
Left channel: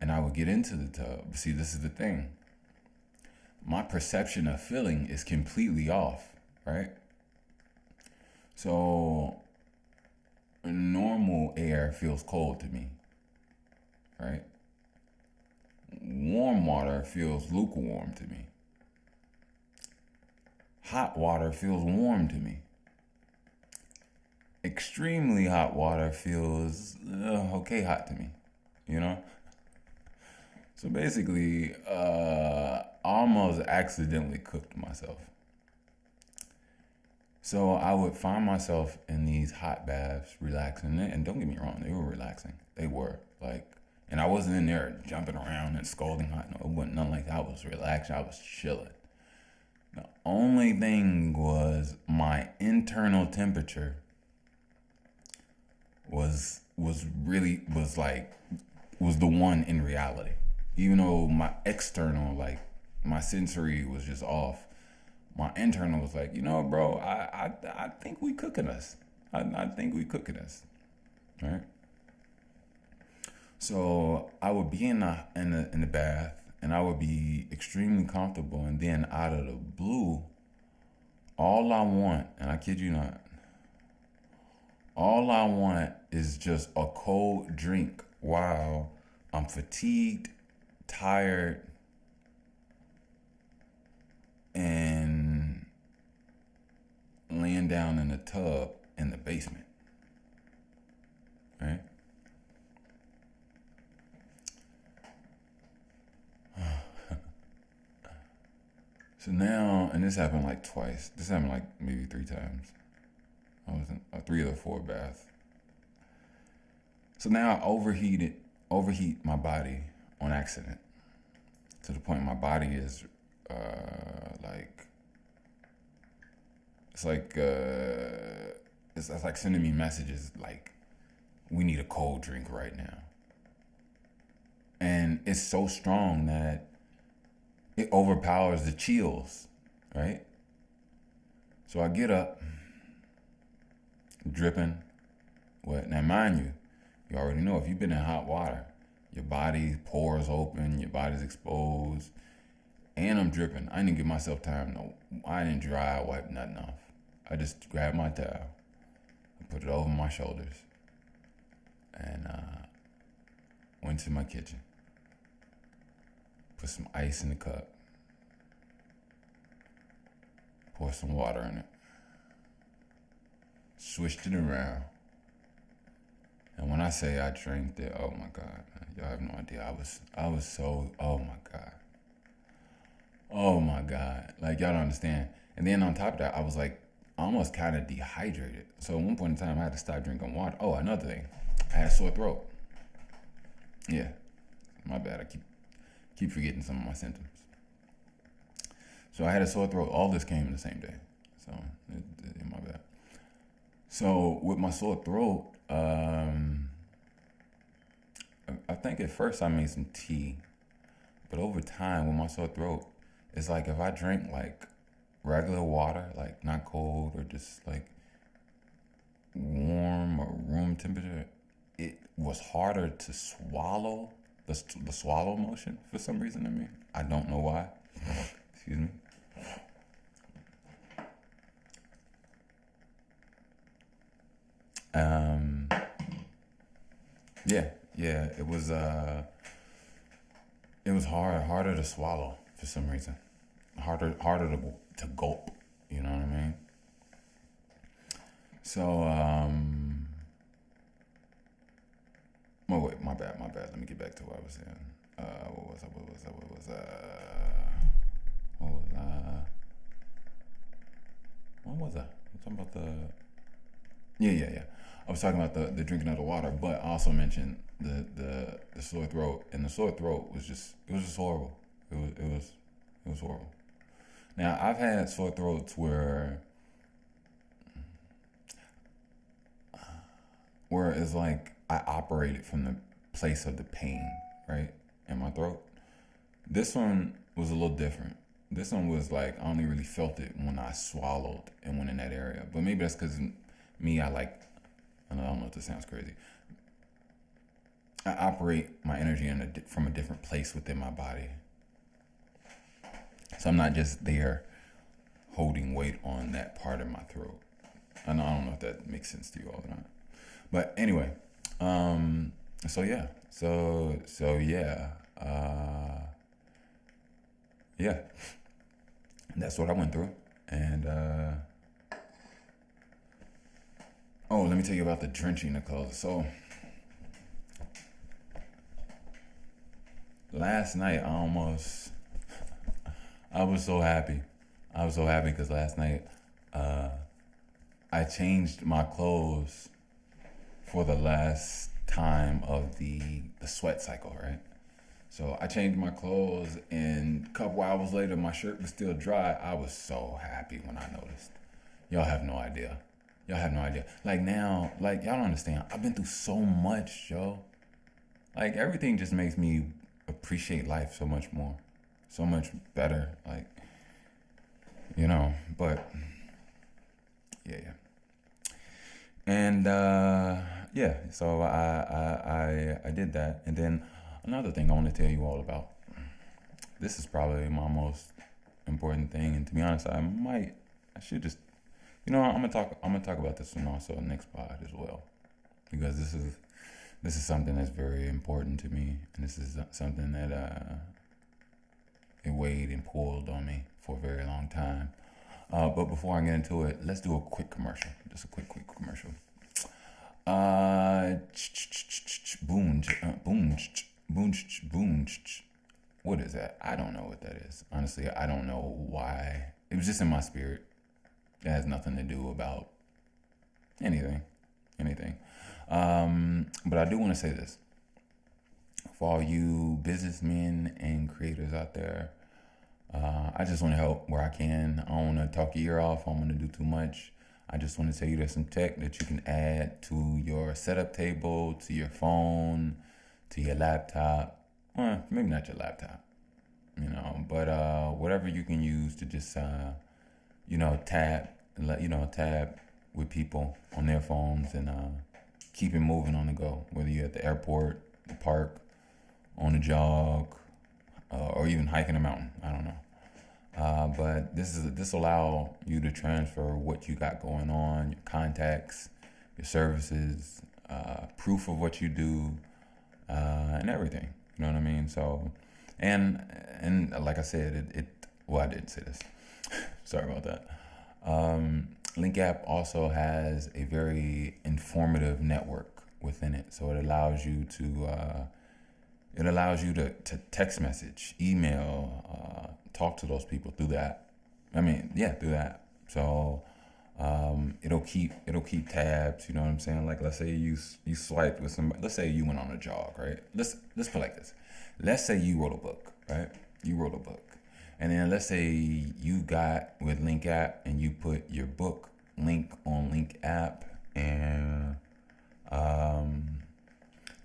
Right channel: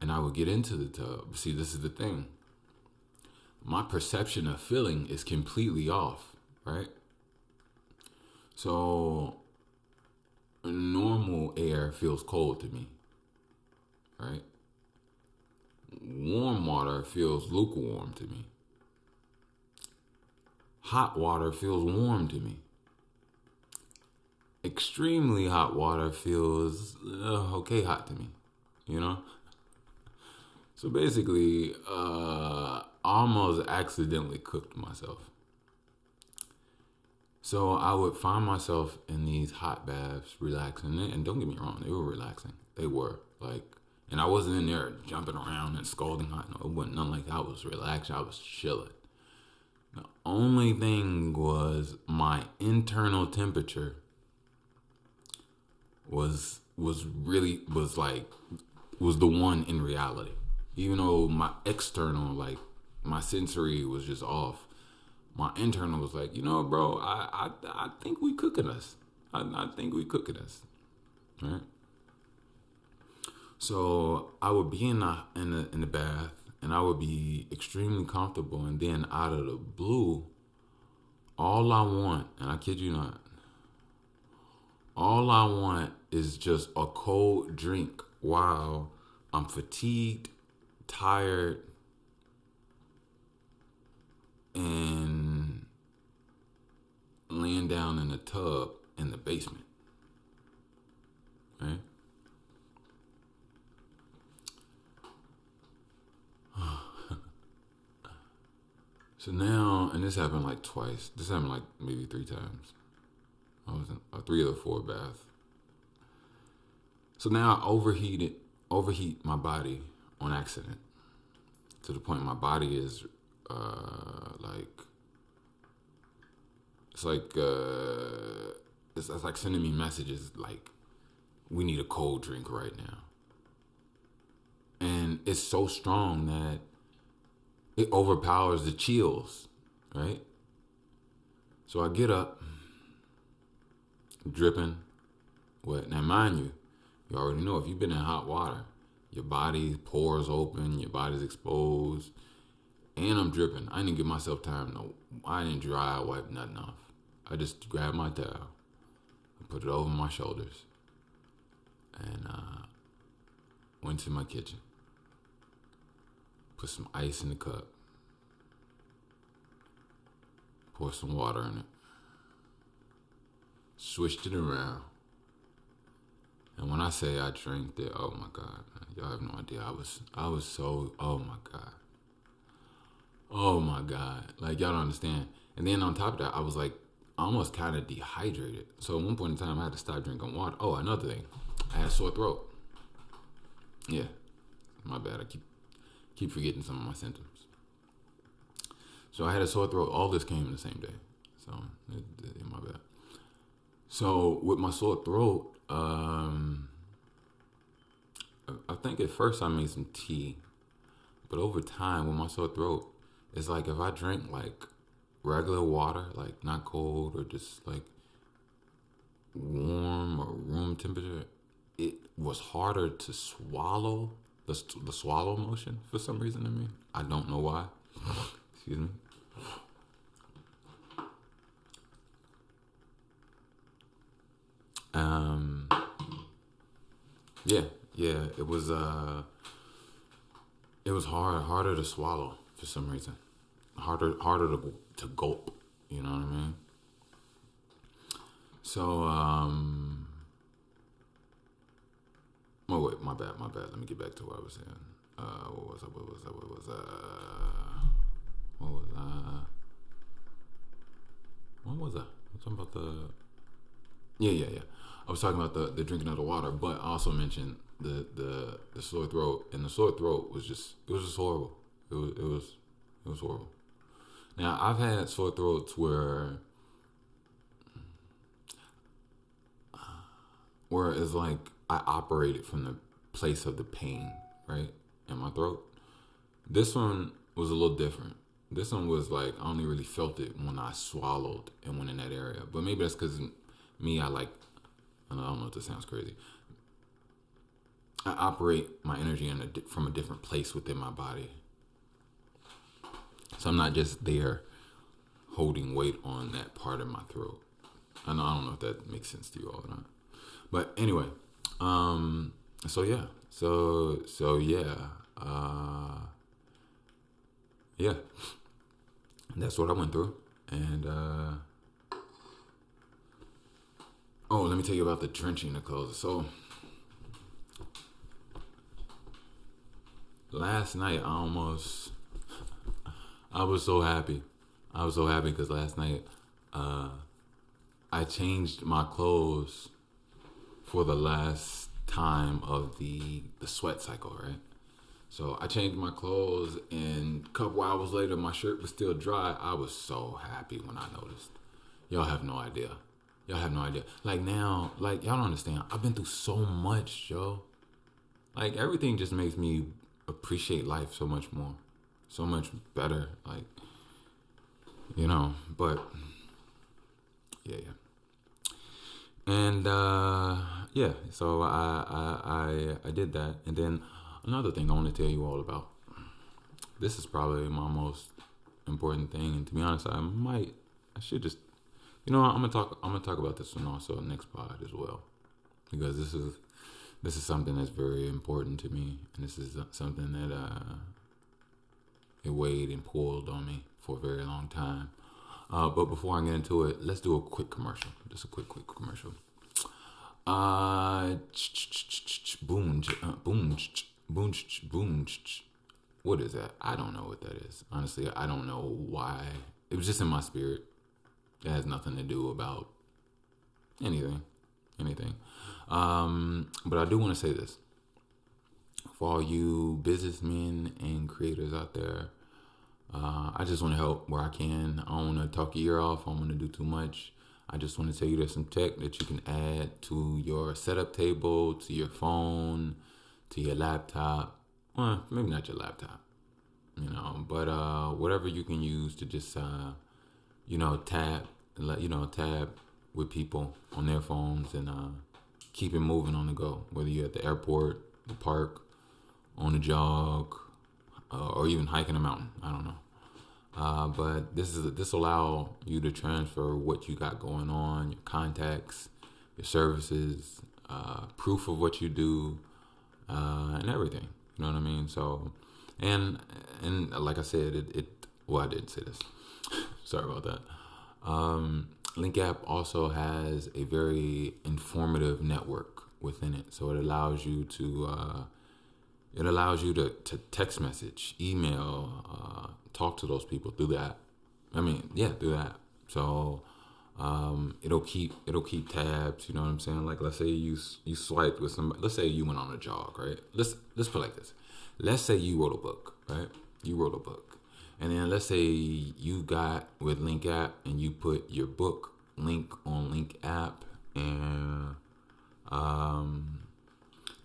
And I would get into the tub. But see, this is the thing. My perception of feeling is completely off, right? So normal air feels cold to me, right? Warm water feels lukewarm to me. Hot water feels warm to me. Extremely hot water feels okay hot to me, you know? So basically, I almost accidentally cooked myself. So I would find myself in these hot baths, relaxing. And don't get me wrong, they were relaxing. They were like, and I wasn't in there jumping around and scolding hot. No, it wasn't nothing like that. I was relaxed. I was chilling. The only thing was my internal temperature was the one in reality. Even though my external, like my sensory was just off, my internal was like, you know, bro, I think we cooking us. I think we cooking us, right? So I would be in the bath, and I would be extremely comfortable, and then out of the blue, all I want, and I kid you not, all I want is just a cold drink while I'm fatigued, tired, and laying down in a tub in the basement, right? So now, and this happened like twice. This happened like maybe 3 times. I was in a 3 or 4 bath. So now I overheat my body on accident to the point my body is it's like sending me messages like, we need a cold drink right now. And it's so strong that it overpowers the chills, right? So I get up, dripping, wet. Now, mind you, you already know if you've been in hot water, your body pores open, your body's exposed, and I'm dripping. I didn't give myself time. I didn't dry wipe nothing off. I just grabbed my towel, put it over my shoulders, and went to my kitchen. Put some ice in the cup. Pour some water in it. Switched it around. And when I say I drank it, oh my God, man, y'all have no idea. I was so, oh my God. Oh my God. Like, y'all don't understand. And then on top of that, I was like almost kind of dehydrated. So at one point in time, I had to stop drinking water. Oh, another thing. I had a sore throat. Yeah. My bad. I keep forgetting some of my symptoms. So I had a sore throat. All this came in the same day. So, my bad. So with my sore throat, I think at first I made some tea. But over time, with my sore throat, it's like if I drink like regular water, like not cold or just like warm or room temperature, it was harder to swallow the swallow motion for some reason to me. I don't know why. Excuse me. Um, yeah, yeah, it was harder to swallow for some reason. Harder to gulp. You know what I mean? So, oh wait, my bad. Let me get back to what I was saying. What was I? What was I? I'm talking about the. Yeah. I was talking about the drinking of the water, but I also mentioned the sore throat, and the sore throat was just horrible. It was horrible. Now I've had sore throats where it's like I operated from the place of the pain, right, in my throat. This one was a little different. This one was like I only really felt it when I swallowed and went in that area. But maybe that's because me, I don't know if this sounds crazy. I operate my energy from a different place within my body. So I'm not just there holding weight on that part of my throat. I don't know if that makes sense to you all or not. But anyway, so yeah, yeah, that's what I went through. And oh, let me tell you about the drenching the clothes. So last night I was so happy. I was so happy because last night I changed my clothes for the last time of the sweat cycle, right? So I changed my clothes, and a couple hours later, my shirt was still dry. I was so happy when I noticed. Y'all have no idea. Y'all have no idea. Like now, like y'all don't understand. I've been through so much, yo. Like everything just makes me appreciate life so much more, so much better. Like, you know, but yeah. And yeah, so I did that, and then another thing I want to tell you all about. This is probably my most important thing, and to be honest, I should just, you know, I'm gonna talk about this one also next pod as well, because this is something that's very important to me, and this is something that it weighed and pulled on me for a very long time. But before I get into it, let's do a quick commercial. Just a quick commercial. Boom. What is that? I don't know what that is. Honestly, I don't know why. It was just in my spirit. It has nothing to do about anything. But I do want to say this. For all you businessmen and creators out there, I just want to help where I can. I don't want to talk your ear off. I don't want to do too much. I just want to tell you there's some tech that you can add to your setup table, to your phone, to your laptop. Well, maybe not your laptop, you know, but whatever you can use to just, tab with people on their phones and keep it moving on the go, whether you're at the airport, the park, on a jog, or even hiking a mountain. I don't know. But this allow you to transfer what you got going on, your contacts, your services, proof of what you do, and everything. You know what I mean? So, and like I said, well, I didn't say this. Sorry about that. Link app also has a very informative network within it, so it allows you to text message, email, talk to those people through the app. Through the app. So it'll keep tabs. You know what I'm saying? Like, let's say you swiped with somebody. Let's say you went on a jog, right? Let's put it like this. Let's say you wrote a book, right? You wrote a book. And then let's say you got with Link app and you put your book link on Link app, and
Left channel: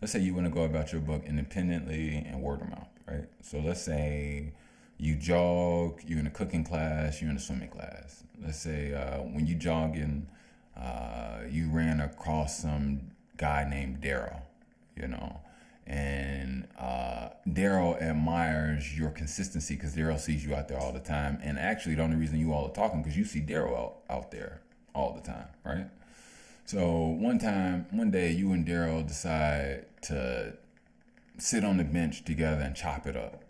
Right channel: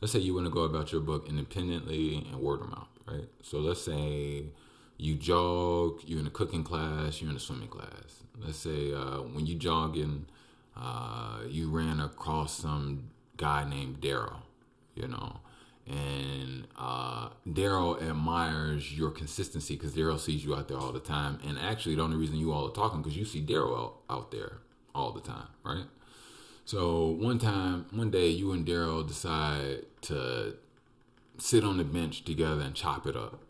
let's say you want to go about your book independently and word of mouth, right? So let's say you jog, you're in a cooking class, you're in a swimming class. Let's say when you jogging, you ran across some guy named Daryl, you know. And Daryl admires your consistency because Daryl sees you out there all the time. And actually, the only reason you all are talking because you see Daryl out there all the time, right? So one day, you and Daryl decide to sit on the bench together and chop it up,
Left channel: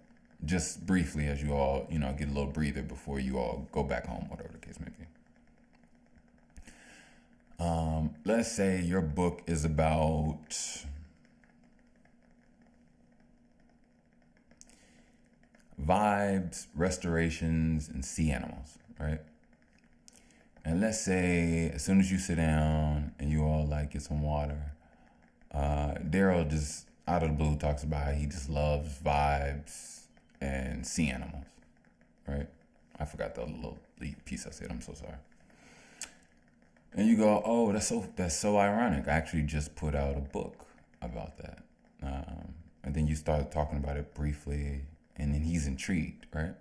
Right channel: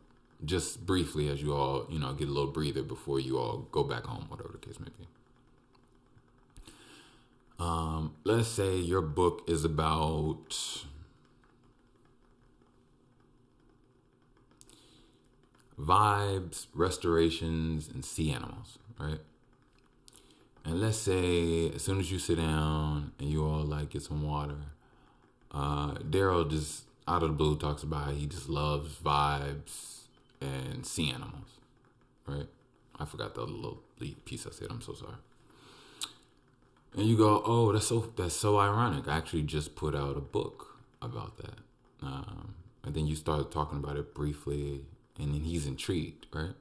just briefly, as you all, get a little breather before you all go back home, whatever the case may be. Let's say your book is about vibes, restorations, and sea animals, right? And let's say as soon as you sit down and you all like get some water, Daryl just out of the blue talks about how he just loves vibes and sea animals, right? I forgot the little piece I said. I'm so sorry. And you go, oh, that's so ironic. I actually just put out a book about that. And then you start talking about it briefly, and then he's intrigued, right?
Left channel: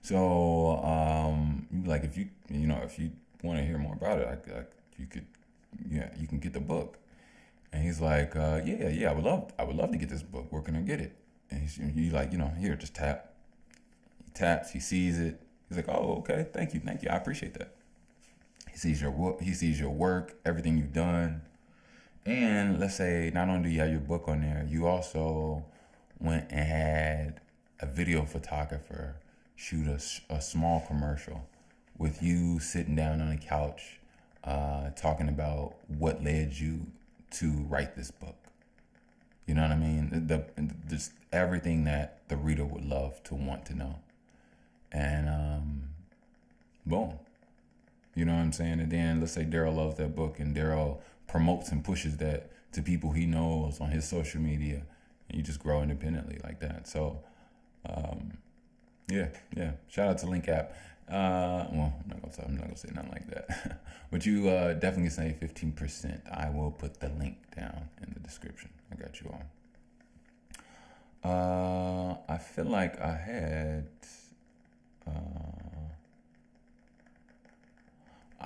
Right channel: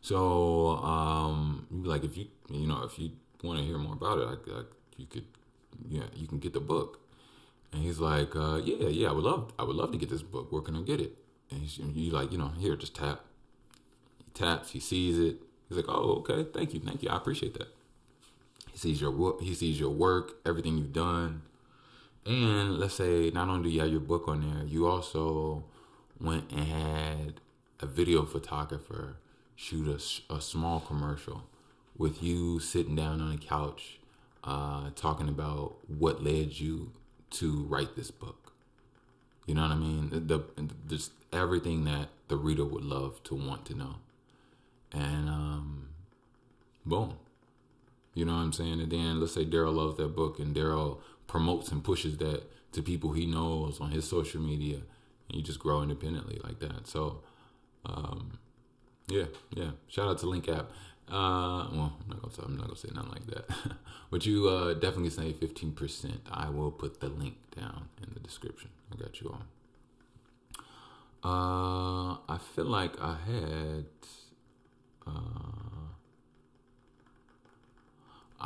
So, like, if you want to hear more about it, you can get the book. And he's like, yeah, I would love to get this book. Where can I get it? And you like, here, just tap. He taps, he sees it. He's like, oh, okay, thank you, I appreciate that. He sees your work, everything you've done. And let's say not only do you have your book on there, you also went and had a video photographer shoot a small commercial with you sitting down on a couch talking about what led you to write this book. You know what I mean? Just everything that the reader would love to want to know. And boom. You know what I'm saying? And then let's say Daryl loves that book and Daryl promotes and pushes that to people he knows on his social media, and you just grow independently like that. So, yeah. Shout out to Link App. Well, I'm not gonna say nothing like that, but you definitely say 15%. I will put the link down in the description. I got you on. I feel like I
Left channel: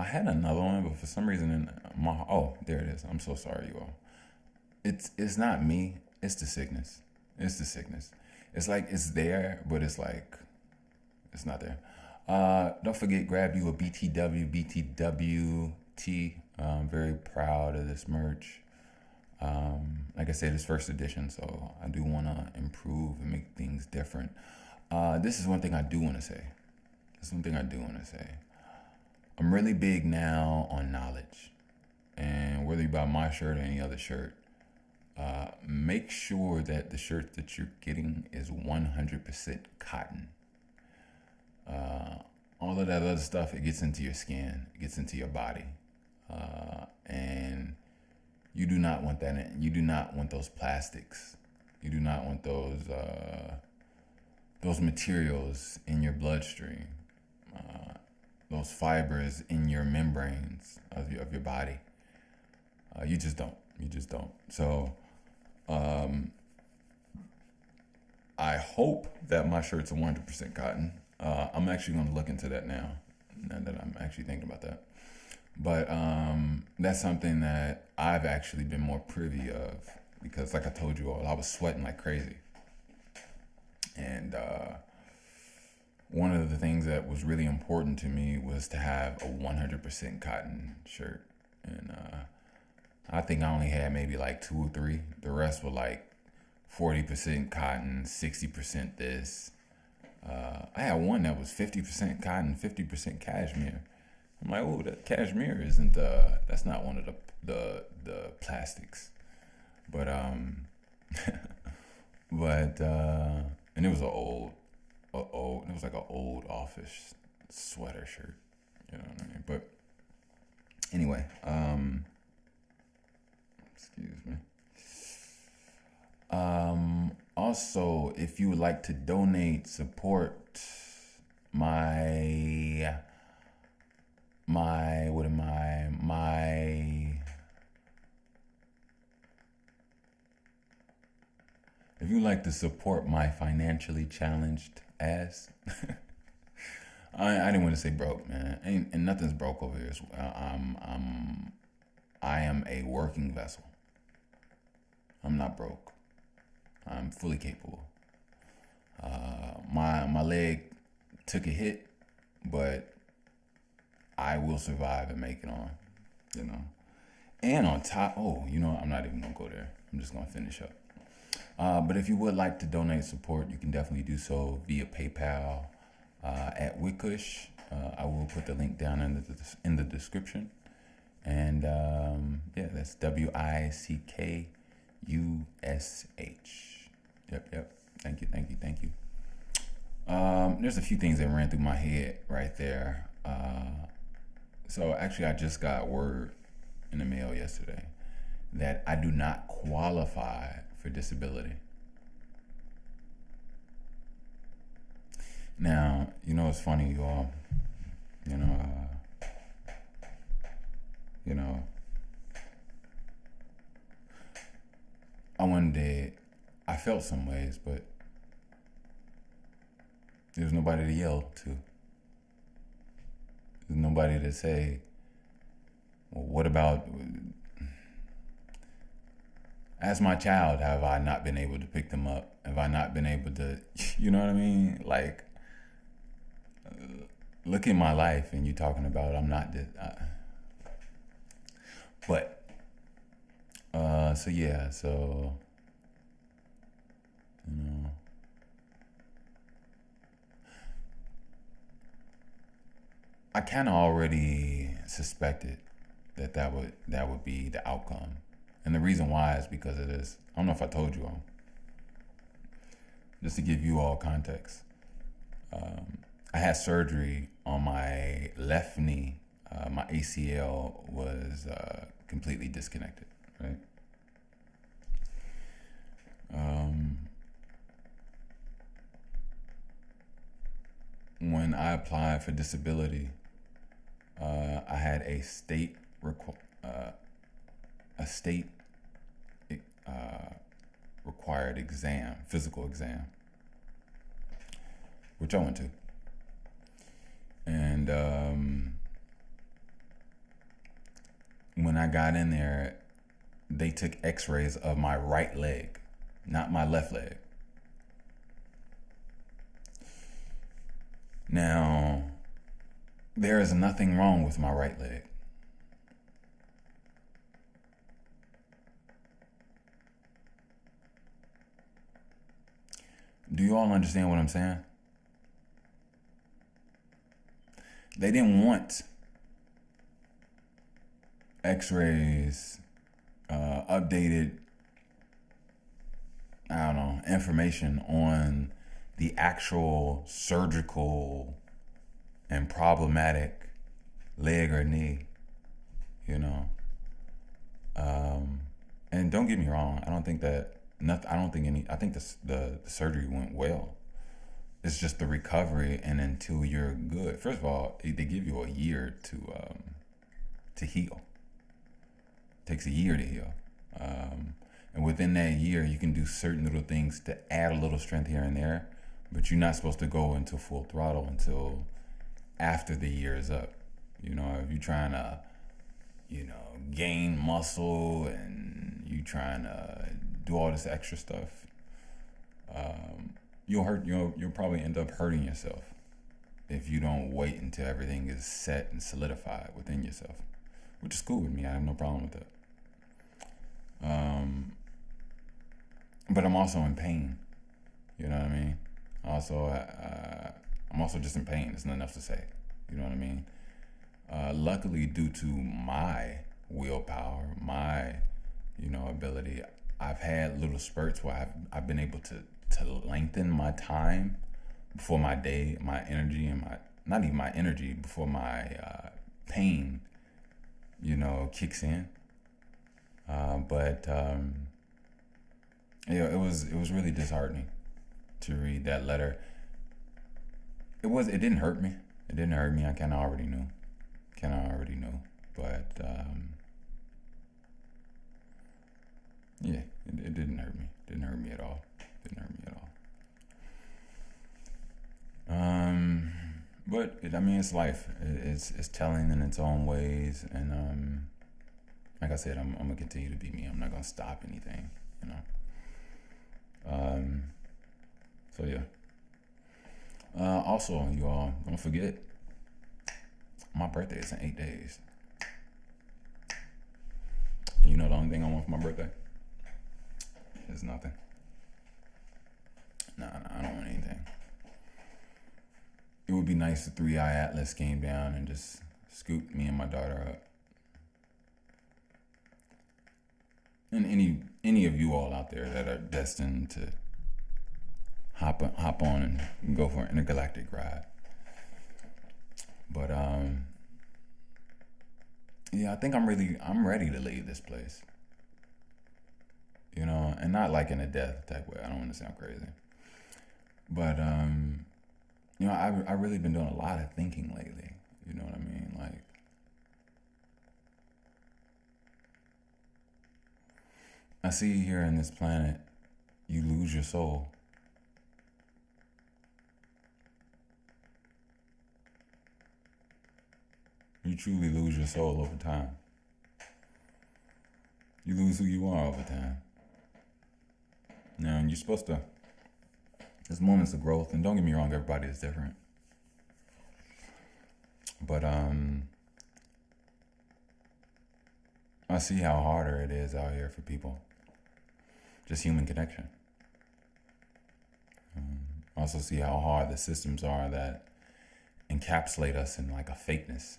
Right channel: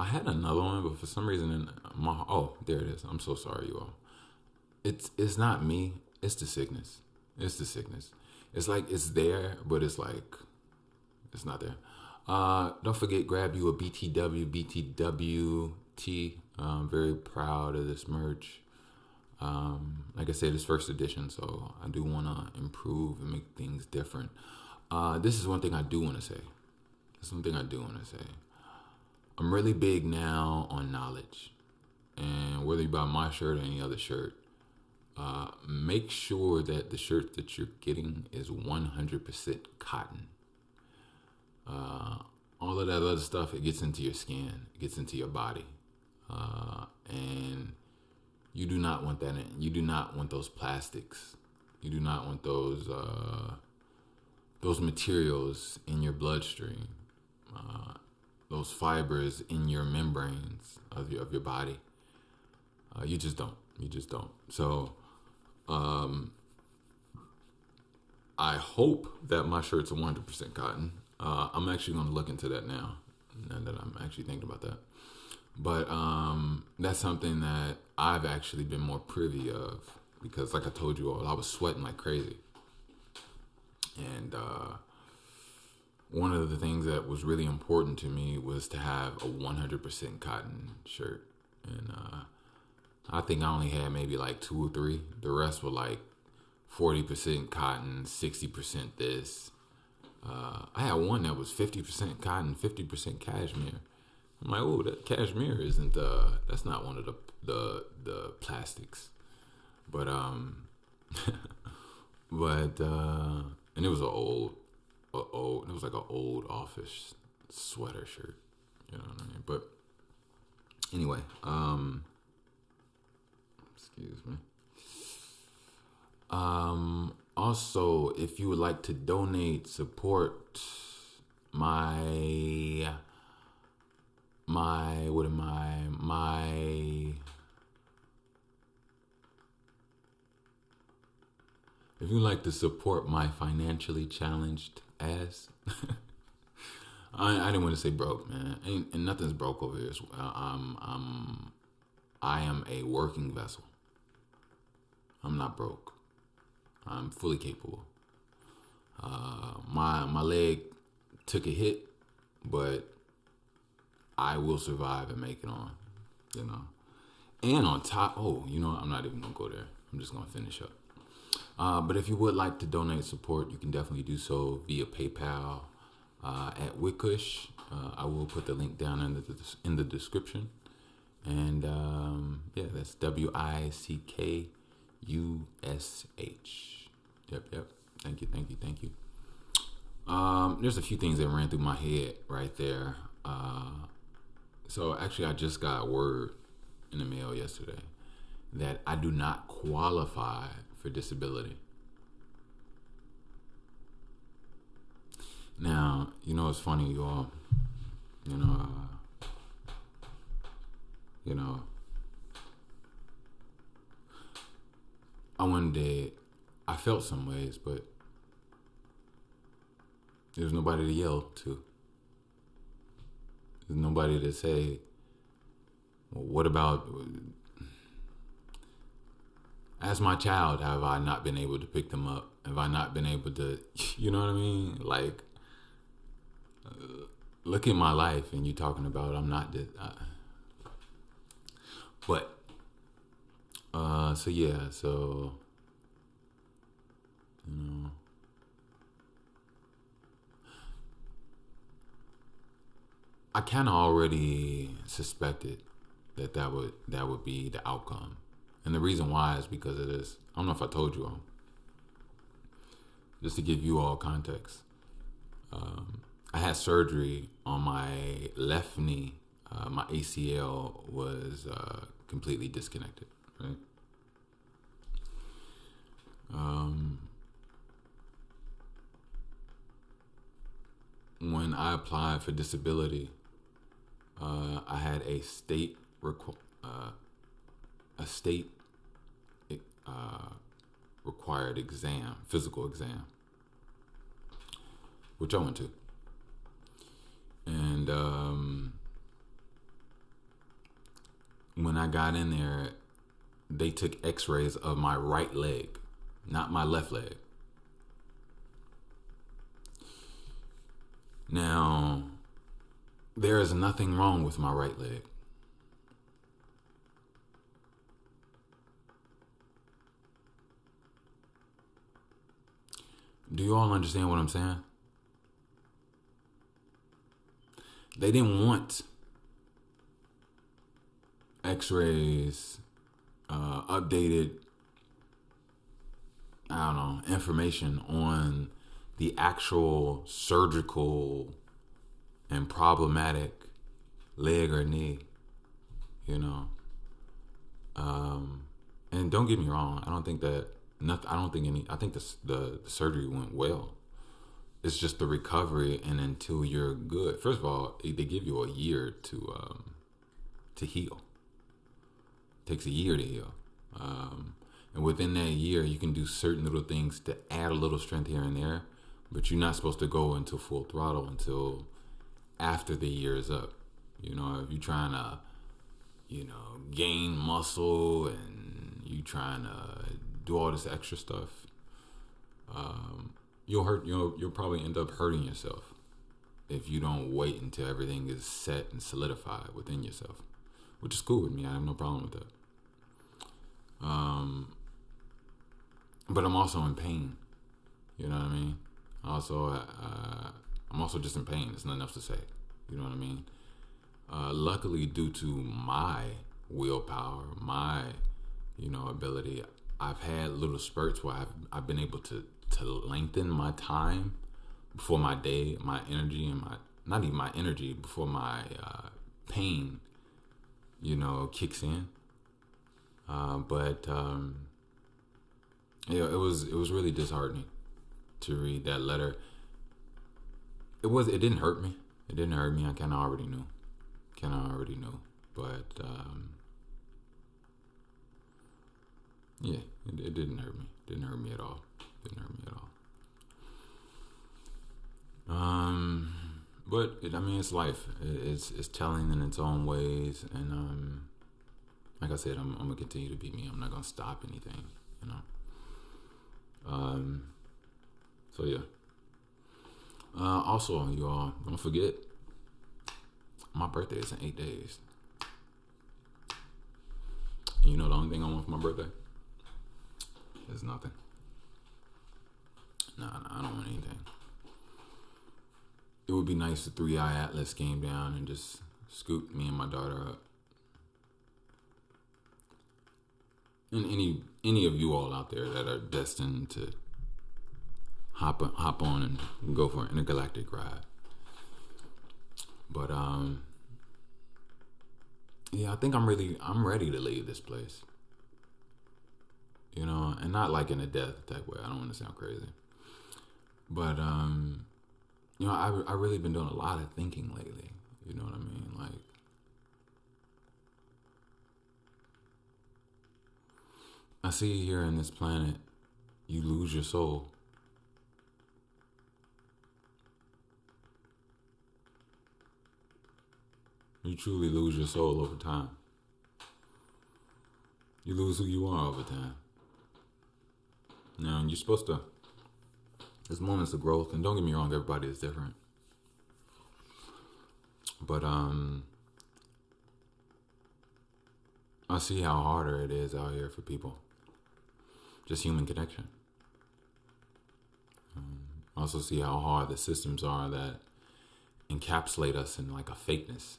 had another one, but for some reason there it is. I'm so sorry, you all. It's not me. It's the sickness. It's like it's there, but it's like it's not there. Don't forget, grab you a BTWT. I'm very proud of this merch. Like I said, it's first edition, so I do want to improve and make things different. This is one thing I do want to say. I'm really big now on knowledge. And whether you buy my shirt or any other shirt, make sure that the shirt that you're getting is 100% cotton. All of that other stuff, it gets into your skin, it gets into your body. And you do not want that in. You do not want those plastics. You do not want those materials in your bloodstream. Those fibers in your membranes of your body. You just don't. So, I hope that my shirt's 100% cotton. I'm actually going to look into that now that I'm actually thinking about that. But that's something that I've actually been more privy of because, like I told you all, I was sweating like crazy. And one of the things that was really important to me was to have a 100% cotton shirt. And I think I only had maybe like 2 or 3. The rest were like 40% cotton, 60% this. I had one that was 50% cotton, 50% cashmere. I'm like, oh, that cashmere isn't that's not one of the plastics. But and it was it was like an old office sweater shirt, you know what I mean? But anyway, excuse me. Also, if you would like to donate, support my if you like to support my financially challenged ass, I didn't want to say broke, man. And nothing's broke over here. I am a working vessel. I'm not broke. I'm fully capable. My leg took a hit, but I will survive and make it on, you know. And on top, I'm not even gonna go there. I'm just gonna finish up. But if you would like to donate support, you can definitely do so via PayPal at Wickush. I will put the link down in the description. And that's WICKUSH. Yep. Thank you. There's a few things that ran through my head right there. So actually, I just got word in the mail yesterday that I do not qualify for disability. Now, it's funny, you all. I felt some ways, but there's nobody to yell to. There's nobody to say, well, what about, as my child, have I not been able to pick them up? Have I not been able to, you know what I mean? Like, look at my life and you talking about I'm not this. I kind of already suspected that would be the outcome. And the reason why is because of this. I don't know if I told you all. Just to give you all context. I had surgery on my left knee. My ACL was completely disconnected, right? When I applied for disability, I had a state required exam, physical exam, which I went to. And when I got in there, they took x-rays of my right leg, not my left leg. Now, there is nothing wrong with my right leg. Do you all understand what I'm saying? They didn't want x-rays, updated, information on the actual surgical and problematic leg or knee, and don't get me wrong, I think the surgery went well. It's just the recovery, and until you're good. First of all, they give you a year to heal. It takes a year to heal. And within that year, you can do certain little things to add a little strength here and there, but you're not supposed to go into full throttle until after the year is up. If you're trying to, gain muscle and you trying to do all this extra stuff, you'll probably end up hurting yourself if you don't wait until everything is set and solidified within yourself, which is cool with me. I have no problem with that. But I'm also in pain. You know what I mean? I'm also just in pain. There's nothing else to say. You know what I mean? Luckily, due to my willpower, my, ability, I've had little spurts where I've been able to lengthen my time before my day, my energy, and not even my energy, before my pain, kicks in. But it was really disheartening to read that letter. It didn't hurt me. It didn't hurt me. I kind of already knew. But it didn't hurt me. Didn't hurt me at all. But it's life. It's telling in its own ways, and like I said, I'm gonna continue to be me. I'm not gonna stop anything. you know. So yeah. Also, you all don't forget, my birthday is in 8 days. You know the only thing I want for my birthday is nothing. Nah, I don't want anything. It would be nice if 3i Atlas came down and just scooped me and my daughter up. And any of you all out there that are destined to hop on and go for an intergalactic ride. But yeah, I think I'm ready to leave this place. You know, and not like in a death type way. I don't want to sound crazy. But you know, I really been doing a lot of thinking lately. You know what I mean? Like, I see here in this planet, you lose your soul. You truly lose your soul over time. You lose who you are over time. Now, you're supposed to, there's moments of growth, and don't get me wrong, everybody is different. But I see how harder it is out here for people. Just human connection. I also see how hard the systems are that encapsulate us in like a fakeness.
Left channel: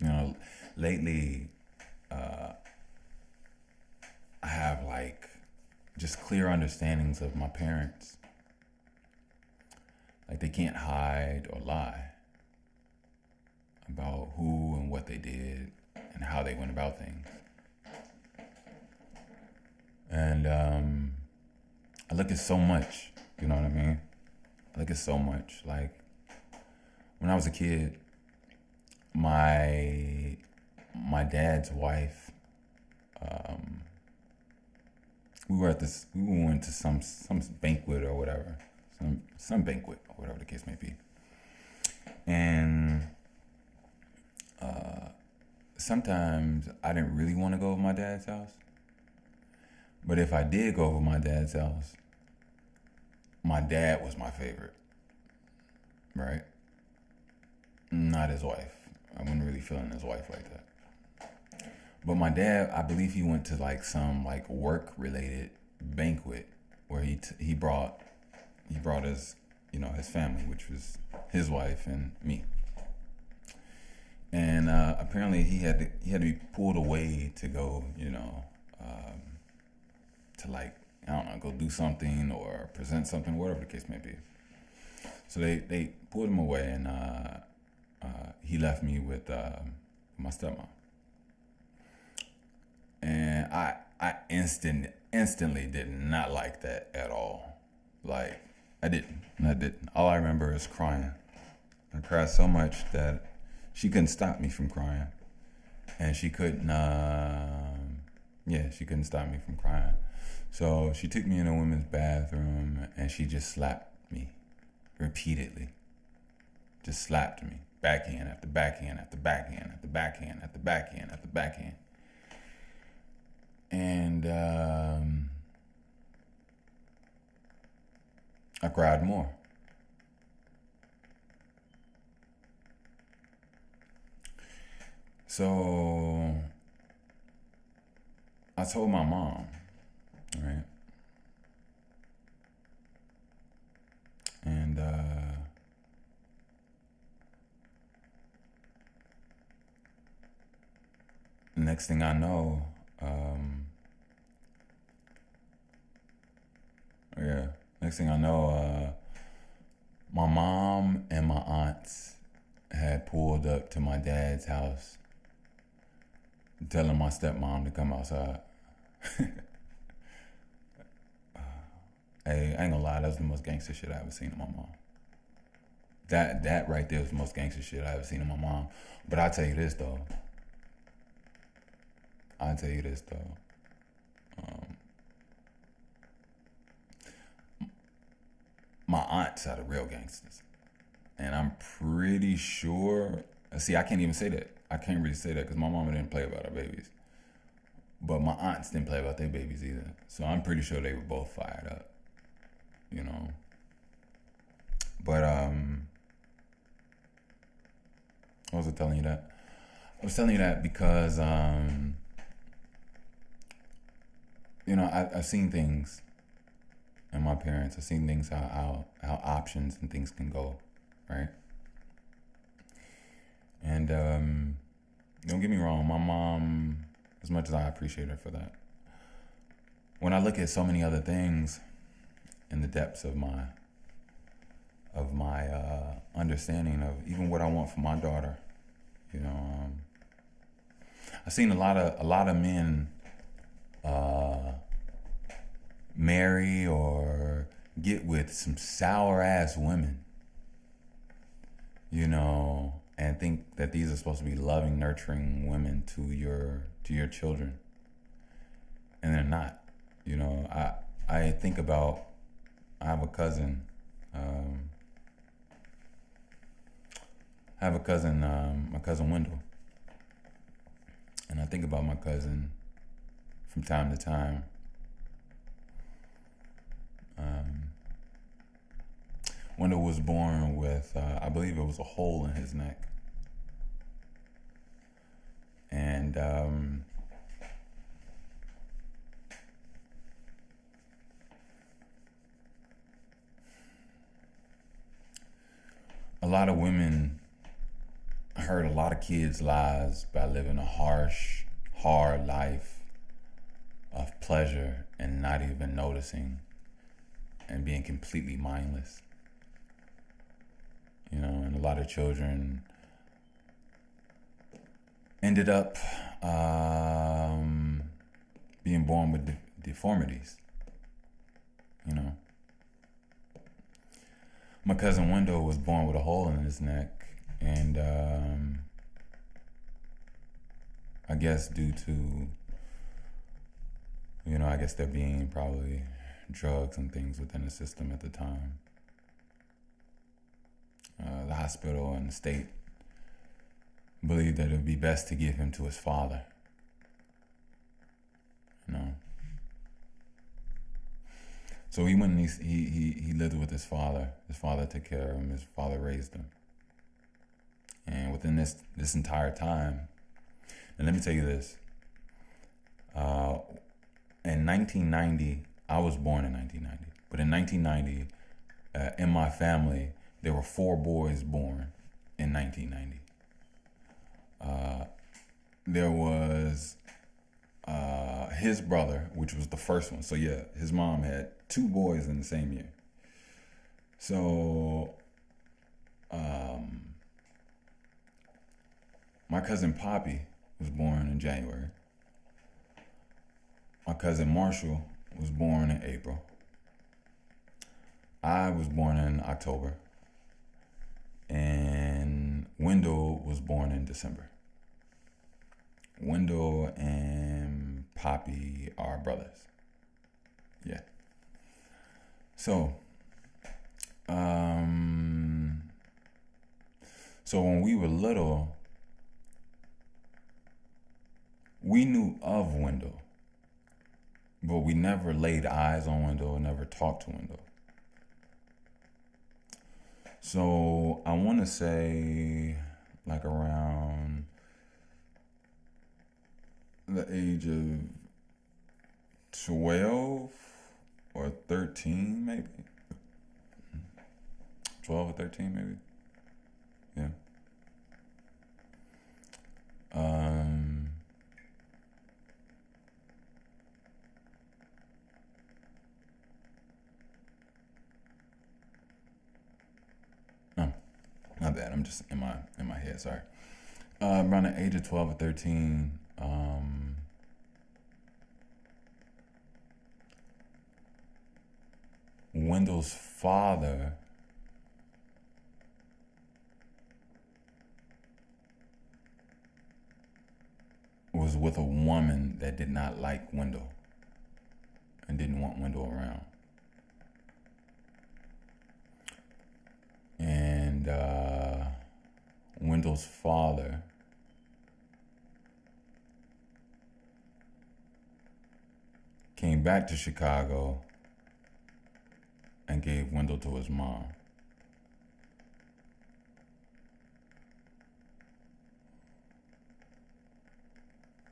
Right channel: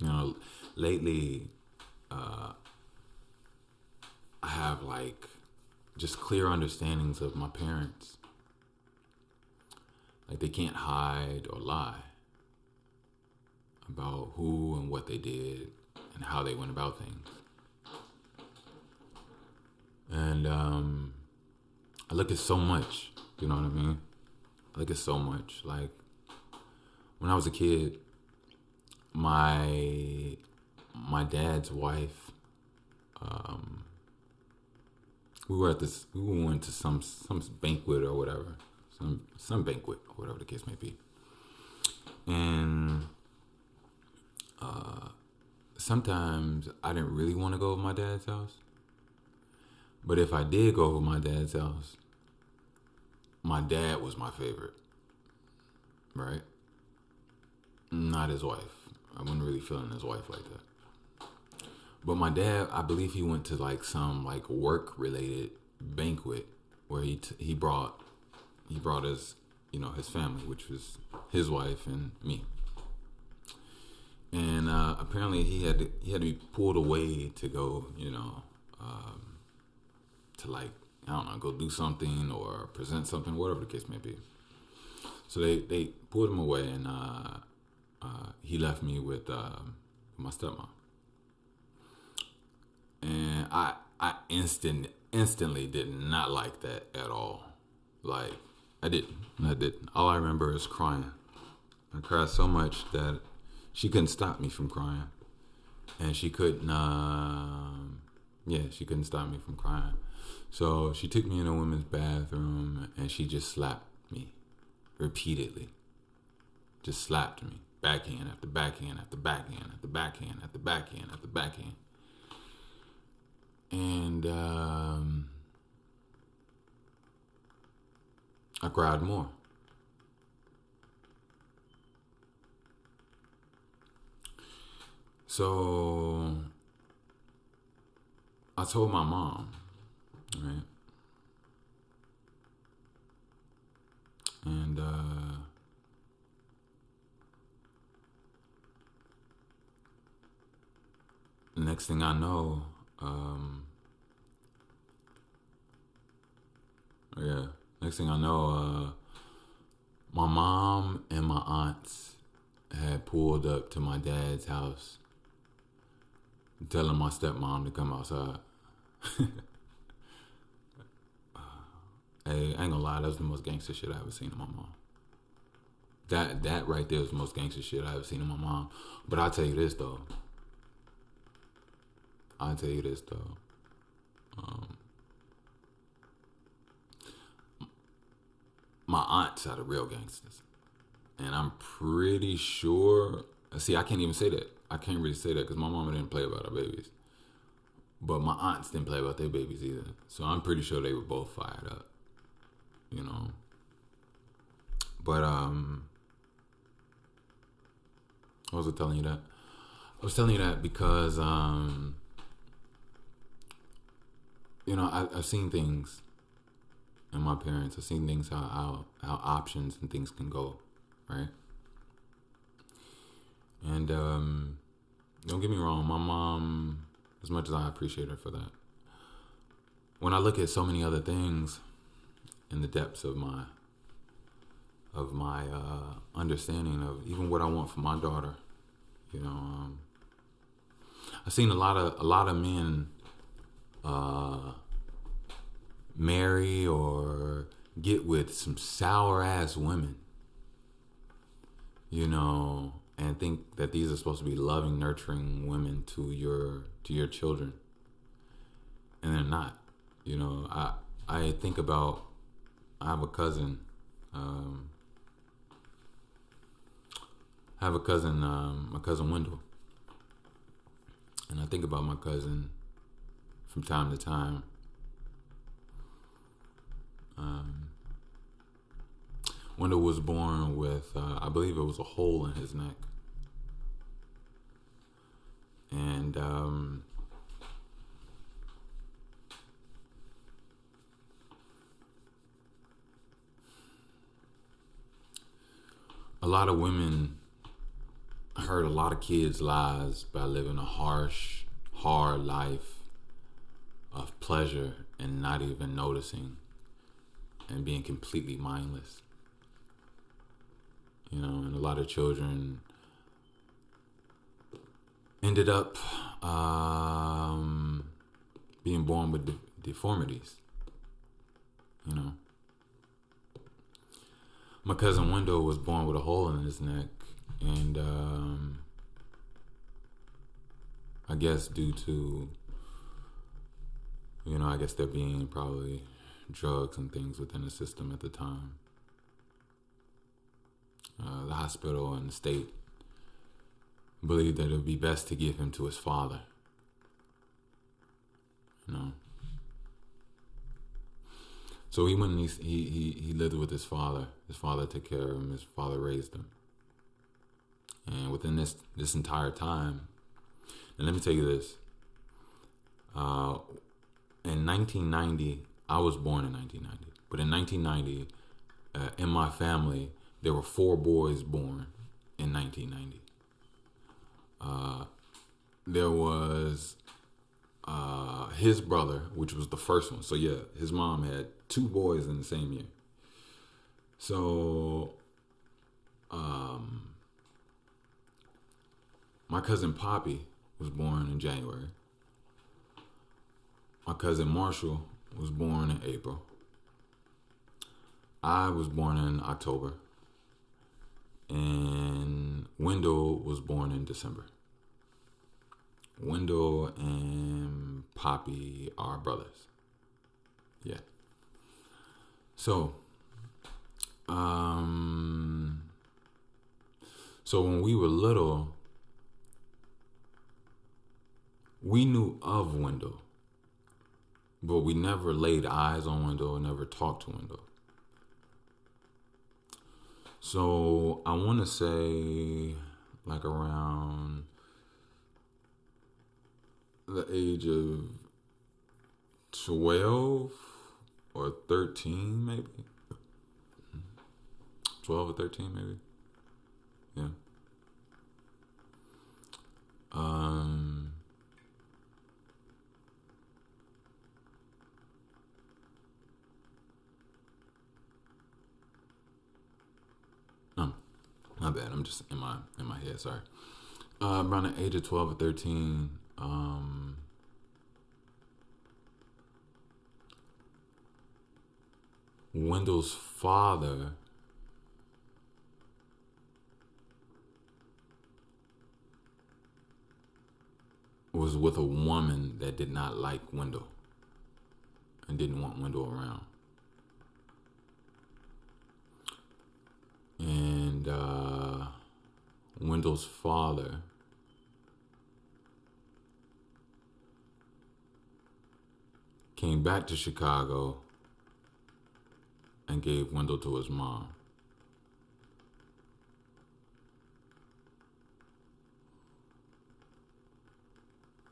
You know, lately, I have like just clear understandings of my parents. Like they can't hide or lie about who and what they did and how they went about things. And I look at so much, you know what I mean? I look at so much. Like when I was a kid, my dad's wife, we went to some banquet or whatever, some banquet or whatever the case may be, and sometimes I didn't really want to go over my dad's house, but if I did go over my dad's house, my dad was my favorite, right? Not his wife. I wasn't really feeling his wife like that. But my dad, I believe he went to like some like work related banquet where he brought his, you know, his family, which was his wife and me. And apparently he had to be pulled away to go, you know, to like, I don't know, go do something or present something, whatever the case may be. So they pulled him away, and he left me with my stepmom. And I instantly did not like that at all. Like, I didn't. All I remember is crying. I cried so much that she couldn't stop me from crying. And she couldn't stop me from crying. So she took me in a women's bathroom and she just slapped me repeatedly. Just slapped me. Backhand after backhand after backhand after backhand after backhand after backhand. And I cried more. So I told my mom, right? And next thing I know, my mom and my aunts had pulled up to my dad's house telling my stepmom to come outside. Hey, I ain't gonna lie, that was the most gangster shit I ever seen in my mom. That right there was the most gangster shit I ever seen in my mom. But I'll tell you this though. My aunts are the real gangsters. And I'm pretty sure, see, I can't even say that. I can't really say that because my mama didn't play about her babies, but my aunts didn't play about their babies either. So I'm pretty sure they were both fired up, you know. But I was telling you that. I was telling you that because you know, I've seen things in my parents. I've seen things how options and things can go, right? And don't get me wrong, my mom, as much as I appreciate her for that, when I look at so many other things in the depths of my understanding of even what I want for my daughter, you know, I've seen a lot of men marry or get with some sour ass women, you know, and think that these are supposed to be loving, nurturing women to your children, and they're not. You know, I think about, I have a cousin. My cousin Wendell, and I think about my cousin from time to time. Wendell was born with, I believe it was a hole in his neck. And a lot of women hurt a lot of kids' lives by living a harsh, hard life of pleasure and not even noticing and being completely mindless. You know, and a lot of children ended up being born with deformities. You know, my cousin Wendell was born with a hole in his neck, and I guess due to, you know, I guess there being probably drugs and things within the system at the time, the hospital and the state believed that it would be best to give him to his father. You know. So he went and he lived with his father. His father took care of him. His father raised him. And within this entire time, and let me tell you this. In 1990, I was born in 1990. But in 1990, in my family, there were 4 boys born in 1990. There was his brother, which was the first one. So yeah, his mom had 2 boys in the same year. So my cousin Poppy was born in January. My cousin Marshall was born in April. I was born in October. And Wendell was born in December. Wendell and Poppy are brothers. Yeah. So, so when we were little, we knew of Wendell, but we never laid eyes on Wendell and never talked to Wendell. So I want to say like around the age of 12 or 13 maybe. 12 or 13 maybe. Yeah. No, my bad. I'm just in my head. Sorry. Around the age of 12 or 13, Wendell's father was with a woman that did not like Wendell and didn't want Wendell around. And Wendell's father came back to Chicago and gave Wendell to his mom.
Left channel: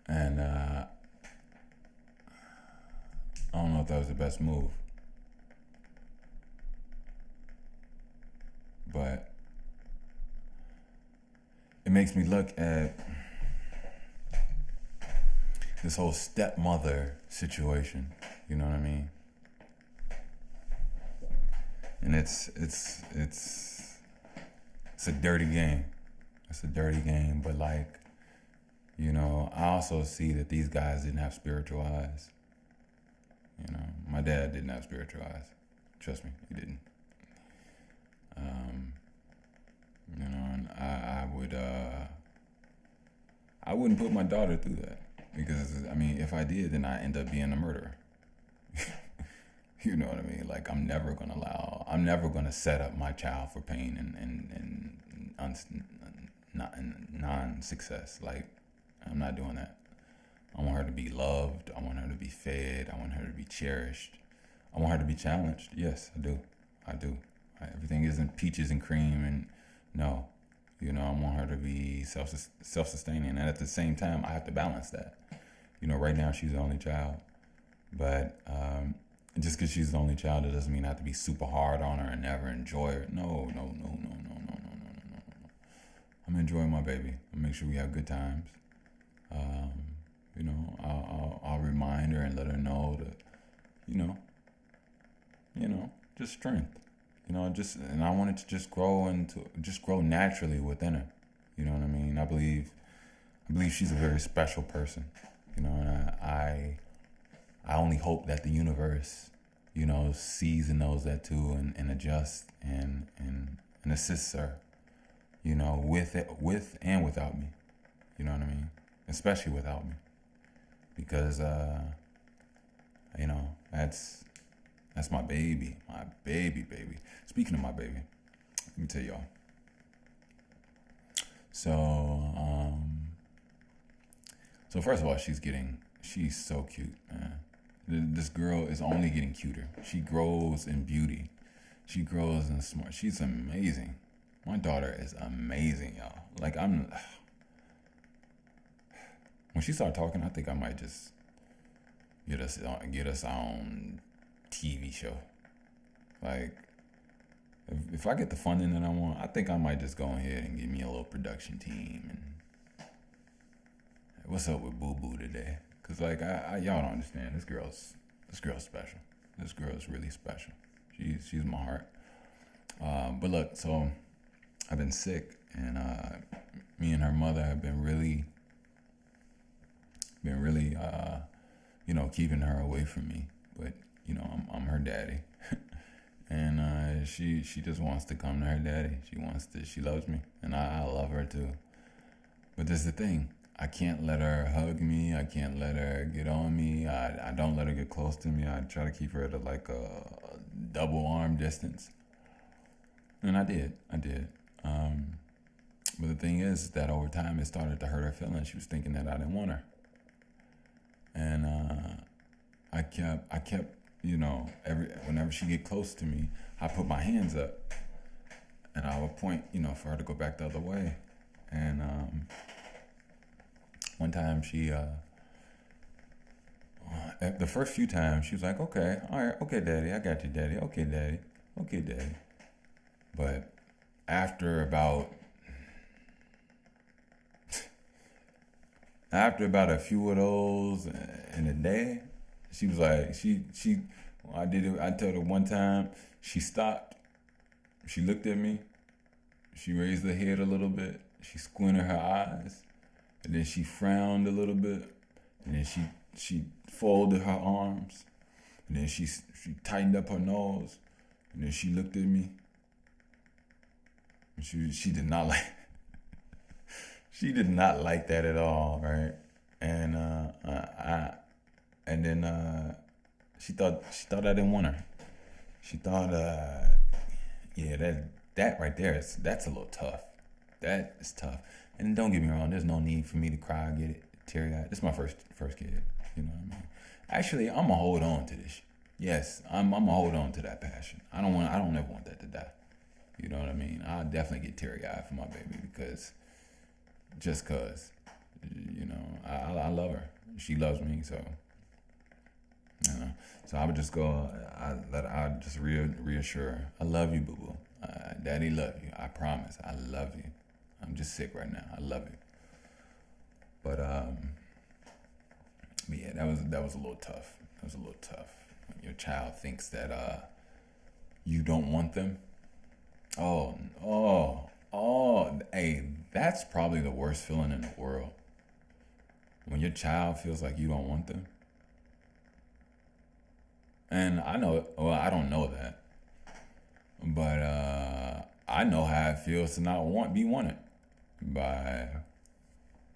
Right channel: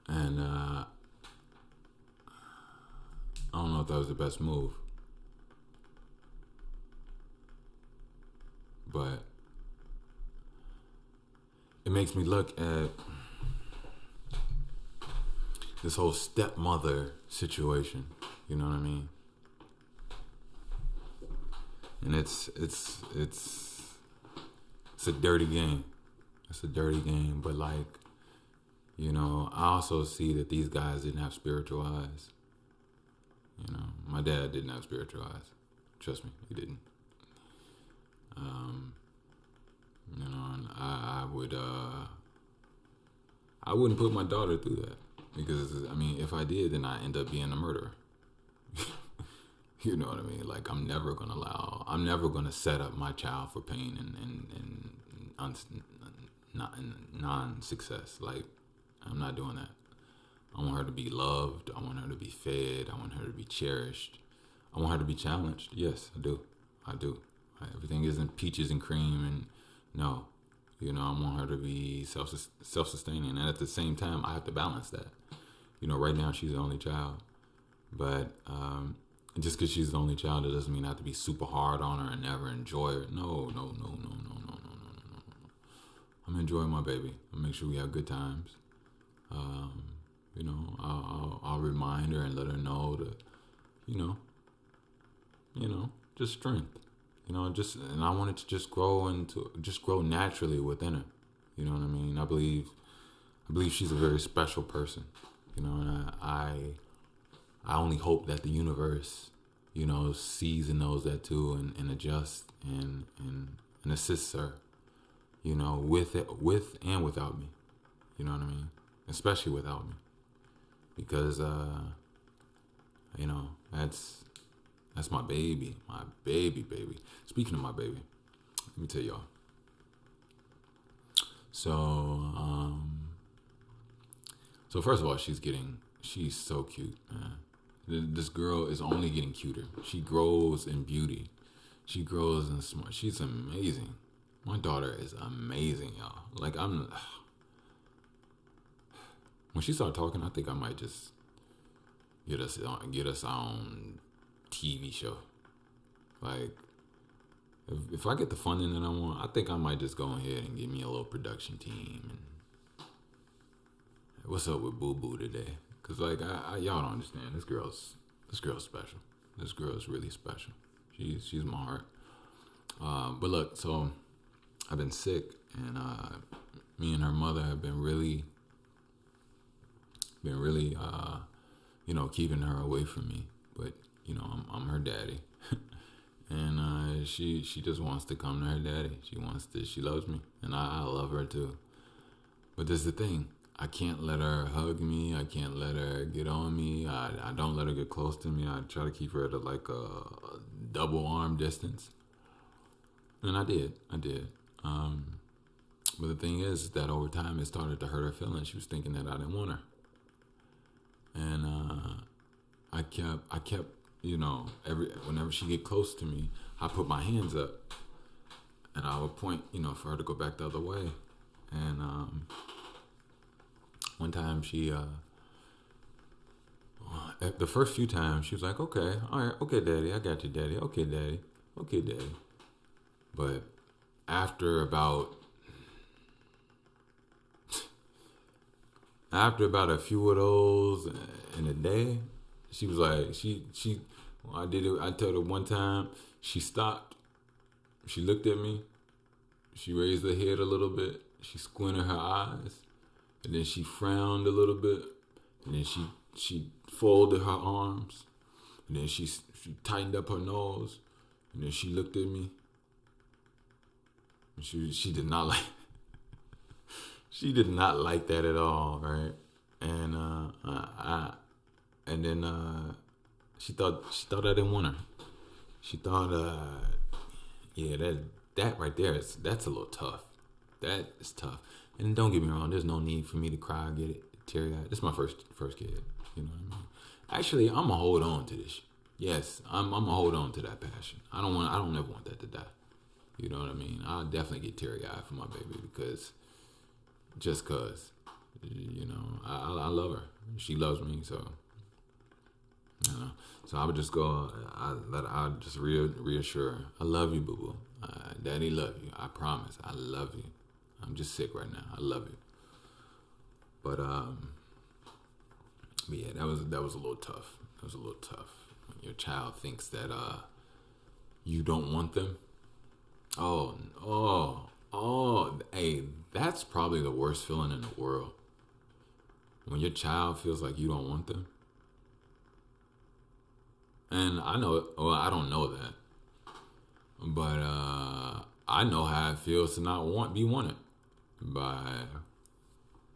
And I don't know if that was the best move. But it makes me look at this whole stepmother situation. You know what I mean? And it's a dirty game. It's a dirty game, but like, you know, I also see that these guys didn't have spiritual eyes. You know, my dad didn't have spiritual eyes. Trust me, he didn't. You know, and I wouldn't put my daughter through that, because I mean, if I did, then I end up being a murderer. You know what I mean? Like, I'm never gonna set up my child for pain and non-success. Like, I'm not doing that. I want her to be loved. I want her to be fed. I want her to be cherished. I want her to be challenged. Yes, I do. Everything isn't peaches and cream, and no, you know, I want her to be self-sustaining, and at the same time, I have to balance that. You know, right now she's the only child, but just because she's the only child, it doesn't mean I have to be super hard on her and never enjoy her. No. I'm enjoying my baby. I'll make sure we have good times. You know, I'll remind her and let her know that, you know, just strength. You know, and I want it to just grow naturally within her. You know what I mean? I believe she's a very special person. You know, and I only hope that the universe, you know, sees and knows that too, and adjusts and assists her. You know, with and without me. You know what I mean? Especially without me, because you know, that's my baby, baby. Speaking of my baby, let me tell y'all. So first of all, she's so cute, man. This girl is only getting cuter. She grows in beauty. She grows in smart. She's amazing. My daughter is amazing, y'all. Like, when she started talking, I think I might just get us our own TV show. Like, if I get the funding that I want, I think I might just go ahead and get me a little production team. And what's up with Boo Boo today? Cause like y'all don't understand. This girl's special. This girl's really special. She's my heart. But look, so I've been sick, and me and her mother have been really, you know, keeping her away from me. But you know, I'm her daddy, and she just wants to come to her daddy. She loves me, and I love her too. But this is the thing. I can't let her hug me. I can't let her get on me. I don't let her get close to me. I try to keep her at like a double arm distance. And I did. But the thing is that over time it started to hurt her feelings. She was thinking that I didn't want her. And I kept, you know, whenever she get close to me, I put my hands up and I would point, you know, for her to go back the other way. And one time she, the first few times she was like, okay, all right, okay, daddy, I got you, daddy, okay, daddy. But after about a few of those in a day, she was like, I told her one time, she stopped, she looked at me, she raised her head a little bit, she squinted her eyes, and then she frowned a little bit, and then she folded her arms, and then she tightened up her nose, and then she looked at me. She did not like she did not like that at all, right? And she thought I didn't want her. She thought yeah, that right there that's a little tough. That is tough. And don't get me wrong, there's no need for me to cry, get it teary-eyed. This is my first kid, you know what I mean? Actually, I'm gonna hold on to this. Yes, I'm gonna hold on to that passion. I don't ever want that to die. You know what I mean? I'll definitely get teary eyed for my baby because just cause, you know, I love her. She loves me, so you know. So I would just go. I just reassure her. I love you, boo boo. Daddy love you. I promise. I love you. I'm just sick right now. I love you. But yeah, that was a little tough. That was a little tough. When your child thinks that you don't want them. Hey, that's probably the worst feeling in the world. When your child feels like you don't want them. And I know, well, I don't know that, but I know how it feels to not be wanted by,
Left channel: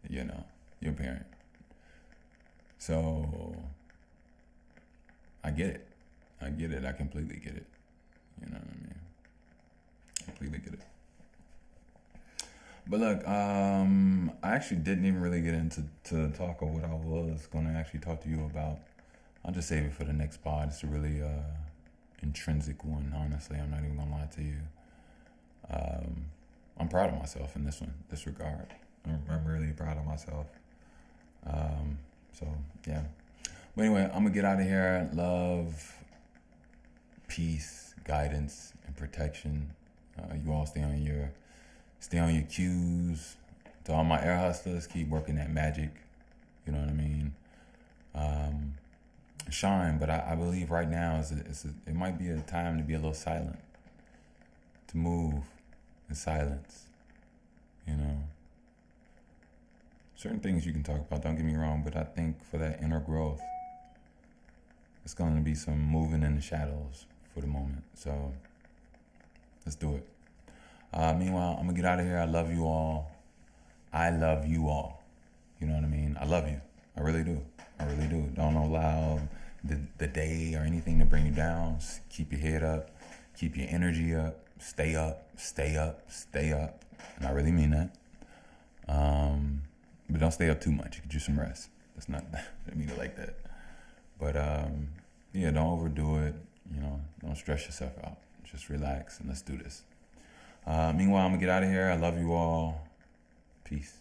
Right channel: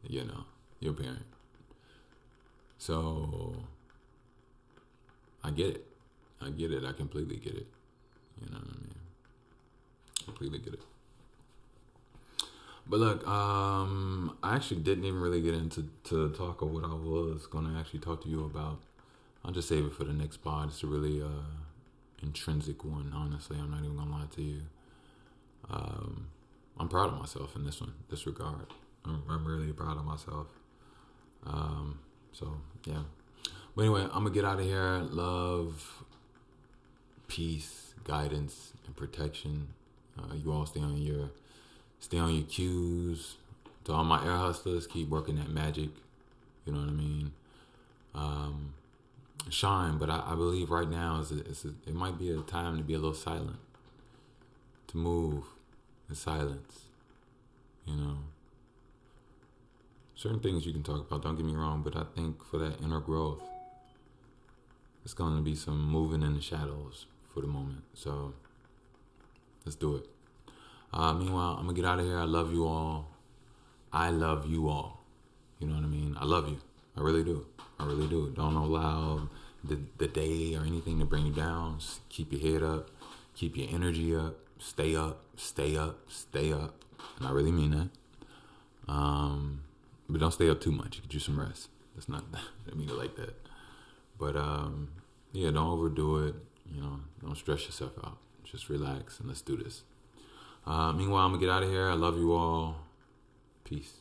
you know, your parent. So I get it. I get it. I completely get it. You know what I mean? Completely get it. But look, I actually didn't even really get into talk of what I was gonna actually talk to you about. I'll just save it for the next pod. It's a really intrinsic one, honestly. I'm not even gonna lie to you. I'm proud of myself in this regard. I'm really proud of myself. So yeah. But anyway, I'm gonna get out of here. Love, peace, guidance, and protection. You all stay on your cues. To all my air hustlers, keep working that magic. You know what I mean? Shine, but I believe right now it might be a time to be a little silent, to move in silence. You know, certain things you can talk about. Don't get me wrong, but I think for that inner growth, it's going to be some moving in the shadows for the moment. So let's do it. Meanwhile, I'm gonna get out of here. I love you all. I love you all. You know what I mean? I love you. I really do. I really do. Don't allow the day or anything to bring you down. Just keep your head up. Keep your energy up. Stay up. Stay up. Stay up. And I really mean that. But don't stay up too much. Get you some rest. That's not, I didn't mean it like that. But yeah, don't overdo it. You know, don't stress yourself out. Just relax and let's do this. Meanwhile, I'm gonna get out of here. I love you all. Peace.